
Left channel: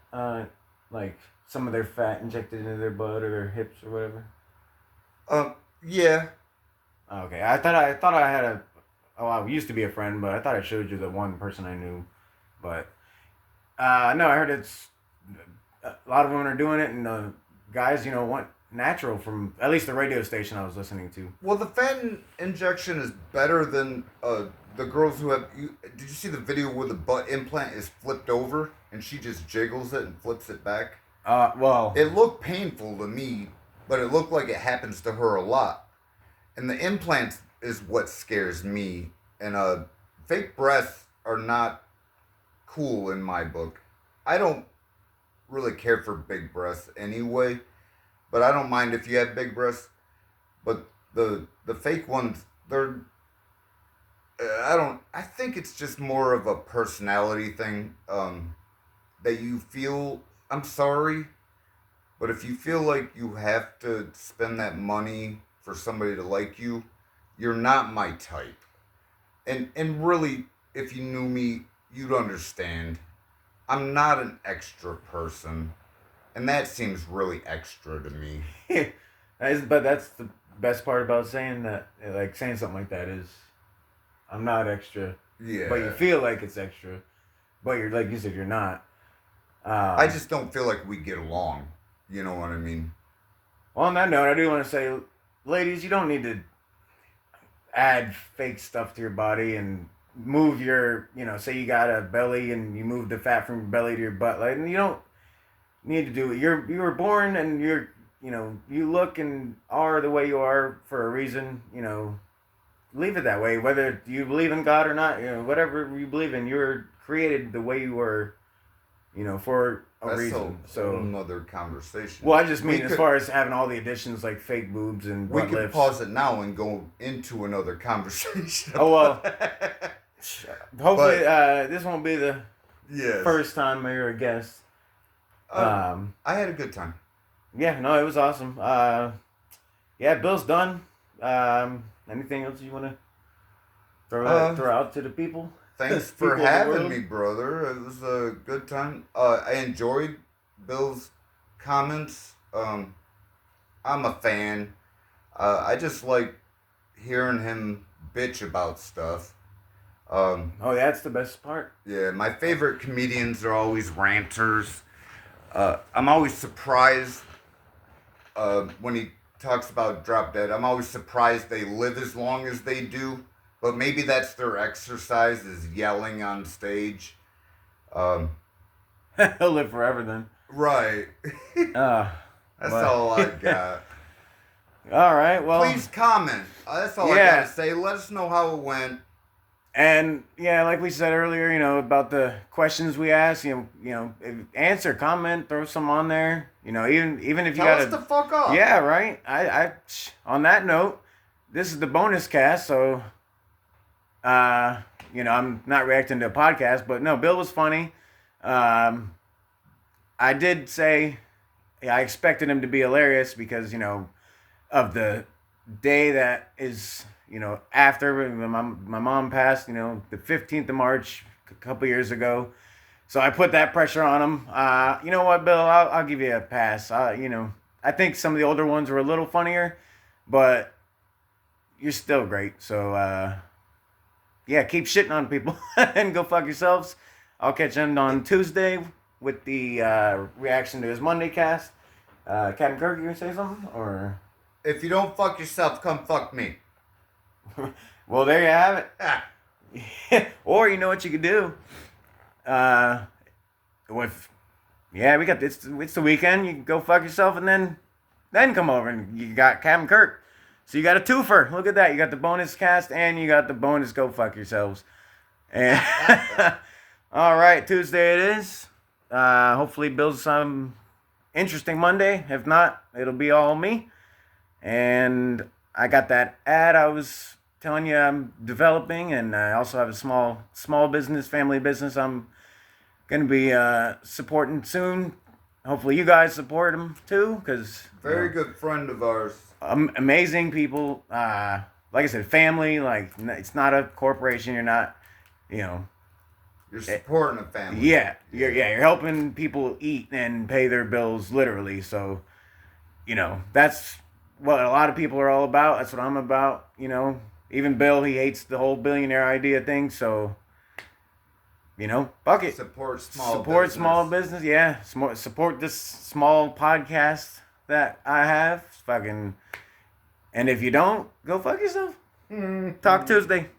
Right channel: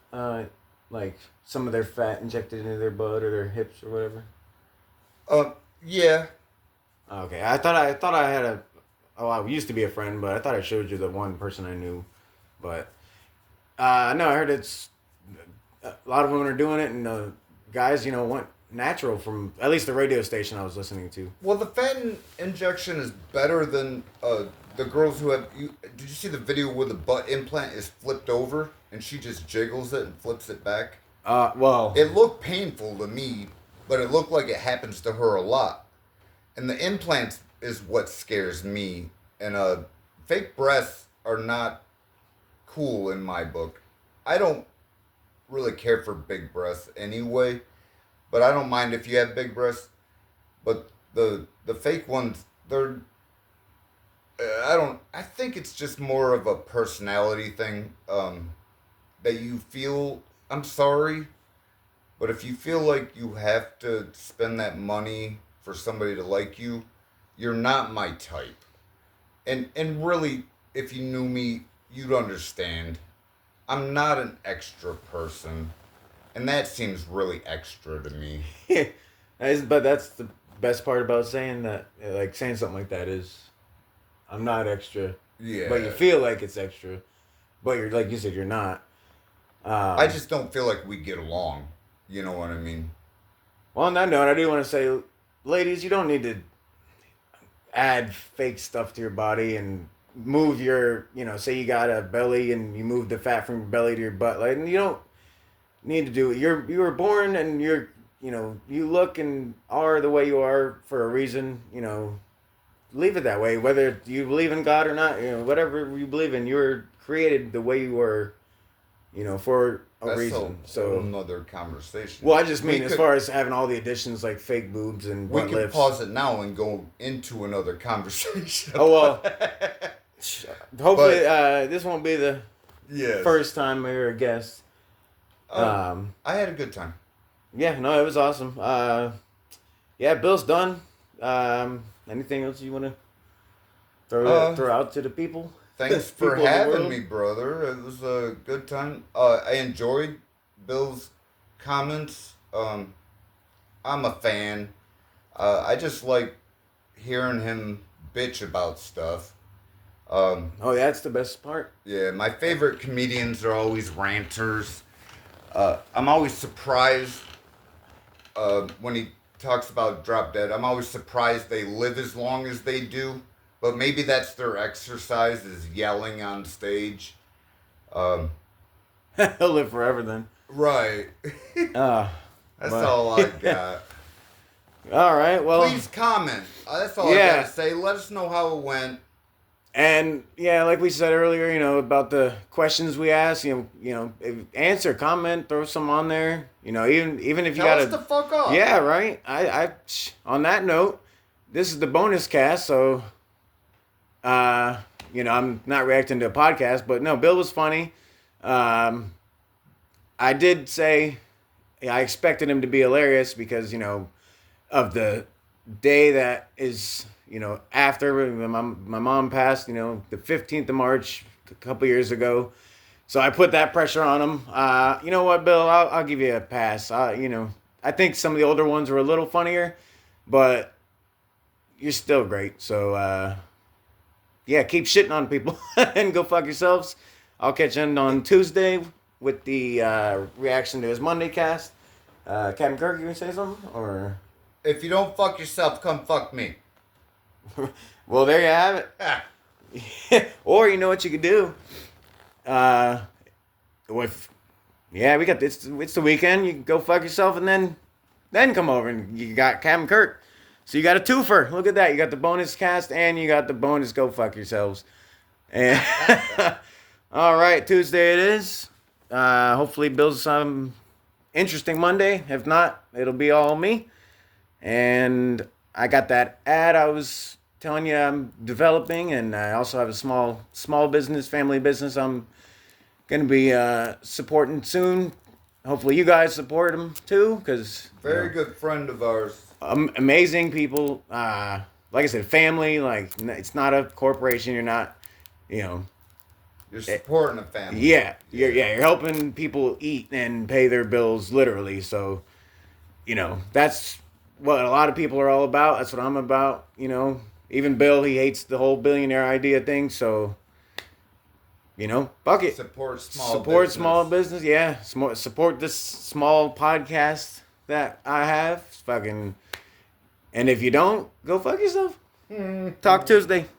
like some of their fat injected into their butt or their hips or whatever? Yeah. Okay, I thought I had I used to be a friend, but I thought I showed you the one person I knew, but no, I heard it's a lot of women are doing it, and guys, want natural from at least the radio station I was listening to. Well, the fat injection is better than the girls who have. Did you see the video where the butt implant is flipped over and she just jiggles it and flips it back? Well, It looked painful to me, but it looked like it happens to her a lot. And the implants is what scares me. And fake breasts are not cool in my book. I don't really care for big breasts anyway, but I don't mind if you have big breasts. But the fake ones, they're I think it's just more of a personality thing, that you feel. I'm sorry, but if you feel like you have to spend that money for somebody to like you, you're not my type. And really, if you knew me, you'd understand. I'm not an extra person, and that seems really extra to me. but that's the best part about saying that, like saying something like that is, I'm not extra. Yeah. But you feel like it's extra, but you're like you said, you're not. I just don't feel like we get along. You know what I mean? Well, on that note, I do want to say, ladies, you don't need to add fake stuff to your body and move your, say you got a belly and you move the fat from your belly to your butt. Like, you don't need to do it. You were born and you look and are the way you are for a reason. Leave it that way. Whether you believe in God or not, whatever you believe in, you were created the way you were, for a reason. So another conversation. Well, I just mean as far as having all the additions like fake boobs and we butt can lifts. pause it now and go into another conversation. Oh well. Hopefully, this won't be the yes. first time you're a guest. I had a good time. Yeah, no, it was awesome. Yeah, Bill's done. Anything else you want to throw out to the people? Thanks for having me, brother. It was a good time. I enjoyed Bill's comments. I'm a fan. I just like hearing him bitch about stuff. Oh, that's the best part. Yeah, my favorite comedians are always ranters. I'm always surprised when he talks about Drop Dead. I'm always surprised they live as long as they do. But maybe that's their exercise, is yelling on stage. He'll live forever then. Right. That's all I got. All right, well. Please comment. That's all I got to say. Let us know how it went. And yeah, like we said earlier, about the questions we asked, answer, comment, throw some on there. Even if you Tell us the fuck up. Yeah, right. I on that note, this is the bonus cast, so I'm not reacting to a podcast, but no, Bill was funny. I did say I expected him to be hilarious because, of the day that is, after my mom passed, the 15th of March, a couple years ago. So I put that pressure on him. You know what, Bill? I'll give you a pass. I think some of the older ones were a little funnier, but you're still great. So, yeah, keep shitting on people and go fuck yourselves. I'll catch you on Tuesday with the reaction to his Monday cast. Captain Kirk, you gonna say something? Or if you don't fuck yourself, come fuck me. Well, there you have it. Or you know what you could do? We got this. It's the weekend. You can go fuck yourself and then come over and you got Captain Kirk. So you got a twofer. Look at that. You got the bonus cast and you got the bonus go fuck yourselves. And all right, Tuesday it is. Hopefully Bill's some interesting Monday. If not, it'll be all me. And I got that ad I was telling you I'm developing, and I also have a small business, family business I'm going to be supporting soon. Hopefully you guys support them too, because very good friend of ours. Amazing people. Like I said, family. Like, it's not a corporation. You're not, You're supporting a family. Yeah, you're helping people eat and pay their bills literally. So, that's what a lot of people are all about. That's what I'm about. Even Bill, he hates the whole billionaire idea thing. So, fuck it. Support small Support business. small business. Yeah, support this small podcast that I have. Fucking, and if you don't, go fuck yourself. Talk Tuesday.